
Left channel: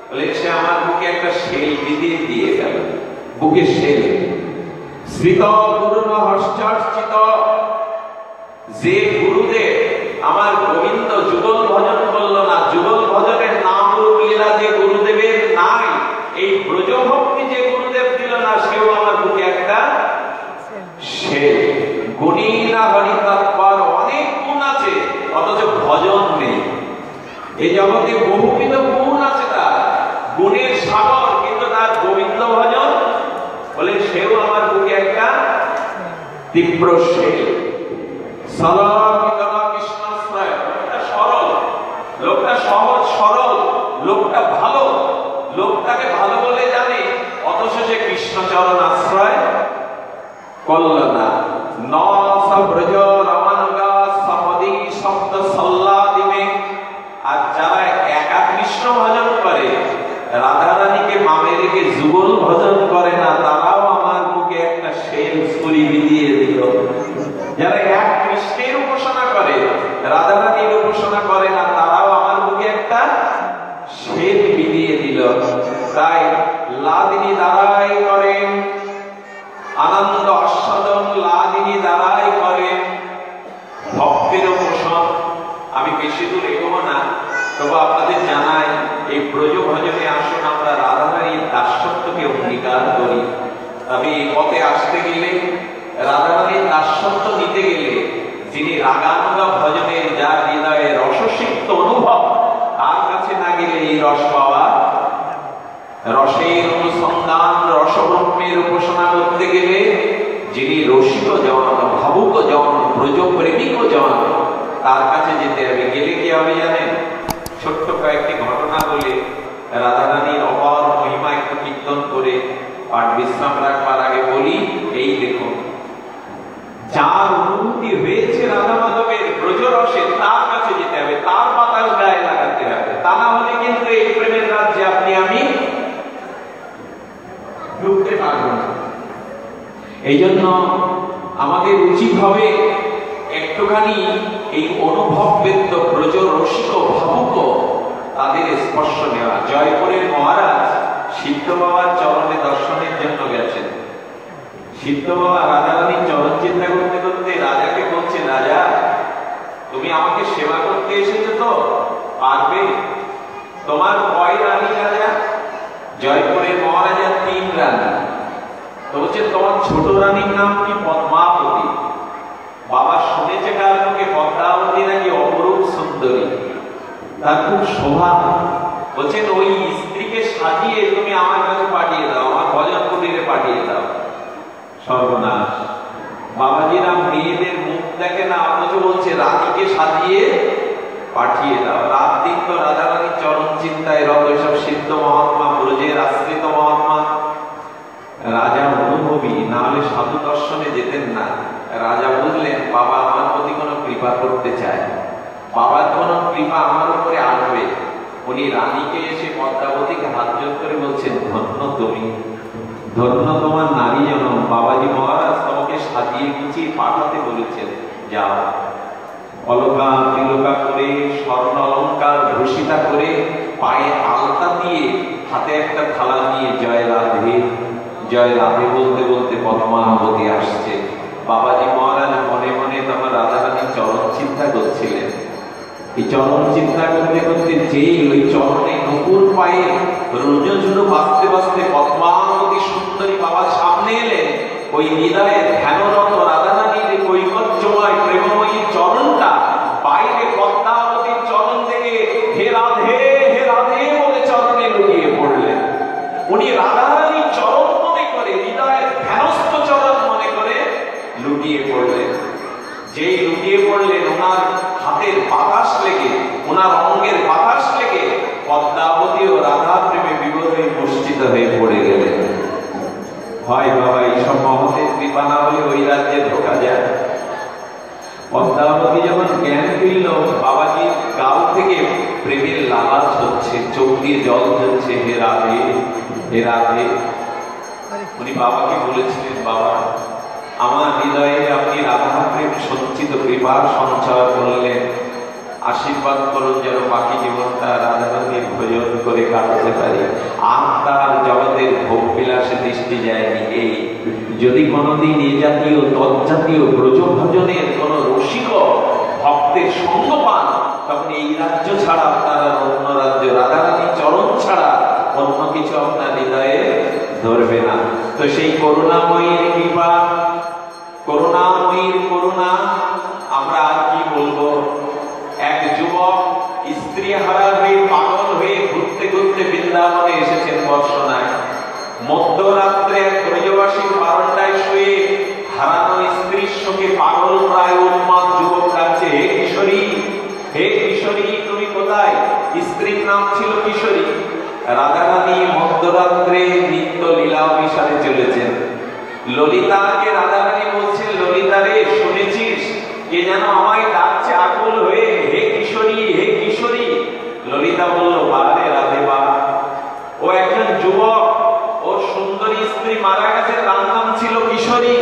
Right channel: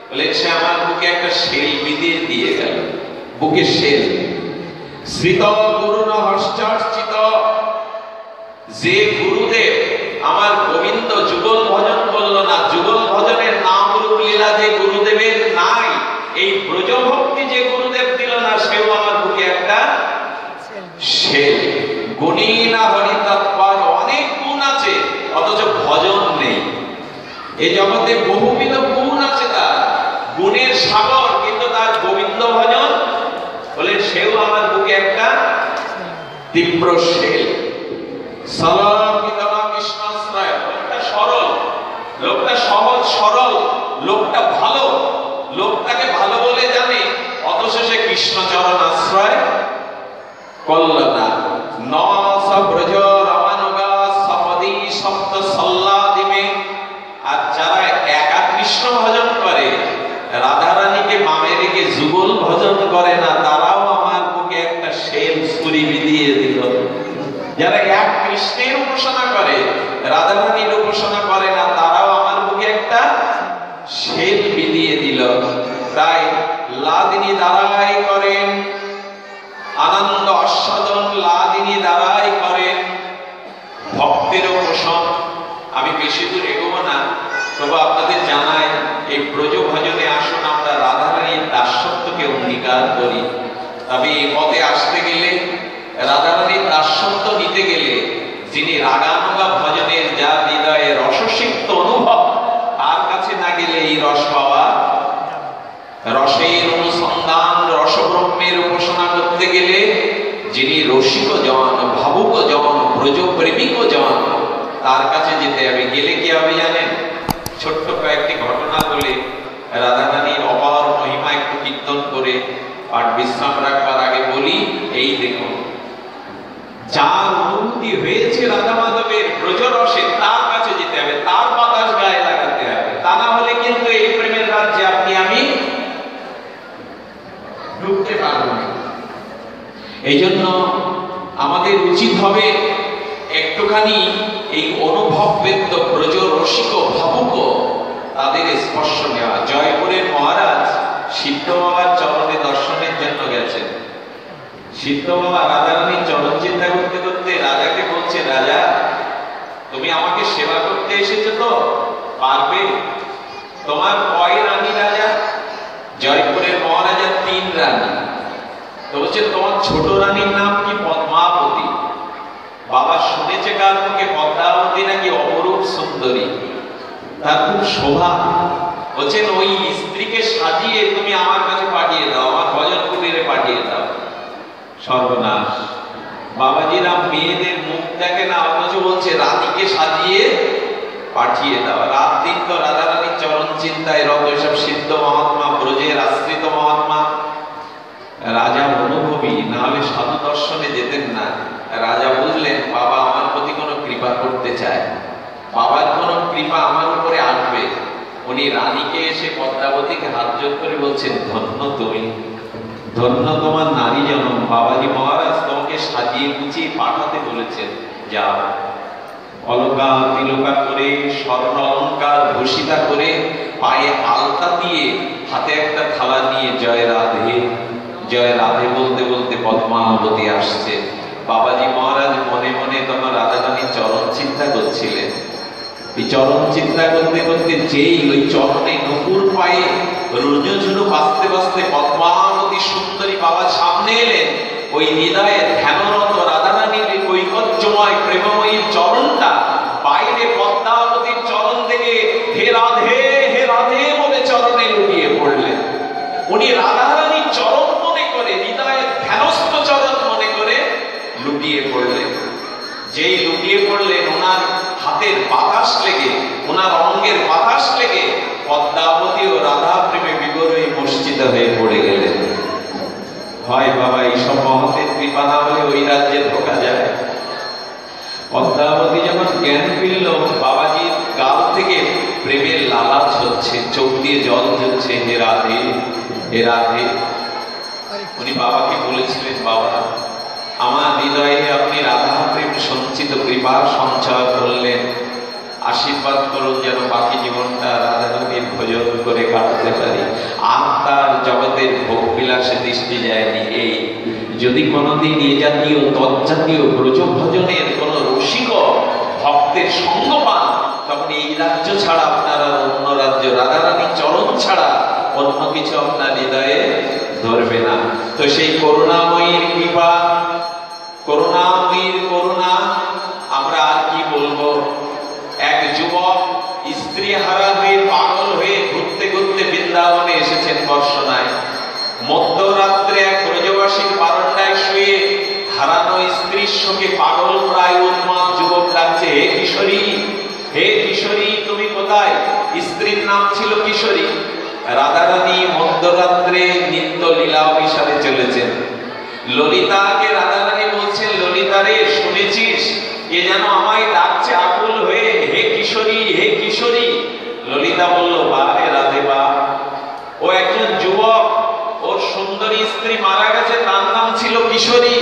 বলে সে আমার বুকে একটা শেল বিঁধে দিয়ে গেল, বুকে শেল। শ্রিত গুরু ন হর্ষার্চিত, যে গুরুদেব আমার গোবিন্দ যুগল ভজন করলো না, যুগল ভজনের নাম রূপ লীলা যে গুরুদেবের নাই, এই ব্রজভক্তি যে গুরুদেব দিল না, সেও আমার বুকে একটা শেল। গুণী না হরি তৎপর, অনেক গুণ আছে অথচ ভজন নেই। এই জগতে বহুবিধ গুণ আছে, তার গুণের সাগর, কিন্তু তার গোবিন্দ ভজন বলে সেও আমার বুকে একটা তীব্র শেল। লোকটা সরল, লোকটা সহজ সরল, লোকটা ভালো, লোকটাকে ভালো বলে জানে, অথচ সে কৃষ্ণ চরণ আশ্রয় করল না। নশ ব্রজ রমানুগা সপদি শব্দ সল্লাদিমে। আর যারা একা কৃষ্ণ ভজন করে, রাধারানীকে মামে রেখে যুগল ভজন করে না, তারাও আমার বুকে একটা শেল ছুরি বিধিয়ে দিল। যারা এক কৃষ্ণের উপাসনা করে, রাধারানীর উপাসনা করে না, তারাও আমার বুকে একটা শেল বিধিয়ে দিল। তাই লাদিনী দ্বারাই করেন আনন্দ আস্বাদন, লাদিনী দ্বারাই করেন ভক্তের পোষণ। আমি বেশি দূর এগোবো না, তবে আপনাদের জানাই, এই ব্রজ ভজনে আসুন আমরা রাধারানীর দাসত্বকে অঙ্গীকার করি। তবে এই পথে আসতে গেলে, রাধারানীর দাসত্ব নিতে গেলে, যিনি রাগানুগা ভজনের, যার হৃদয়ে রসসিক্ত অনুভব, তার কাছে না গেলে এই রস পাওয়া, রসের অনুসন্ধান, রসব্রহ্মের উপাসনা করতে গেলে যিনি রসিক জন, ভাবুক জন, ব্রজ প্রেমিক জন, তার কাছে যেতে হবে। গেলে কি হবে জানেন? ছোট্ট কয়েকটি ঘটনা রাধা রানীর অপার মহিমা একটু কীর্তন করে আর বিশ্রাম রাখবার আগে বলি, এই দেখুন যার অনুভূতি হয়েছে রাধা মাধবের ব্রজরসে তার কাছে যেতে হবে, তার বাতাস গায়ে লাগাতে হবে, তা না হলে কিন্তু এই প্রেমের রাজ্যে আপনি আমি ঢুকতে পারবো না। এই জন্য আমাদের উচিত হবে একটুখানি এই অনুভববেদ্য ব্রজ রসিক ভাবুক তাদের স্পর্শ নেওয়া। জয়পুরের মহারাজ সিদ্ধ বাবার চরণে দর্শনের জন্য গেছেন। সিদ্ধ বাবা রাজা রানীর চরণ চিন্তা করতে করতে রাজাকে বলছে, রাজা তুমি আমাকে সেবা করতে এসেছো তো, পারবে? তোমার কয় রানী রাজা? জয়পুরের মহারাজার 3 রানী। তো বলছে তোমার ছোট রানীর নাম কি? পদ্মাবতী। বাবা শুনেছে কার মুখে পদ্মাবতী নাকি অপরূপ সুন্দরী, তার খুব শোভা। বলছেন ওই স্ত্রীকে সাজিয়ে তুমি আমার কাছে পাঠিয়ে দাও, আমার ভজন কুটিরে পাঠিয়ে দাও। সর্বনাশ! বাবাজিরা মেয়েদের মুখ দেখে না, অথচ বলছে রানীকে সাজিয়ে পাঠিয়ে দাও। রাত দিন তো রাধা রানীর চরণ চিন্তায় রত সব সিদ্ধ মহাত্মা, ব্রজের আশ্রিত মহাত্মা। রাজা অনুভবী, না হলে সাধু দর্শনে যেতেন না। রাজা বুঝলেন বাবা আমার প্রতি কোনো কৃপা করতে চায়, বাবার কোনো কৃপা আমার উপরে আসবে। উনি রানীকে এসে পদ্মাবতীকে হাত জোড় করে বলছেন, ধন্য তুমি, ধন্য তোমার নারী জনম। বাবাজি মহারাজ তোমাকে সাজিয়ে গুছিয়ে পাঠাতে বলেছেন, যাও। অলকা তিলকা করে, স্বর্ণ অলঙ্কার ভূষিতা করে, পায়ে আলতা দিয়ে, হাতে একটা থালা নিয়ে জয় রাধে জয় রাধে বলতে বলতে পদ্মাবতী আসছে। বাবাজি মহারাজ মনে মনে তখন রাধা রানীর চরণ চিন্তা করছিলেন। এই চরণ চিন্তা করতে করতে যেই ওই চরণে নকুর পায়ে রোজঝুনু বাজতে বাজতে পদ্মাবতী সুন্দরী বাবা সামনে এলেন, ওই হৃদয়ে ধ্যানরত রাধা রানীর কৈকর্যময় প্রেমময়ী চরণটা বাইরে পদ্মাবতীর চরণ থেকে হে রাধে বলে চরণে লুটিয়ে পড়লেন। উনি রাধা রানীর চরণ মনে করে, হৃদয়ে ধ্যানস্থ চরণ মনে করে লুটিয়ে পড়লেন। যেই লুটিয়ে পড়লেন, ওনার হাতের বাতাস লেগে, ওনার অঙ্গের বাতাস লেগে পদ্মাবতী ও রাধা প্রেমে বিভোর হয়ে মূর্ছিত হয়ে পড়ে গেলেন। হয় বাবা, এইসব মহতের কৃপা না হলে ওই রাজ্যে ঢোকা যায়। পদ্মাবতী যখন জ্ঞান ফিরল, বাবাজির গাল থেকে প্রেমের লালাচ হচ্ছে, চোখ দিয়ে জল ঝরছে, হে রাধে হে রাধে। উনি বাবাকে বলেছিলেন, বাবা আমার হৃদয়ে আপনি রাধা প্রেম সঞ্চিত কৃপা সঞ্চয় করলেন, আশীর্বাদ করুন যেন বাকি জীবনটা রাধা রানীর ভজন করে কাটাতে পারি। আর তার জগতের ভোগ বিলাসে দৃষ্টি যায়নি। এই যদি কোনোদিন এই জাতীয় তজ্জাতীয় ব্রজ ভজনের কোন রসিক ভক্তের সঙ্গ পান, তখন এই রাজ্য ছাড়া আপনার আর অন্য রাজ্য, রাধা রানীর চরণ ছাড়া অন্য কিছু আপনার হৃদয়ে ধরবে না। তো সেই করুণাময়ীর কৃপা, করুণাময়ীর করুণা, আমরা আর কি বলবো। এক যুবক স্ত্রী হারা হয়ে পাগল হয়ে ঘুরতে ঘুরতে বৃন্দাবনে এসেছেন বর্ষনায়। মধ্যরাত্রে এক ব্রজবাসীর বারান্দায় শুয়ে হারানো স্ত্রীর সঙ্গে পাগল প্রায় উন্মাদ যুবক ডাকছে, হে কিশোরী, হে কিশোরী তুমি কোথায়? স্ত্রীর নাম ছিল কিশোরী। রাধা রানী মধ্যরাত্রে নিত্য লীলা অভিসারে চলেছেন। ললিতাকে রাধা রানী বলছেন, ললিতা রে শুনেছিস কে যেন আমায় ডাকছে আকুল হয়ে, হে কিশোরী হে কিশোরী। ললিতা বলল, বা রে রাধে বা, ও একজন যুবক, ওর সুন্দরী স্ত্রী মারা গেছে, তার নাম ছিল কিশোরী।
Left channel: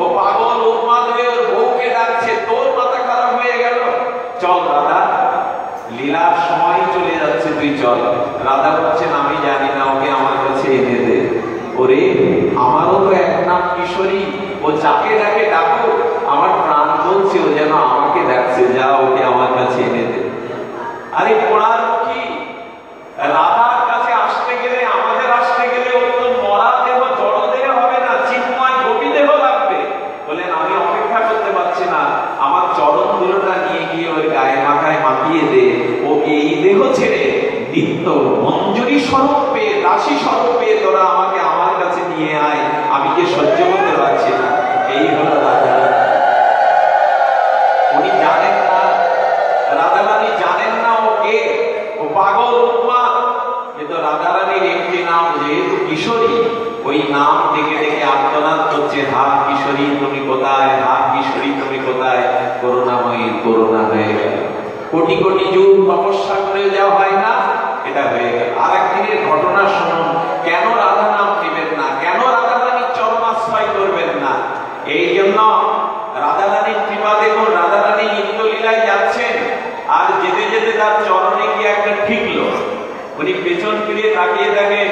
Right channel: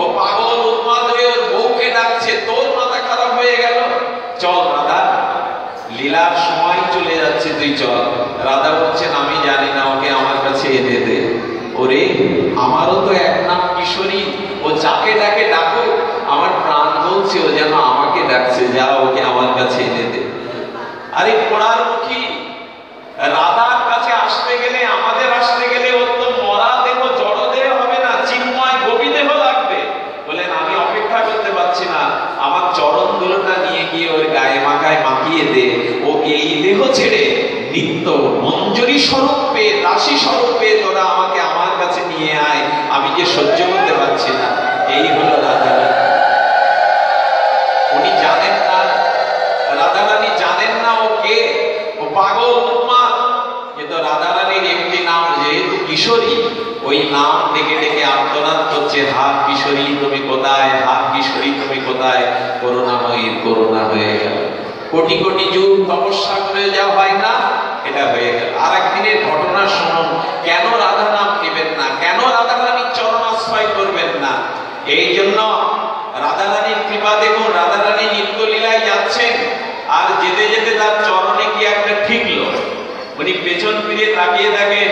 ও পাগল উন্মাদ হয়ে ওর বউকে ডাকছে, তোর মাথা খারাপ হয়ে গেল, চল রাধা, লীলার সময় চলে যাচ্ছে, তুই চল। রাধা বলছেন, আমি জানি না, ওকে আমার কাছে এনে দে। ওরে আমারও তো এক নাম কিশোরী, ও যাকে ডাকে ডাকো, আমার প্রাণ বলছে ও যেন আমাকে ডাকছে, যা ওকে আমার কাছে এনে দে। আরে পোড়ার মুখী, রাধার কাছে আসতে গেলে, আমাদের আসতে গেলে ওর তো মরা দেহ জড় দেহ হবে না, চিন্ময় গোপী দেহ লাগবে। বলেন আমি অপেক্ষা করতে পারছি না, আমার চরণ দুলটা নিয়ে গিয়ে ওর গায়ে মাখায় মাখিয়ে দে। ও এই দেহ ছেড়ে নিত্য মঞ্জুরি স্বরূপে, দাসী স্বরূপে তোরা আমাকে আমার কাছে নিয়ে আয়, আমি যে সহ্য করতে পারছি না। এই হলো রাধা। উনি জানেন না, রাধা রানী জানেন না ও কে, ও পাগল উন্মাদ, কিন্তু রাধা কোটি কোটি যুগ তপস্যা করে যাওয়া হয় না, এটা হয়ে গেল। আর একদিনের ঘটনা শুনুন, কেন রাধা নাম নেবেন না, কেন রাধা রানীর চরণ আশ্রয় করবেন না? এই জন্য রাধা রানীর কৃপা দেখুন, রাধা রানী নিত্য লীলায় যাচ্ছেন, আর যেতে যেতে তার চরণে কি একটা ঠিকলো। উনি পেছন ফিরে তাকিয়ে দেখে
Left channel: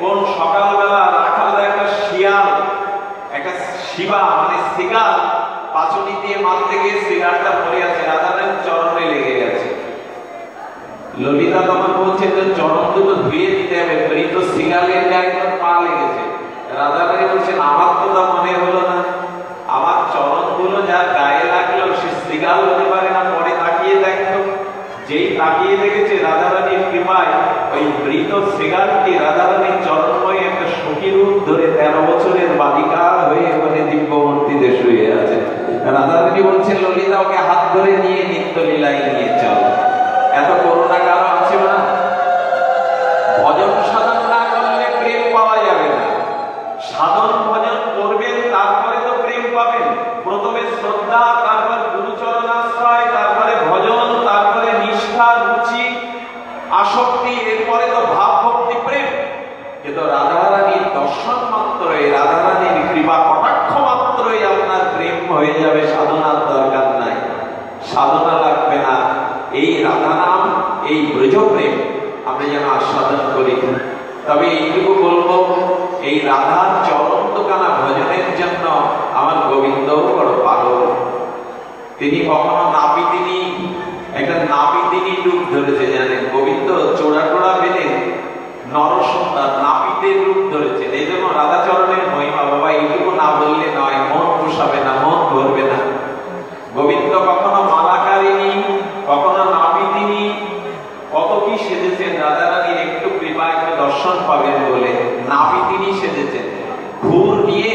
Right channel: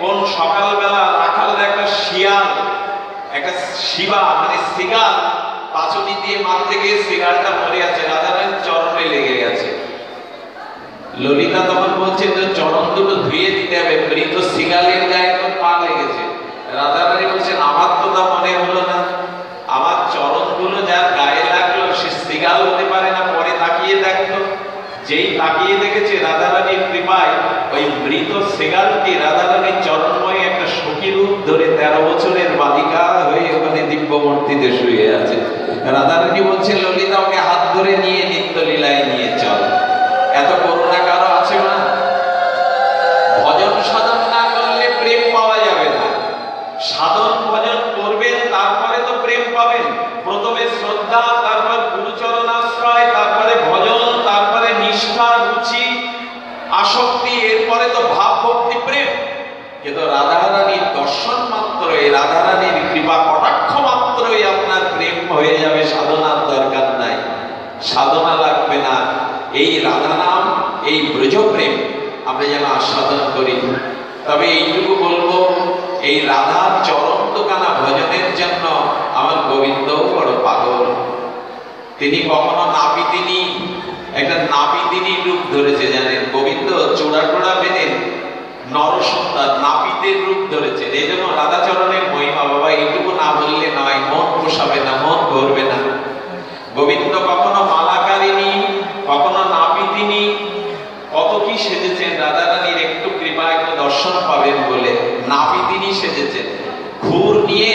কোন সকালবেলা রাখালরা একটা শিয়াল, একটা শিবা মানে শিগাল পাঁচুনি দিয়ে মারতে গিয়ে শিগালটা পড়ে আছে, রাধা রানীর চরণে লেগে গেছে। ললিতা তখন বলছে যে চরণ দুটো ধুয়ে দিতে হবে, মৃত শিগালের গায়ে তো পা লেগেছে। রাধা রানী বলছেন আমার তো তা মনে হলো না, আমার চরণ গুলো যার গায়ে লাগলো সে শিগাল হতে পারে না। পরে তাকিয়ে দেখলো, যেই তাকিয়ে দেখেছে রাধা রানীর কৃপায় ওই মৃত শিগালকে রাধা রানীর চরণময় একটা সখী রূপ ধরে 13 বছরের বালিকা হয়ে ওখানে দিব্য মূর্তিতে শুয়ে আছে। রাধা রানী বলছেন ললিতা ওকে হাত ধরে নিয়ে নিত্য লীলায় নিয়ে চল। এত করুণা কারো আছে না? ভজন সাধন না করলে প্রেম পাওয়া যাবে না। সাধন ভজন করবেন তারপরে তো প্রেম পাবেন। প্রথমে শ্রদ্ধা, তারপর গুরুচরণ আশ্রয়, তারপরে ভজন, তারপরে নিষ্ঠা, রুচি, আসক্তি, এরপরে তো ভাব ভক্তি প্রেম। কিন্তু রাধা রানীর দর্শন মাত্রই, রাধা রানীর কৃপা কটাক্ষ মাত্রই আপনার প্রেম হয়ে যাবে, সাধনার দরকার নাই, সাধনা লাগবে না। এই রাধা নাম, এই ব্রজ প্রেম আমরা যেন আস্বাদন করি। তবে এইটুকু বলবো, এই রাধার চরণ দোকানা ভজনের জন্য আমার গোবিন্দ বড় পাগল। তিনি কখনো নাপিতিনি, একটা নাপিতিনি রূপ ধরেছে জানেন, গোবিন্দ চোরা টোড়া বেঁধে নরসুন্দর নাপিতের রূপ ধরেছে। এই জন্য রাধা চরণের মহিমা বাবা এইটুকু না বললে নয়, মন পোষাবে না, মন ধরবে না। গোবিন্দ কখনো মালাকারিনী, কখনো নাপিতিনি, কত কি সেজেছেন। রাধা রানীর একটু কৃপা, একটু দর্শন পাবেন বলে নাপিতিনি সেজেছেন, ঘুর নিয়ে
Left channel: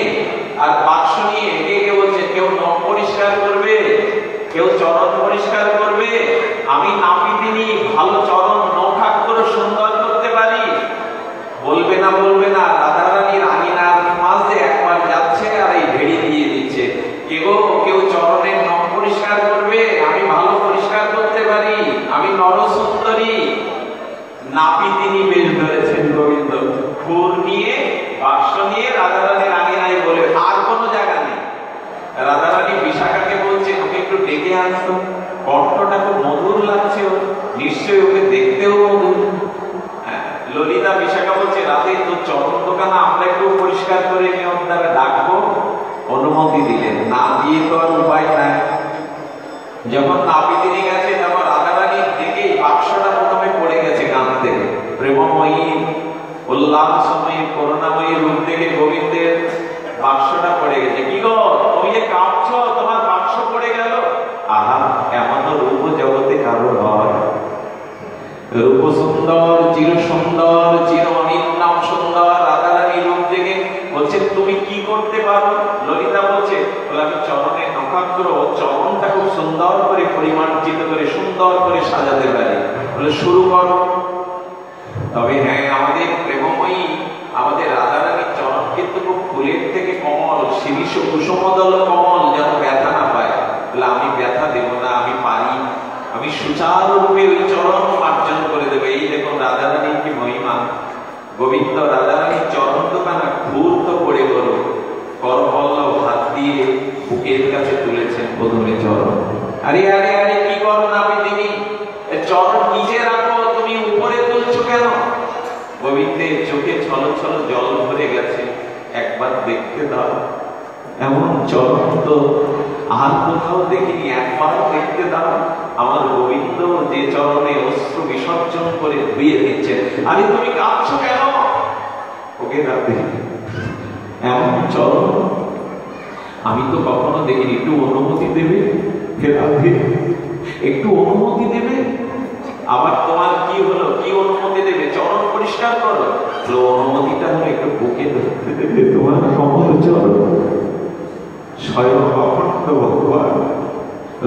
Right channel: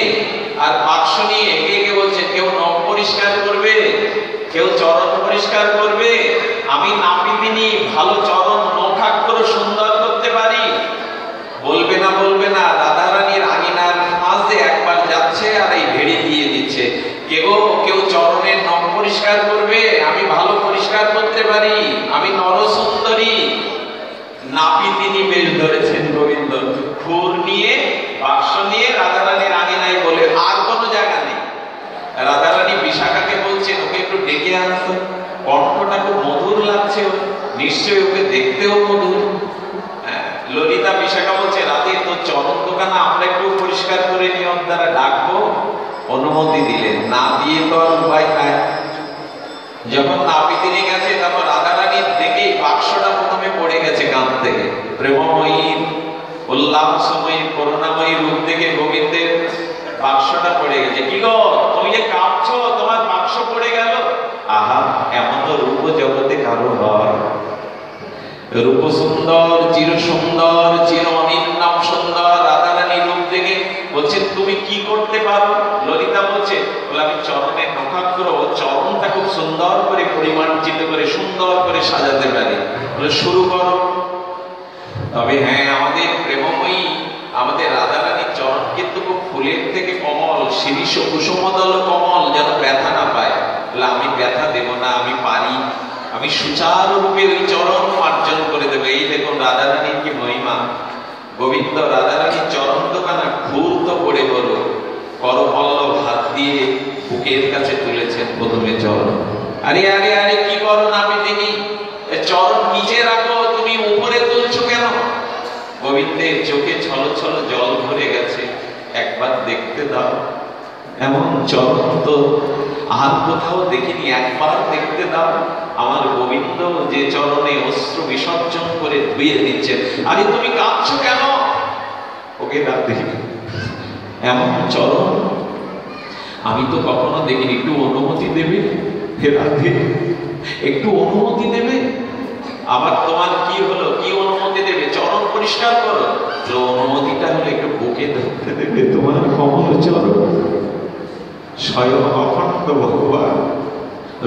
আর বাক্স নিয়ে একে একে বলছেন কেউ নখ পরিষ্কার করবে, কেউ চরণ পরিষ্কার করবে। আমি নাপিতিনি, ভালো চরণ নখাক করে সুন্দর করতে পারি। বলবে না, বলবে না। রাধা রানীর আঙিনার মাঝে একবার যাচ্ছে আর এই ভেড়ি দিয়ে দিচ্ছে, কেউ চরণের নখ পরিষ্কার করবে, আমি ভালো পরিষ্কার করতে পারি, আমি নরসুন্দরী। নাপিতিনি বেশ ধরেছেন গোবিন্দ, ফুল নিয়ে বাক্স নিয়ে রাধা রানীর আঙিনায় বলে, আর কোনো জায়গা নেই। রাধা রানী বিশাখাকে বলছেন ওকে একটু ডেকে আনতো, কণ্ঠটা খুব মধুর লাগছে, নিশ্চয়ই ওকে দেখতেও মধুর। ললিতা বিশাখা বলছে রাধে তোর চরণ দোকানা আমরা একটু পরিষ্কার করে নিয়ম দ্বারা ডাকবো। অনুমতি দিলেন, না দিয়ে তো আর উপায় নাই। যখন নাপিতিনি গেছে, তারপর রাধা রানীর দেখেই বাক্সটা প্রথমে পড়ে গেছে কান থেকে। প্রেমময়ী, উল্লাসময়ী, করুণাময়ী রূপ দেখে গোবিন্দের বাক্সটা পড়ে গেছে। কি গো তুমি যে কাঁপছো, তোমার বাক্স পড়ে গেল? আহা, এমন রূপ জগতে কারো হয়? রূপ সুন্দর, চির সুন্দর, চির অনিন্নাম সুন্দর রাধা রানী রূপ দেখে বলছে তুমি কি করতে পারো? ললিতা বলছে আমি চরণে নখাক করো, চরণটা খুব সুন্দর করে পরিমার্জিত করে সুন্দর করে সাজাতে পারি, শুরু করো। তবে হ্যাঁ, আমাদের প্রেমময়ী, আমাদের রাধা রানীর চরণ কিন্তু খুব ফুলের থেকে কমল, শিরিষ কুসুমদল কমল, যেন ব্যথা না পায়। আমি ব্যথা দেব না, আমি পারি, আমি সুচারুরূপে ওই চরণ মার্জন করে দেবে। এই দেখুন রাধা রানীর কি মহিমা। গোবিন্দ রাধা রানীর চরণ দোকানা ঘুরত করে বলো, করপল্লব হাত দিয়ে বুকের কাছে তুলেছেন প্রথমে চরণ। আরে আরে আরে কি করো নাপিতিনি, চরণ নিচে রাখো, তুমি উপরে তুলছো কেন? গোবিন্দের চোখে ছল ছল জল ভরে গেছে, একবার দেখতে দাও, এমন চরণ তো আর কোথাও দেখিনি, একবার দেখতে দাও। আমার গোবিন্দ যে চরণে অশ্রু বিসর্জন করে ধুয়ে দিচ্ছেন। আরে তুমি কাঁদছো কেন? ওকে রাধে, এমন চরণ আমি তো কখনো দেখিনি, একটু অনুমতি দেবে? হে রাধে, একটু অনুমতি দেবে? আবার তোমার কি হলো, কি অনুমতি দেবে? চরণ পরিষ্কার করো। তো অনুমতিটা হলে একটু বুকে ধরতে দেবে তোমার কমল চরণ। স্বয়ং অখণ্ড ভগবান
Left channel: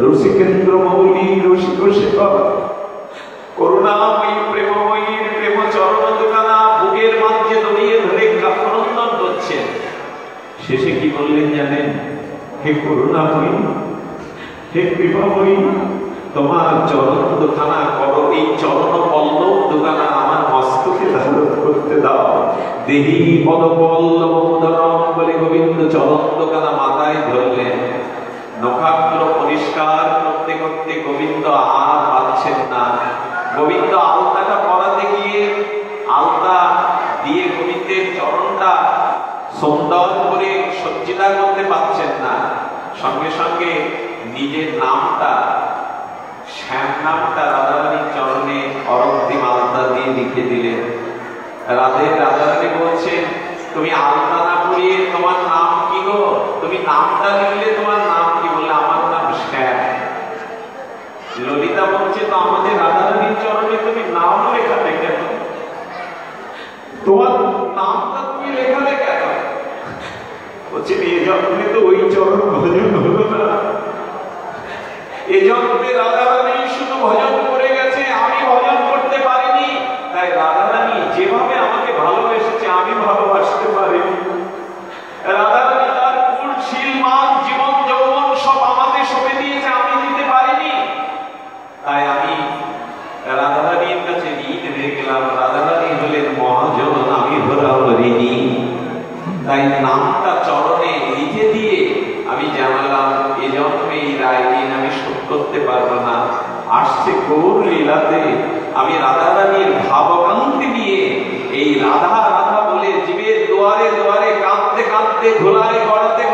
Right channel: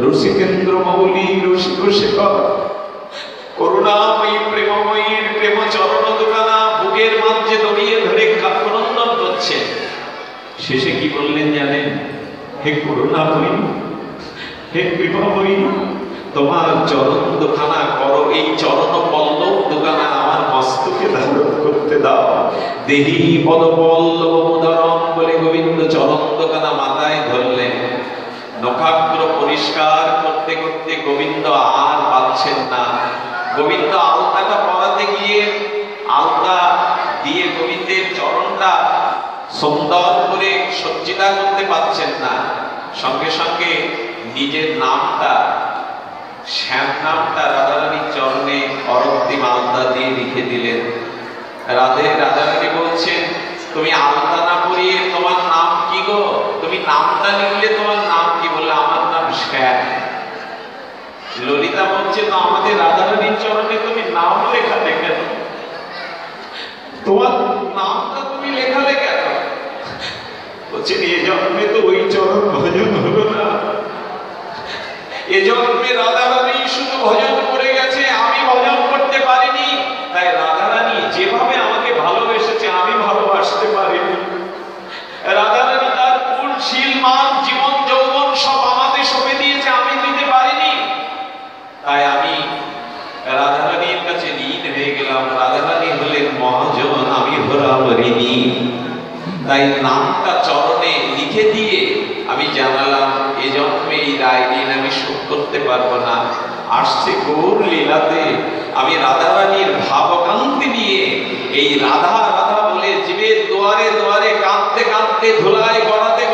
রসিকেন্দ্র মৌলি রসিক সেবা করুণাময়ী প্রেমময়ীর প্রেম চরণ দোকানা বুকের মধ্যে দড়িয়ে ধরে কাফরন্দন করছে। শেষে কি বললেন জানেন? হে করুণাময়ী, হে কৃপাময়ী, তোমার চরণ দুখানা করো, এই চরণ পল্লব দুখানা আমার মস্তকে ধারণ করতে দাও। দেহি পদ পল্লব উদাহরণ বলে গোবিন্দ চরণ দুখানা মাথায় ধরলেন। নখাগ্র পরিষ্কার করতে করতে গোবিন্দ আর পাচ্ছেন না। গোবিন্দ আলতাটা পরাতে গিয়ে আলতা দিয়ে গোবিন্দের চরণটা সুন্দর করে সজ্জিতা করতে পারছেন না। সঙ্গে সঙ্গে নিজের নামটা, শ্যাম নামটা রাধারানীর চরণে অরক্তিম আলতা দিয়ে লিখে দিলেন। রাধারানী বলছেন, তুমি আলতা না করিয়ে তোমার নাম কি গো? তুমি নামটা লিখলে তোমার নাম কি? বলে আমার নাম শ্যাম। ললিতা বলছে, তো আমাদের রাধারানীর চরণে তুমি নাম লেখালে কেন? তোমার নামটা তুমি লেখালে কেন? বলছে, এ জন্মে তো ওই চরণ ভজন হলো না। এ জন্মে রাধারানী শুধু ভজন করে গেছে, আমি ভজন করতে পারিনি। তাই রাধারানী যেভাবে আমাকে ভালোবেসেছে আমি ভালোবাসতে পারিনি। রাধারানী তার কুল শীল মান জীবন যৌবন সব আমাদের সবে দিয়েছে, আমি দিতে পারিনি। তাই আমি রাধারানীর কাছে ঋণ হয়ে গেলাম। রাধারানী হলেন মহাজন, আমি হলাম ঋণী। তাই নামটা চরণে লিখে দিয়ে আমি জানালাম, এ জন্মে এই রায় ঋণ আমি শোধ করতে পারবো না। আসছে গৌর লীলাতে আমি রাধারানীর ভাবকান্তি নিয়ে এই রাধা রাধা বলে জীবের দুয়ারে দুয়ারে কাঁদতে কাঁদতে ধুলায় গড়াতে